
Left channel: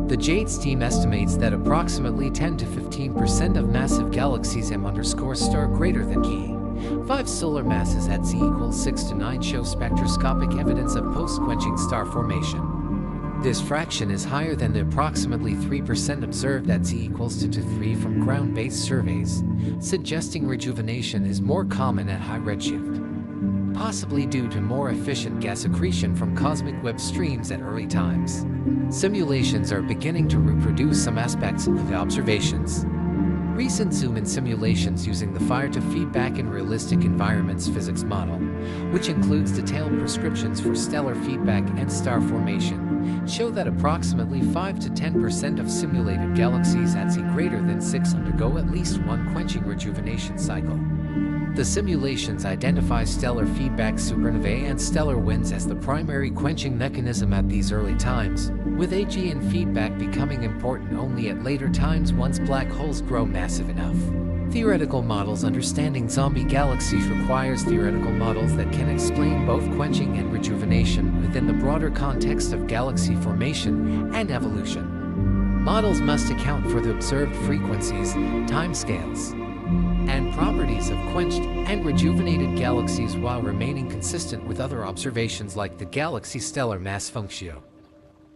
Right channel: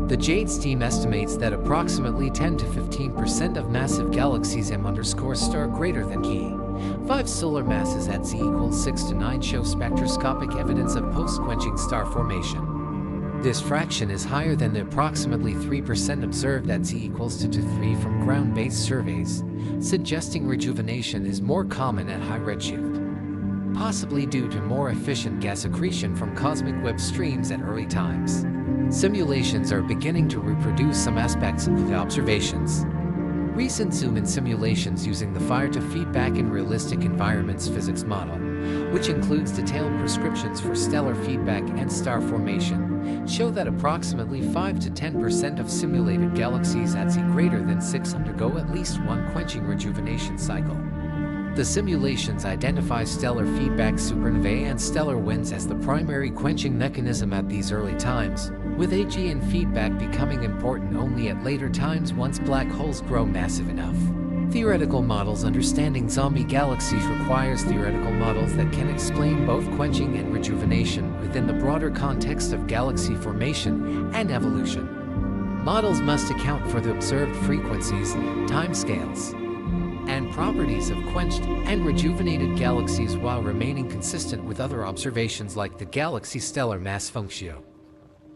The JADES team estimates that approximately 10 to 15% of massive galaxies M_star greater than key 5 solar masses at z equals 6 to 9 show spectroscopic evidence of post-quenching star formation. This fraction is higher than the approximately 3% observed at z equals 2 to 3 from ground-based surveys, suggesting rejuvenation is more common at high redshift, possibly due to more efficient gas accretion from cosmic Webb streams at early times. Simulations are beginning to reproduce some aspects of the observations. Recent zoom-in simulations using the fire-to-feedback in realistic environments physics model, which includes detailed prescriptions for stellar feedback and star formation, show that approximately 5 to 10% of simulated galaxies at z greater than 6 undergo at least one quenching rejuvenation cycle. The simulations identify stellar feedback supernovae and stellar winds as the primary quenching mechanism at these early times, with AGN feedback becoming important only at later times once black holes grow massive enough. Theoretical models understanding zombie galaxies requires theoretical models that can explain both quenching and rejuvenation within the broader context of galaxy formation and evolution. Models must account for the observed frequencies, timescales, and properties of quenched and rejuvenated galaxies while remaining consistent with other observations like the galaxy stellar mass function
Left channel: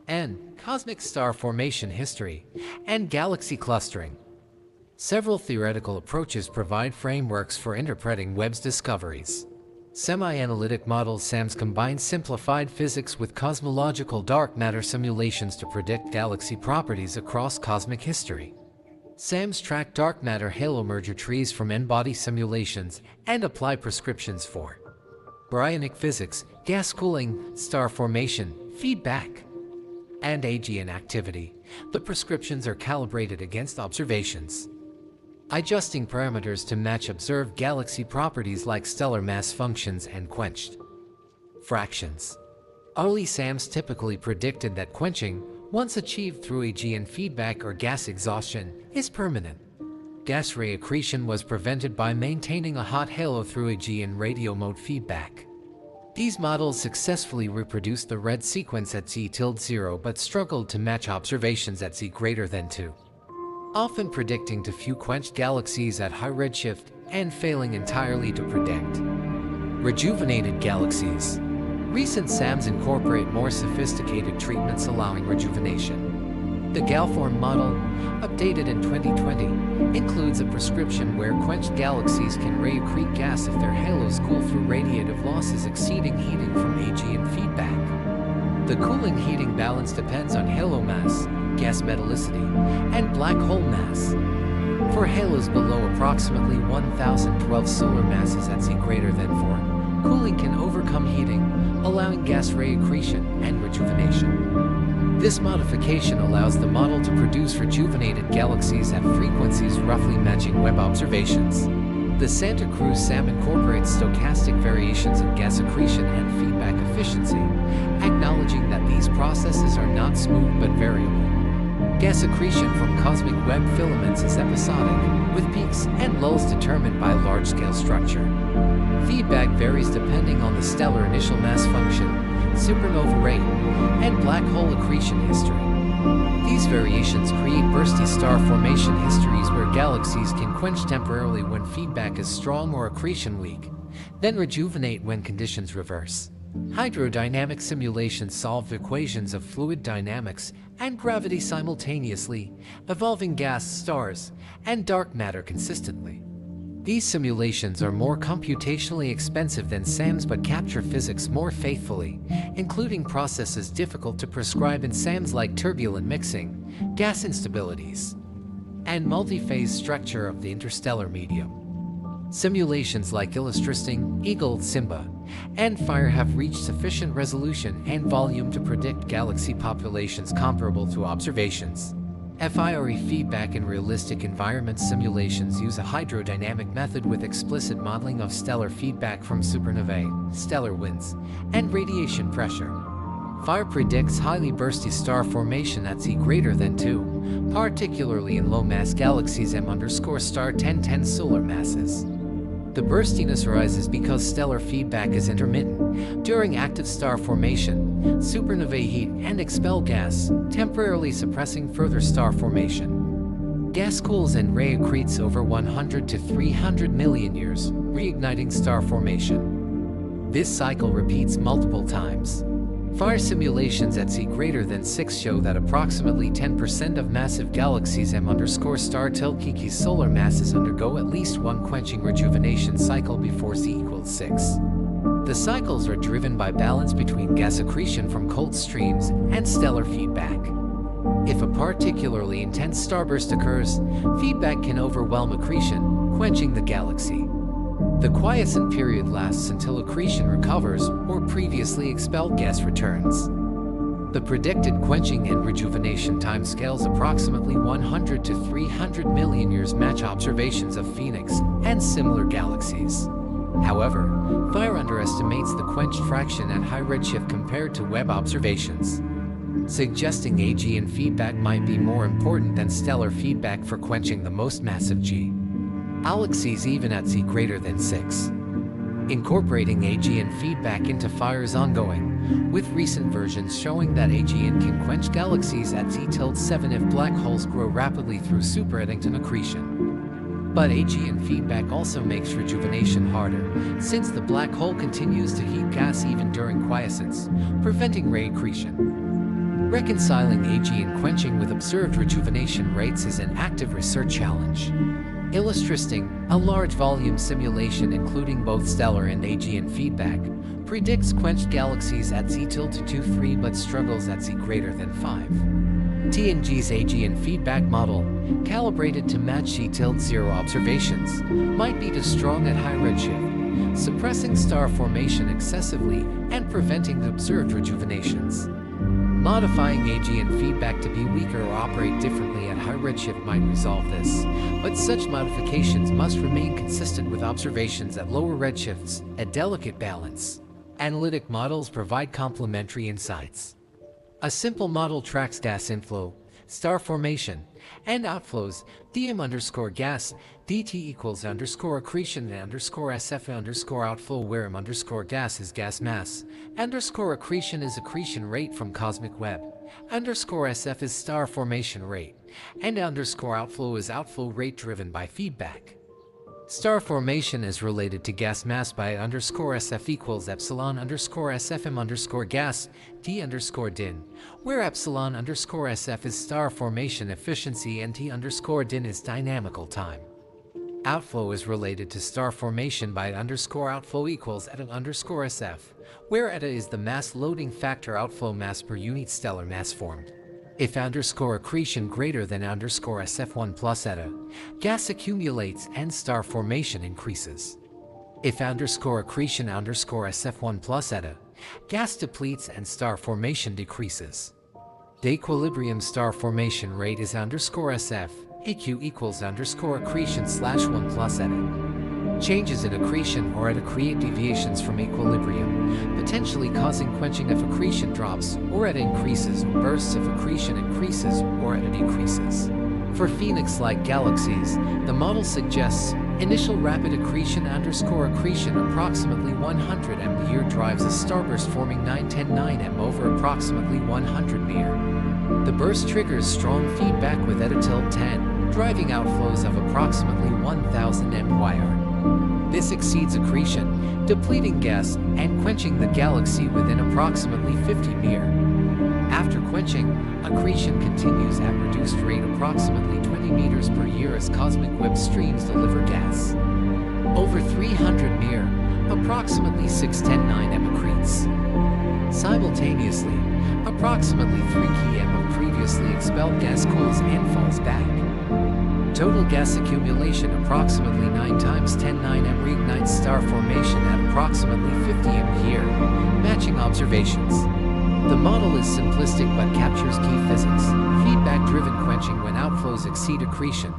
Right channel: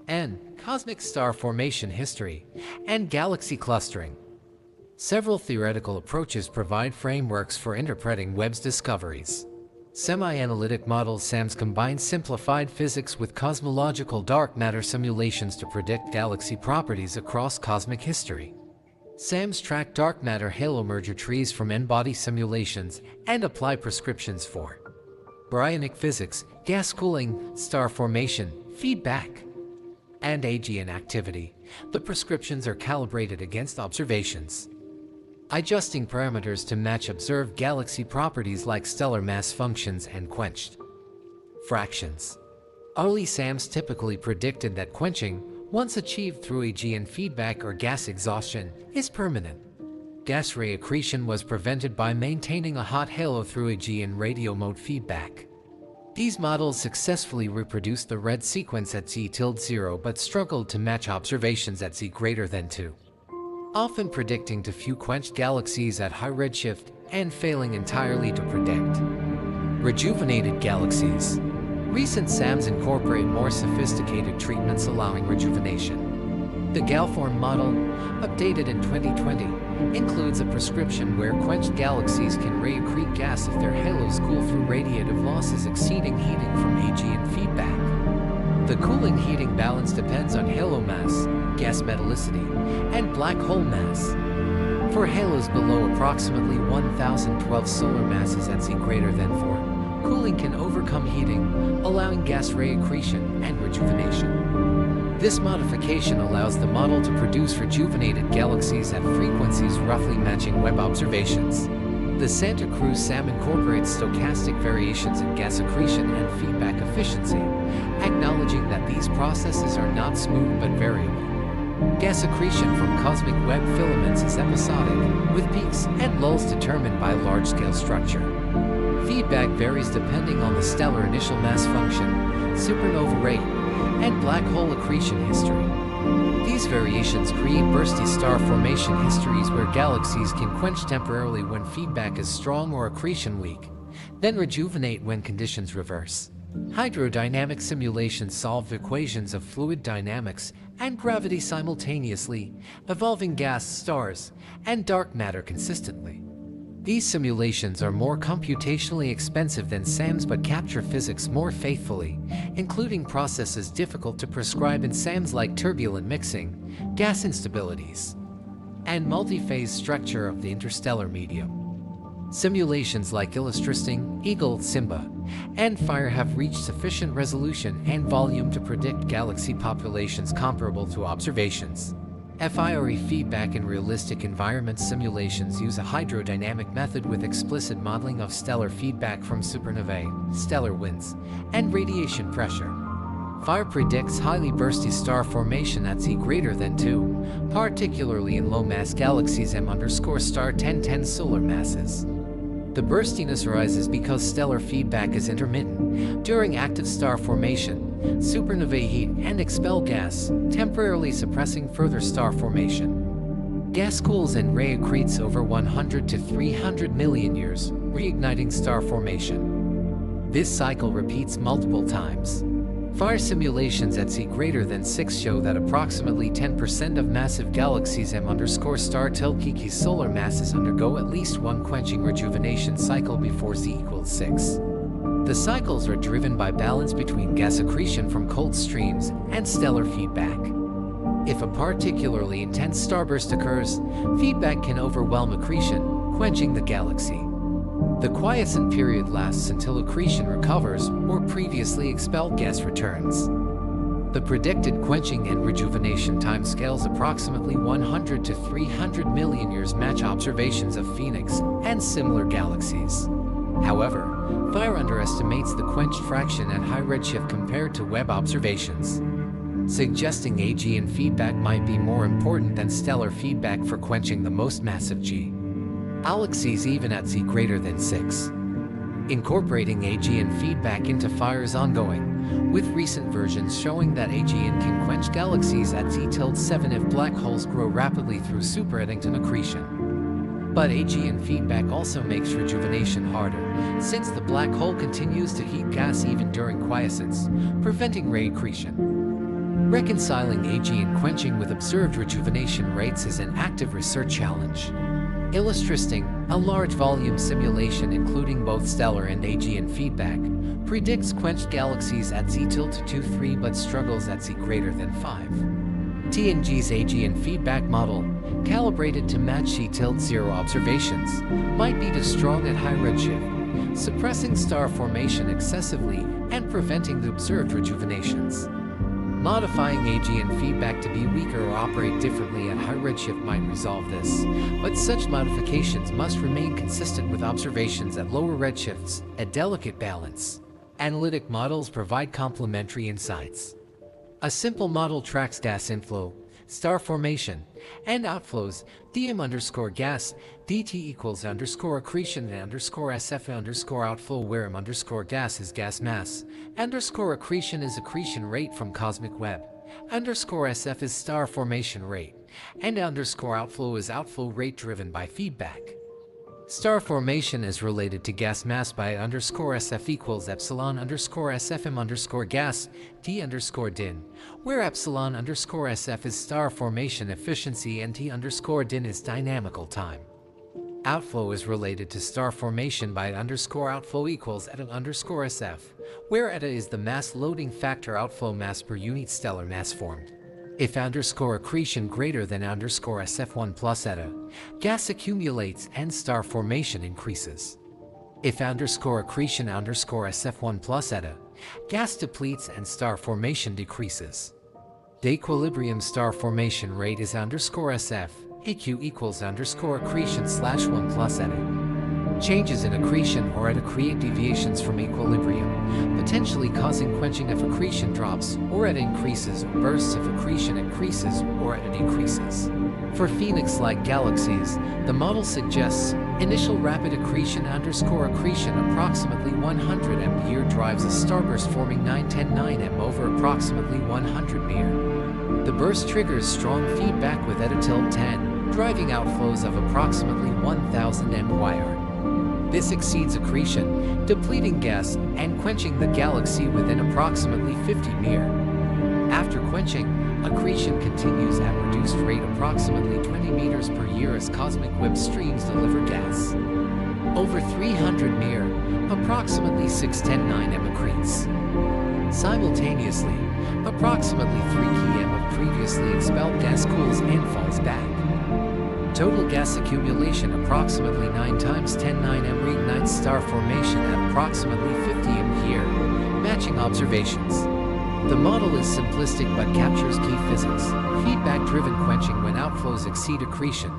and cosmic star formation history and galaxy clustering. Several theoretical approaches provide frameworks for interpreting Webb's discoveries. Semi-analytic models SAMS combine simplified physics with cosmological dark matter simulations to predict galaxy properties across cosmic history. SAMS track dark matter halo merger trees from n-body simulations and apply prescriptions for baryonic physics, gas cooling, star formation, feedback, and AGN activity. The prescriptions are calibrated against observations, adjusting parameters to match observed galaxy properties like stellar mass functions and quenched fractions. Early SAMs typically predicted that quenching, once achieved through AGN feedback or gas exhaustion, is permanent. Gas ray accretion was prevented by maintaining a hot halo through AGN radio mode feedback. These models successfully reproduced the red sequence at z tilde 0 but struggled to match observations at z greater than 2, often predicting too few quenched galaxies at high redshift and failing entirely to predict rejuvenated galaxies. Recent SAMs incorporate more sophisticated treatments allowing rejuvenation. The GALFORM model, updated in 2020, includes a prescription where quenched galaxies can ray accrete gas if their halos cool through radiative losses exceeding heating from AGN feedback. The cooling heating balance depends on halo mass, gas metallicity, and black hole mass. For halos below approximately 1012 solar masses at z greater than 4, cooling can overcome heating, allowing gas ray accretion and rejuvenation. This modification allows the model to produce rejuvenated galaxies at frequencies roughly matching Webb observations. The Santa Cruz SAM incorporates stochastic variations in gas accretion and feedback efficiency, acknowledging that these processes are not smooth but variable. Gas accretion from cosmic Webb filaments is episodic, with peaks and lulls determined by large-scale structure. Feedback varies depending on the stellar initial mass function, supernova rate, and black hole accretion history. These variations create bursty star formation histories where galaxies can quench temporarily when feedback is strong or accretion weak, then rejuvenate when conditions reverse. Hydrodynamic simulations solve equations of fluid dynamics and gravity simultaneously, evolving gas, stars, and dark matter consistently. These simulations are more computationally expensive than SAMs but capture physics more faithfully, including processes difficult to prescribe in SAMs like turbulent mixing, gas instabilities, and multi-phase structure of the interstellar medium. Simulations like Illustristing, Eagle, Simba, and Fire have reached sufficient resolution and volume to predict galaxy populations comparable to observations. FIRE feedback in realistic environment simulations use a hydrodynamic method with explicit modeling of stellar feedback from supernovae, stellar winds, and radiation pressure. FIRE predicts highly bursty star formation at Z greater than 2, particularly in low-mass galaxies M_star 1010 solar masses. The burstiness arises because stellar feedback is intermittent. During active star formation, supernovae heat and expel gas, temporarily suppressing further star formation. Gas cools and ray accretes over 100 to 300 million years, reigniting star formation. This cycle repeats multiple times. FIRE simulations at Z greater than 6 show that approximately 10% of massive galaxies M_star Telkiki's solar masses undergo at least one quenching rejuvenation cycle before Z equals 6. The cycles are driven by balance between gas accretion from cold streams and stellar feedback. If a particularly intense starburst occurs, feedback can overwhelm accretion, quenching the galaxy. The quiescent period lasts until accretion recovers or previously expelled gas returns. The predicted quenching and rejuvenation timescales approximately 100 to 300 million years match observations of Phoenix and similar galaxies. However, FIRE underestimates the quenched fraction at high redshift compared to Webb observations, suggesting AGN feedback might be more important than stellar feedback for quenching the most massive galaxies even at Z greater than 6. Incorporating AGN feedback into FIRE is ongoing, with recent versions showing that AGN can quench galaxies at Z-7 if black holes grow rapidly through super-Eddington accretion. But AGN feedback also makes rejuvenation harder, since the black hole continues to heat gas even during quiescence, preventing ray accretion. Reconciling AGN quenching with observed rejuvenation rates is an active research challenge. Illustristing, a large volume simulation including both stellar and AGN feedback, predicts quenched galaxies at Z-23 but struggles at Z greater than 5. TNG's AGN feedback model, calibrated to match Z-0 observations, might be too strong at high redshift, suppressing star formation excessively and preventing the observed rejuvenations. Modifying AGN feedback to be weaker or operate differently at high redshift might resolve this, but such modifications must remain consistent with observations at lower redshifts, a delicate balance. Analytic models provide complementary insights. A simple model tracks gas inflow, star formation, and outflows, dm_gas, dt equals _accretion _sf outflow where m_gas is gas mass, _accretion is accretion rate from cosmic web, _sf is star formation rate, and _outflow is outflow rate driven by feedback. Star formation is related to gas mass by _sf equals epsilon_sfm gas d_din, where epsilon_sf is star formation efficiency and t_din is dynamical time. Outflow is related to star formation by _outflow equals eta_sf, where eta is the mass loading factor outflow mass per unit stellar mass formed. If _accretion greater than _sf1 plus eta, gas accumulates and star formation increases. If _accretion _sf1 plus eta, gas depletes and star formation decreases. The equilibrium star formation rate is _sf, AQ equals _accretion/1 plus eta. Changes in accretion or eta create deviations from equilibrium, potentially causing quenching if accretion drops or eta increases, or bursts if accretion increases or eta decreases. For Phoenix-like galaxies, the model suggests Initial rapid accretion approximately 100 m/year drives a starburst forming 910 m over approximately 100 m. The burst triggers strong feedback with eta tilde 10, driving outflows of approximately 1000 m/yr. This exceeds accretion, depleting gas and quenching the galaxy within approximately 50 m. After quenching, accretion continues at reduced rate approximately 20 meters per year as cosmic Webb streams deliver gas. Over 300 m, approximately 610 m accretes. Simultaneously, approximately 3 km of previously expelled gas cools and falls back. Total gas accumulation approximately 9 times 10⁹ m reignited star formation at approximately 50 m/year, matching observations. The model is simplistic but captures key physics: feedback-driven quenching when outflows exceed accretion,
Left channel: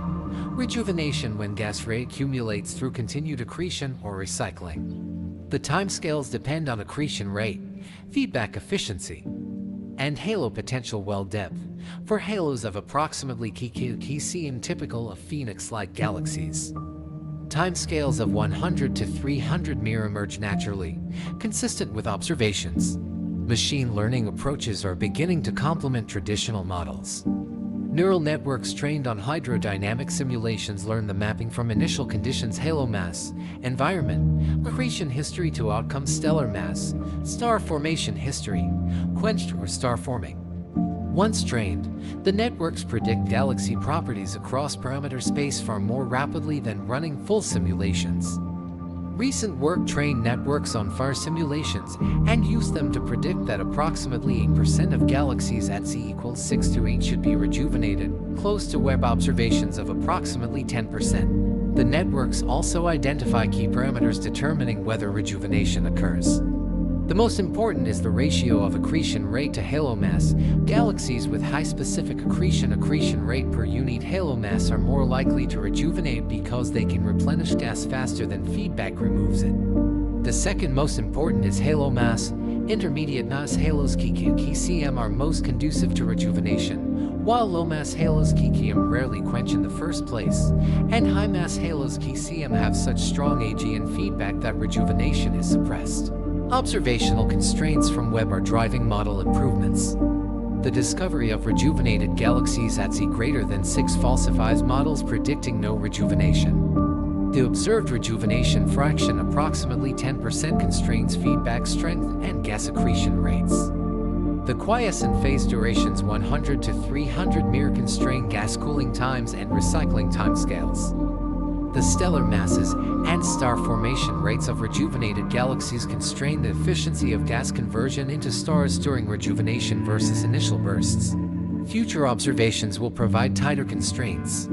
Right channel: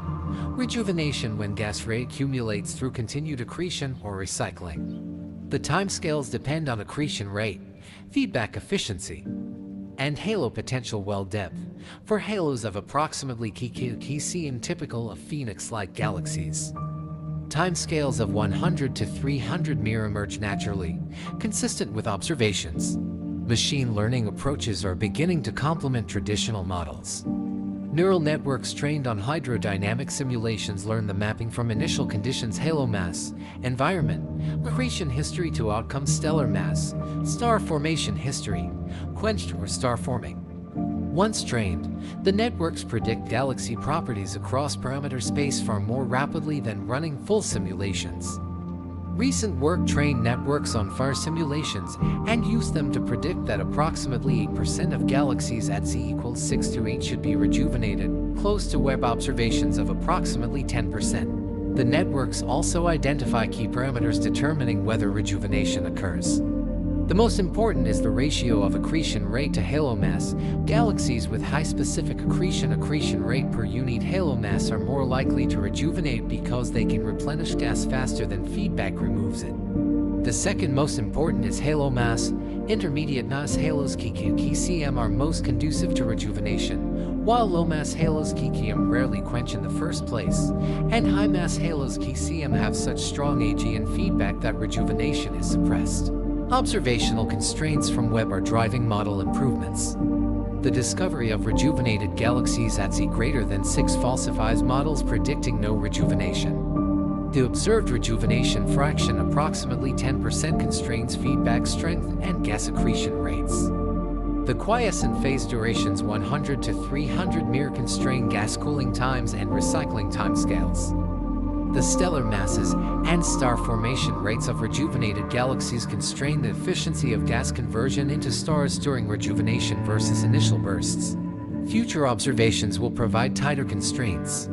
rejuvenation when gas reaccumulates through continued accretion or recycling. The timescales depend on accretion rate, feedback efficiency, and halo potential well depth, for halos of approximately kcm typical of Phoenix-like galaxies. Timescales of 100 to 300 m emerge naturally, consistent with observations. Machine learning approaches are beginning to complement traditional models. Neural networks trained on hydrodynamic simulations learn the mapping from initial conditions: halo mass, environment, accretion history to outcome, stellar mass, star formation history, quenched or star forming. Once trained, the networks predict galaxy properties across parameter space far more rapidly than running full simulations. Recent work trained networks on far simulations and used them to predict that approximately 8% of galaxies at z=6 to 8 should be rejuvenated, close to Webb observations of approximately 10%. The networks also identify key parameters determining whether rejuvenation occurs. The most important is the ratio of accretion rate to halo mass. Galaxies with high specific accretion rate per unit halo mass are more likely to rejuvenate because they can replenish gas faster than feedback removes it. The second most important is halo mass. Intermediate mass halos kcm are most conducive to rejuvenation, while low mass halos kcm rarely quench in the first place, and high mass halos kcm have such strong Ag and feedback that rejuvenation is suppressed. Observational constraints from Webb are driving model improvements. The discovery of rejuvenated galaxies at z greater than 6 falsifies models predicting no rejuvenation. The observed rejuvenation fraction, approximately 10%, constrains feedback strength and gas accretion rates. The quiescent phase durations 100 to 300 m constrain gas cooling times and recycling timescales. The stellar masses and star formation rates of rejuvenated galaxies constrain the efficiency of gas conversion into stars during rejuvenation versus initial bursts. Future observations will provide tighter constraints.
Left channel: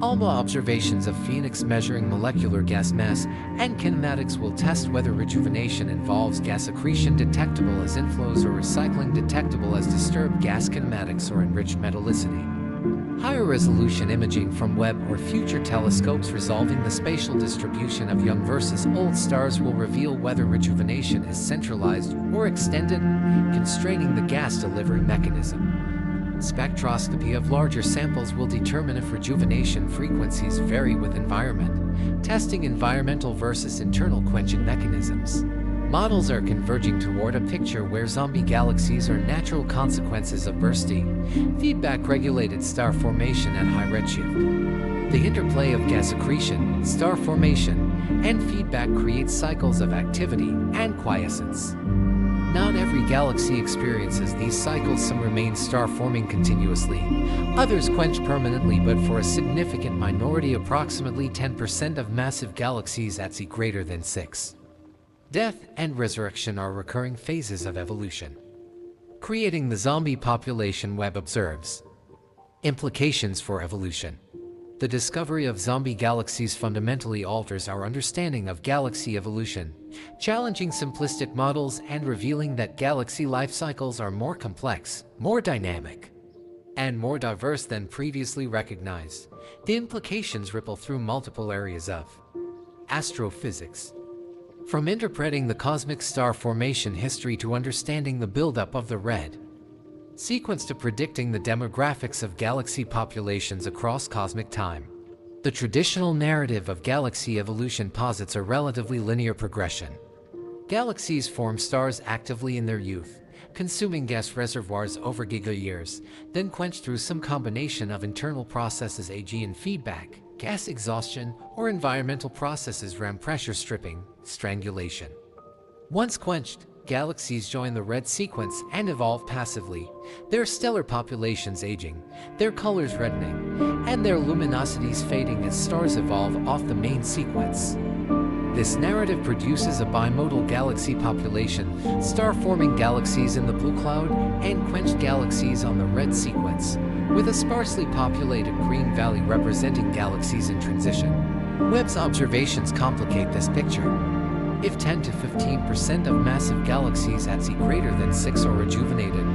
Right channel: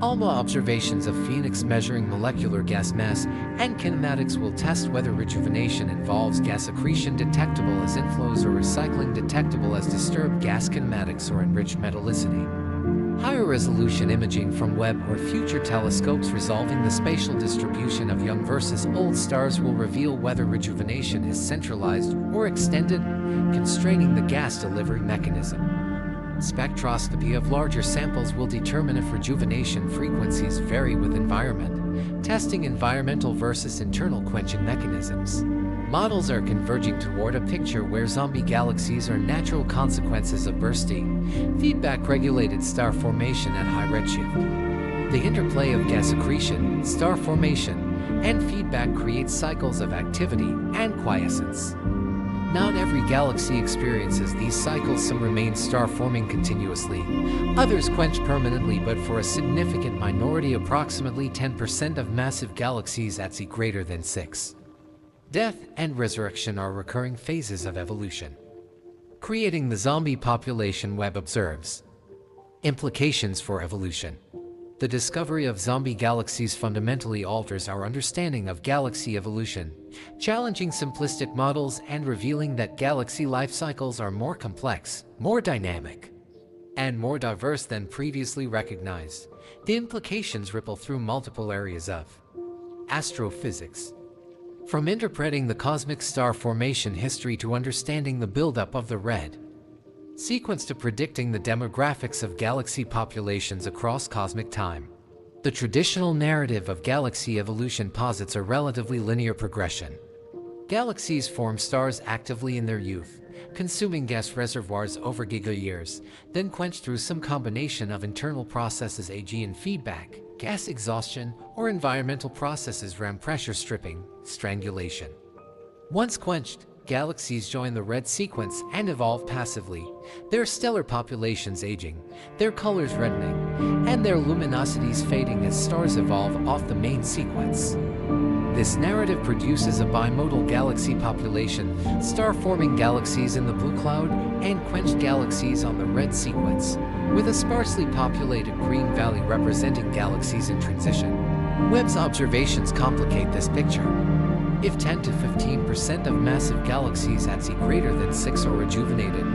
ALMA observations of Phoenix measuring molecular gas mass and kinematics will test whether rejuvenation involves gas accretion detectable as inflows or recycling detectable as disturbed gas kinematics or enriched metallicity. Higher resolution imaging from Webb or future telescopes resolving the spatial distribution of young versus old stars will reveal whether rejuvenation is centralized or extended, constraining the gas delivery mechanism. Spectroscopy of larger samples will determine if rejuvenation frequencies vary with environment, testing environmental versus internal quenching mechanisms. Models are converging toward a picture where zombie galaxies are natural consequences of bursty, feedback-regulated star formation at high redshift. The interplay of gas accretion, star formation, and feedback creates cycles of activity and quiescence. Not every galaxy experiences these cycles. Some remain star-forming continuously, others quench permanently, but for a significant minority, approximately 10% of massive galaxies at z greater than 6. Death and resurrection are recurring phases of evolution, creating the zombie population Webb observes. Implications for evolution. The discovery of zombie galaxies fundamentally alters our understanding of galaxy evolution, challenging simplistic models and revealing that galaxy life cycles are more complex, more dynamic, and more diverse than previously recognized. The implications ripple through multiple areas of astrophysics, from interpreting the cosmic star formation history to understanding the buildup of the red sequence to predicting the demographics of galaxy populations across cosmic time. The traditional narrative of galaxy evolution posits a relatively linear progression. Galaxies form stars actively in their youth, consuming gas reservoirs over giga-years, then quenched through some combination of internal processes, e.g. in feedback, gas exhaustion, or environmental processes, ram pressure stripping, strangulation. Once quenched, galaxies join the red sequence and evolve passively, their stellar populations aging, their colors reddening, and their luminosities fading as stars evolve off the main sequence. This narrative produces a bimodal galaxy population, star-forming galaxies in the blue cloud and quenched galaxies on the red sequence, with a sparsely populated green valley representing galaxies in transition. Webb's observations complicate this picture. If 10 to 15% of massive galaxies at Z greater than 6 are rejuvenated,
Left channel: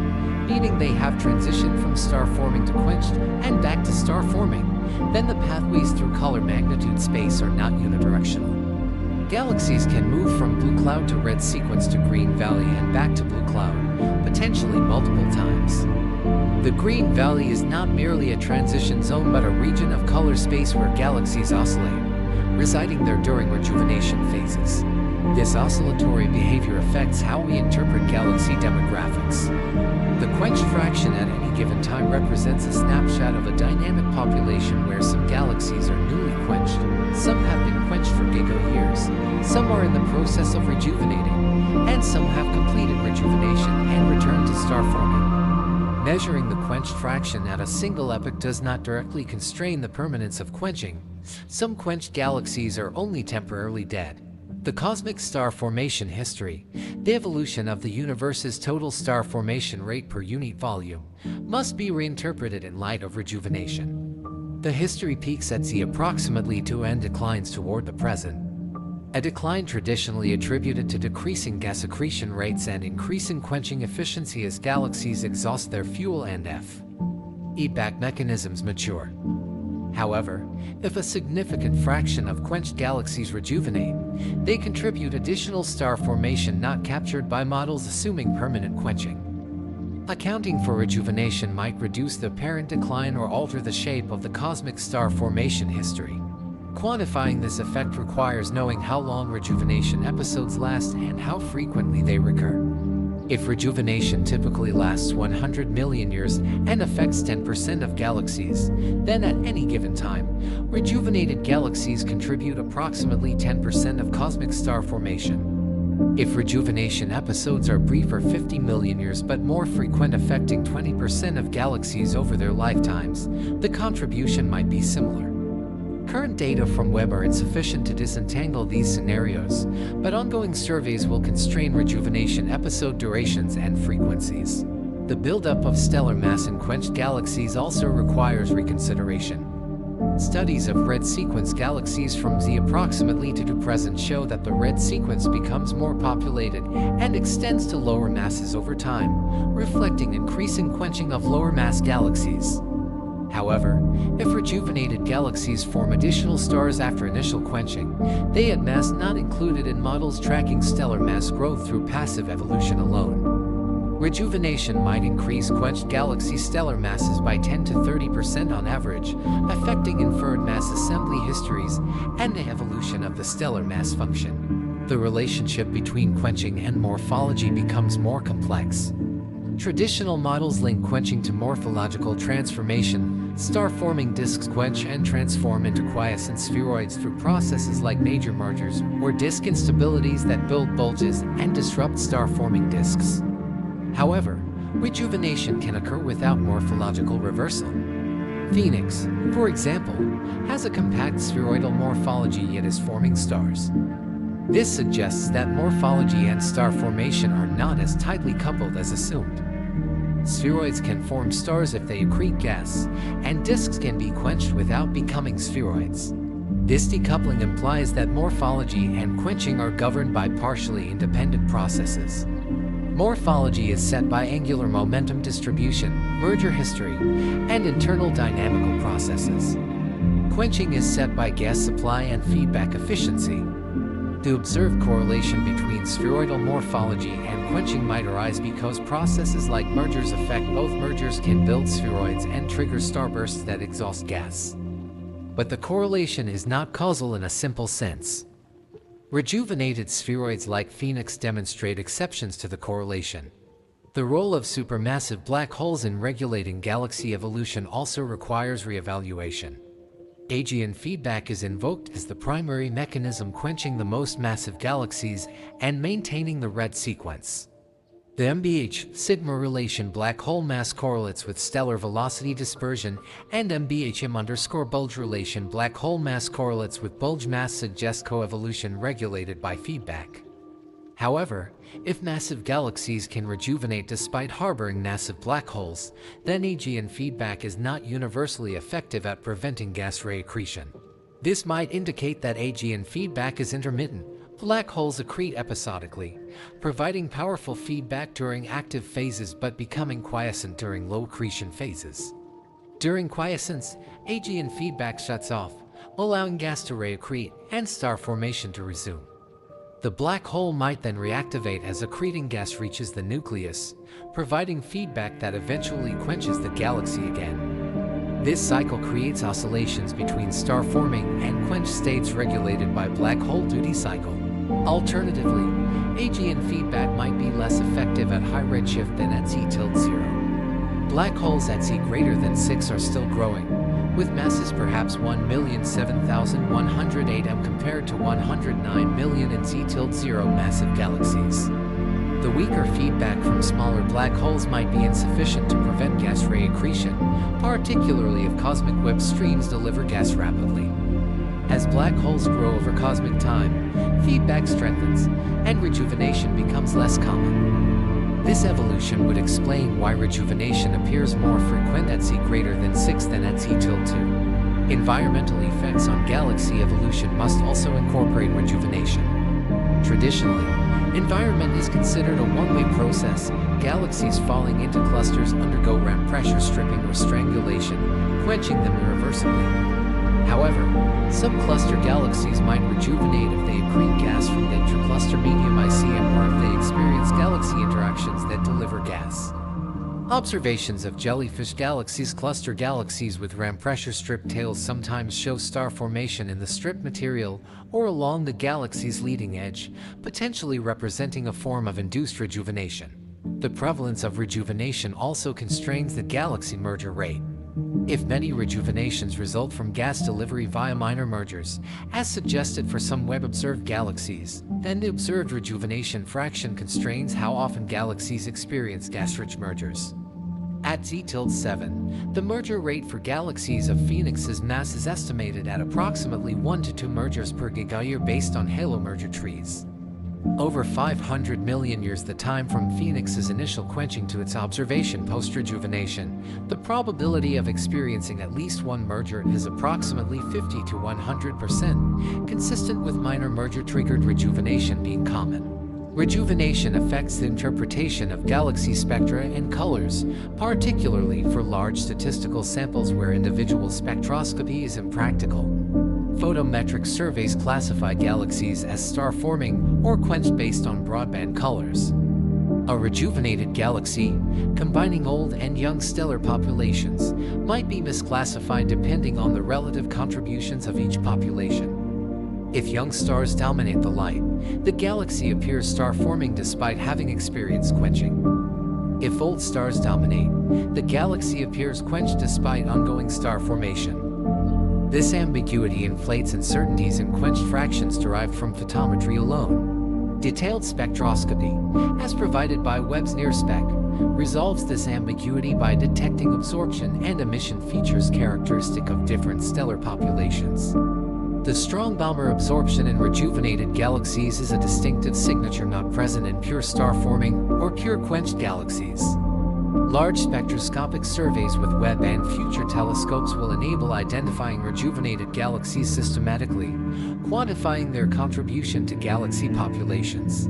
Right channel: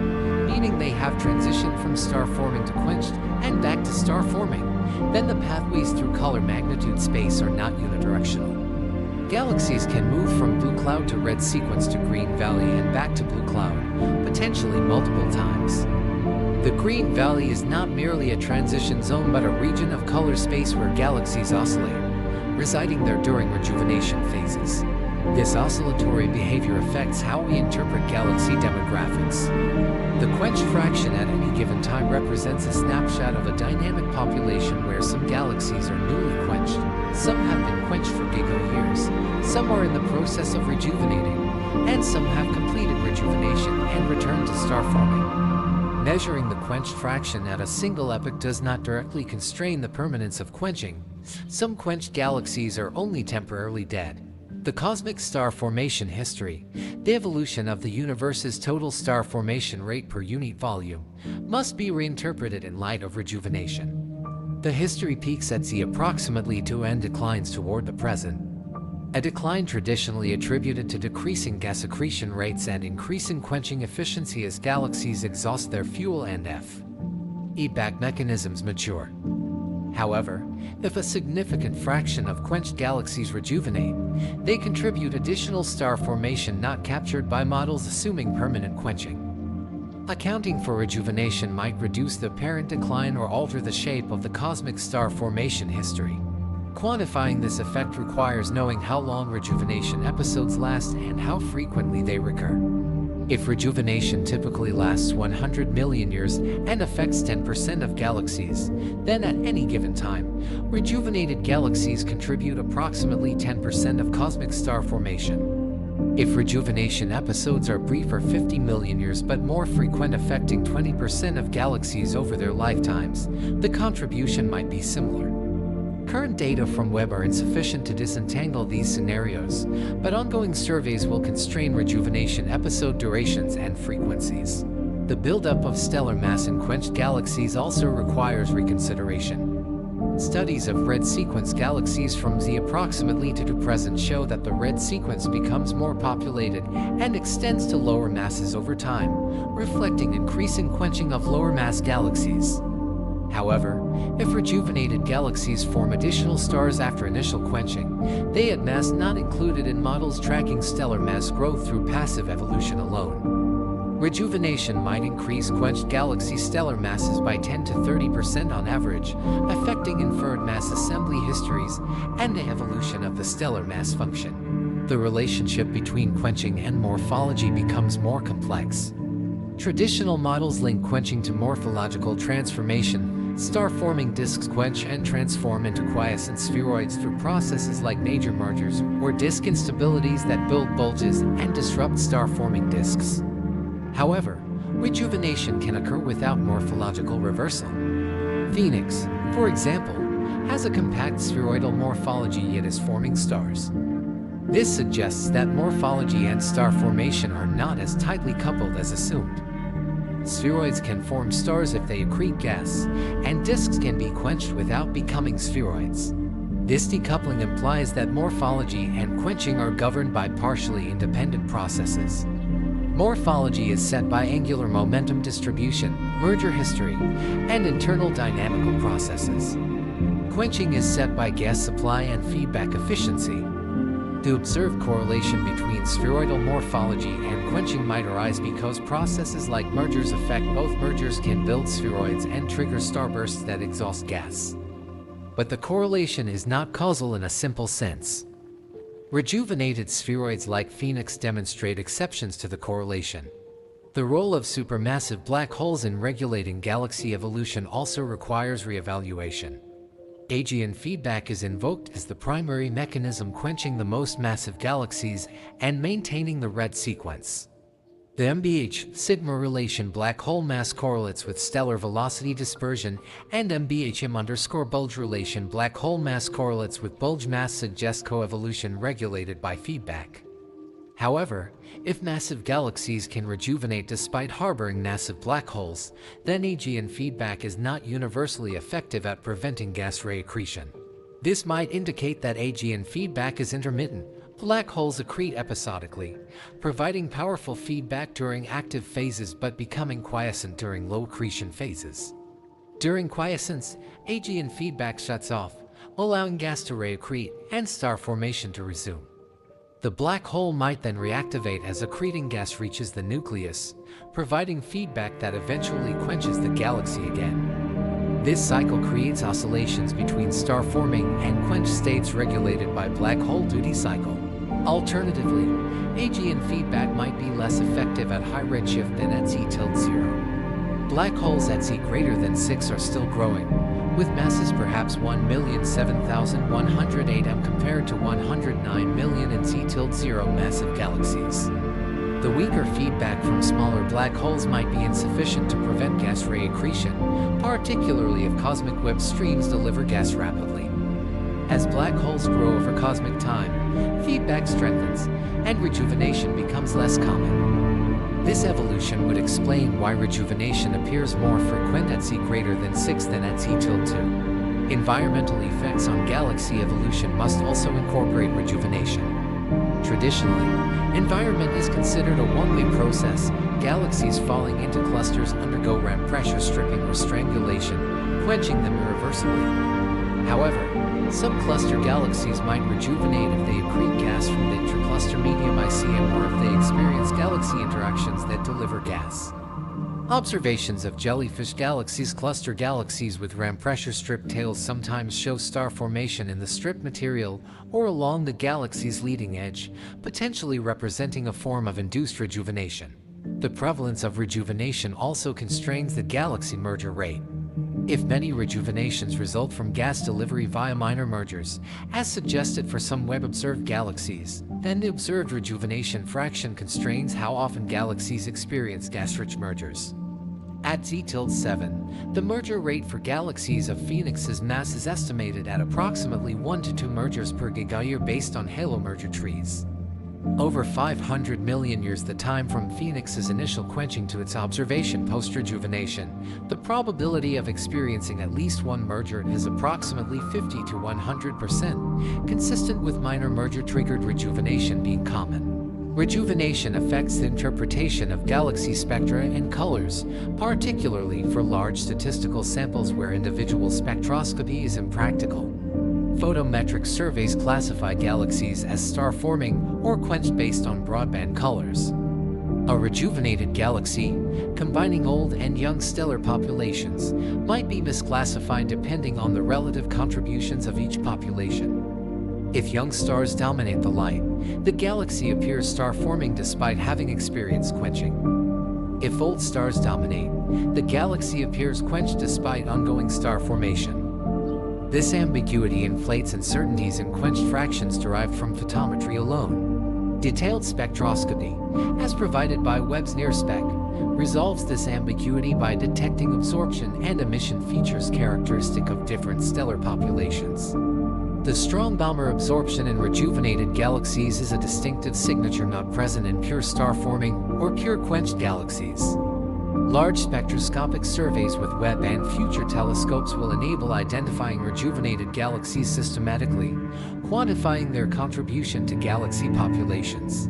meaning they have transitioned from star forming to quenched and back to star forming, then the pathways through color magnitude space are not unidirectional. Galaxies can move from blue cloud to red sequence to green valley and back to blue cloud, potentially multiple times. The green valley is not merely a transition zone but a region of color space where galaxies oscillate, residing there during rejuvenation phases. This oscillatory behavior affects how we interpret galaxy demographics. The quenched fraction at any given time represents a snapshot of a dynamic population where some galaxies are newly quenched, some have been quenched for giga-years, some are in the process of rejuvenating, and some have completed rejuvenation and returned to star forming. Measuring the quenched fraction at a single epoch does not directly constrain the permanence of quenching. Some quenched galaxies are only temporarily dead. The cosmic star formation history, the evolution of the universe's total star formation rate per unit volume, must be reinterpreted in light of rejuvenation. The history peaks at Z approximately 2 and declines toward the present. A decline traditionally attributed to decreasing gas accretion rates and increasing quenching efficiency as galaxies exhaust their fuel and feedback mechanisms mature. However, if a significant fraction of quenched galaxies rejuvenate, they contribute additional star formation not captured by models assuming permanent quenching. Accounting for rejuvenation might reduce the apparent decline or alter the shape of the cosmic star formation history. Quantifying this effect requires knowing how long rejuvenation episodes last and how frequently they recur. If rejuvenation typically lasts 100 million years and affects 10% of galaxies, then at any given time, rejuvenated galaxies contribute approximately 10% of cosmic star formation. If rejuvenation episodes are brief or 50 million years but more frequent, affecting 20% of galaxies over their lifetimes, the contribution might be similar. Current data from Webb are insufficient to disentangle these scenarios, but ongoing surveys will constrain rejuvenation episode durations and frequencies. The buildup of stellar mass in quenched galaxies also requires reconsideration. Studies of red sequence galaxies from Z approximately to present show that the red sequence becomes more populated and extends to lower masses over time, reflecting increasing quenching of lower mass galaxies. However, if rejuvenated galaxies form additional stars after initial quenching, they add mass not included in models tracking stellar mass growth through passive evolution alone. Rejuvenation might increase quenched galaxy stellar masses by 10 to 30% on average, affecting inferred mass assembly histories and the evolution of the stellar mass function. The relationship between quenching and morphology becomes more complex. Traditional models link quenching to morphological transformation. Star-forming disks quench and transform into quiescent spheroids through processes like major mergers or disk instabilities that build bulges and disrupt star-forming disks. However, rejuvenation can occur without morphological reversal. Phoenix, for example, has a compact spheroidal morphology yet is forming stars. This suggests that morphology and star formation are not as tightly coupled as assumed. Spheroids can form stars if they accrete gas, and disks can be quenched without becoming spheroids. This decoupling implies that morphology and quenching are governed by partially independent processes. Morphology is set by angular momentum distribution, merger history, and internal dynamical processes. Quenching is set by gas supply and feedback efficiency. The observed correlation between spheroidal morphology and quenching might arise because processes like mergers affect both. Mergers can build spheroids and trigger starbursts that exhaust gas. but the correlation is not causal in a simple sense. Rejuvenated spheroids like Phoenix demonstrate exceptions to the correlation. The role of supermassive black holes in regulating galaxy evolution also requires reevaluation. Aegean feedback is invoked as the primary mechanism quenching the most massive galaxies and maintaining the red sequence. The MBH-sigma relation black hole mass correlates with stellar velocity dispersion, and MBHM_bulge relation black hole mass correlates with bulge mass, suggests coevolution regulated by feedback. However, if massive galaxies can rejuvenate despite harboring massive black holes, then Aegean feedback is not universally effective at preventing gas ray accretion. This might indicate that Aegean feedback is intermittent. Black holes accrete episodically, providing powerful feedback during active phases but becoming quiescent during low accretion phases. During quiescence, Aegean feedback shuts off, allowing gas to ray accrete and star formation to resume. The black hole might then reactivate as accreting gas reaches the nucleus, providing feedback that eventually quenches the galaxy again. This cycle creates oscillations between star forming and quenched states regulated by black hole duty cycle. Alternatively, Aegean feedback might be less effective at high redshift than at Z-0. Black holes at Z greater than 6 are still growing, with masses perhaps 1,007,108 m compared to 109 million in Z-0 massive galaxies. The weaker feedback from smaller black holes might be insufficient to prevent gas ray accretion, particularly if cosmic Webb streams deliver gas rapidly. As black holes grow over cosmic time, feedback strengthens, and rejuvenation becomes less common. This evolution would explain why rejuvenation appears more frequent at Z greater than 6 than at Z-2. Environmental effects on galaxy evolution must also incorporate rejuvenation. Traditionally, environment is considered a one-way process. Galaxies falling into clusters undergo ramp pressure stripping or strangulation, quenching them irreversibly. However, some cluster galaxies might rejuvenate if they accrete gas from the intercluster medium ICM or if they experience galaxy interactions that deliver gas. Observations of jellyfish galaxies, cluster galaxies with ramp pressure strip tails, sometimes show star formation in the strip material or along the galaxy's leading edge, potentially representing a form of induced rejuvenation. The prevalence of rejuvenation also constrains the galaxy merger rate. If many rejuvenations result from gas delivery via minor mergers, as suggested for some Webb-observed galaxies, then the observed rejuvenation fraction constrains how often galaxies experience gas-rich mergers. At Z-7, the merger rate for galaxies of Phoenix's mass is estimated at approximately 1 to 2 mergers per gigayear based on halo merger trees. Over 500 million years, the time from Phoenix's initial quenching to its observation post-rejuvenation, the probability of experiencing at least one merger is approximately 50 to 100%, consistent with minor merger-triggered rejuvenation being common. Rejuvenation affects the interpretation of galaxy spectra and colors, particularly for large statistical samples where individual spectroscopy is impractical. Photometric surveys classify galaxies as star-forming or quenched based on broadband colors. A rejuvenated galaxy, combining old and young stellar populations, might be misclassified depending on the relative contributions of each population. If young stars dominate the light, the galaxy appears star-forming despite having experienced quenching. If old stars dominate, the galaxy appears quenched despite ongoing star formation. This ambiguity inflates uncertainties in quenched fractions derived from photometry alone. Detailed spectroscopy, as provided by Webb's NIRSpec, resolves this ambiguity by detecting absorption and emission features characteristic of different stellar populations. The strong Balmer absorption in rejuvenated galaxies is a distinctive signature not present in pure star-forming or pure quenched galaxies. Large spectroscopic surveys with Webb and future telescopes will enable identifying rejuvenated galaxies systematically, quantifying their contribution to galaxy populations,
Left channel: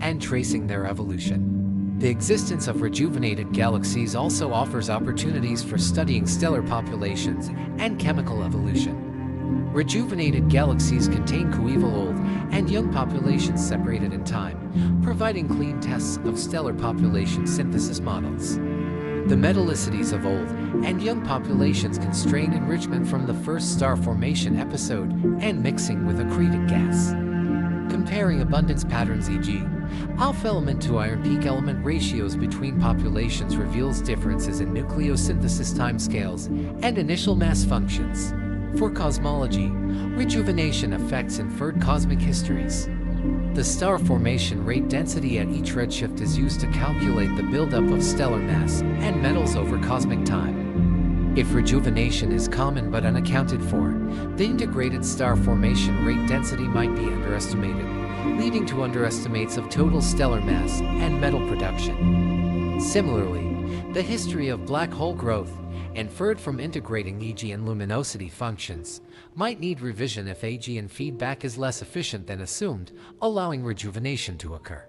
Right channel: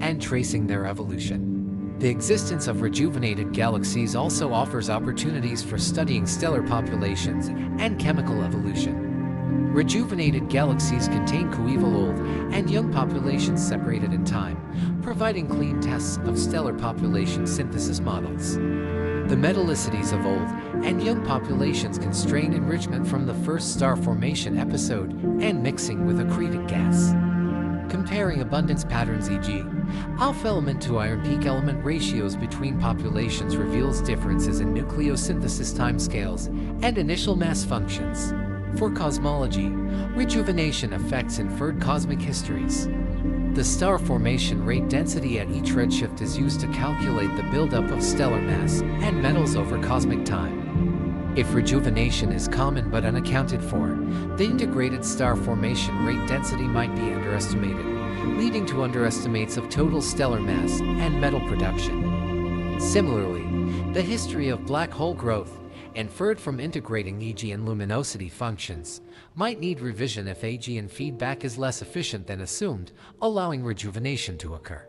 and tracing their evolution. The existence of rejuvenated galaxies also offers opportunities for studying stellar populations and chemical evolution. Rejuvenated galaxies contain coeval old and young populations separated in time, providing clean tests of stellar population synthesis models. The metallicities of old and young populations constrain enrichment from the first star formation episode and mixing with accreted gas. Comparing abundance patterns, e.g., alpha element to iron peak element ratios between populations, reveals differences in nucleosynthesis timescales and initial mass functions. For cosmology, rejuvenation affects inferred cosmic histories. The star formation rate density at each redshift is used to calculate the buildup of stellar mass and metals over cosmic time. If rejuvenation is common but unaccounted for, the integrated star formation rate density might be underestimated, leading to underestimates of total stellar mass and metal production. Similarly, the history of black hole growth, inferred from integrating EG and luminosity functions, might need revision if AG and feedback is less efficient than assumed, allowing rejuvenation to occur.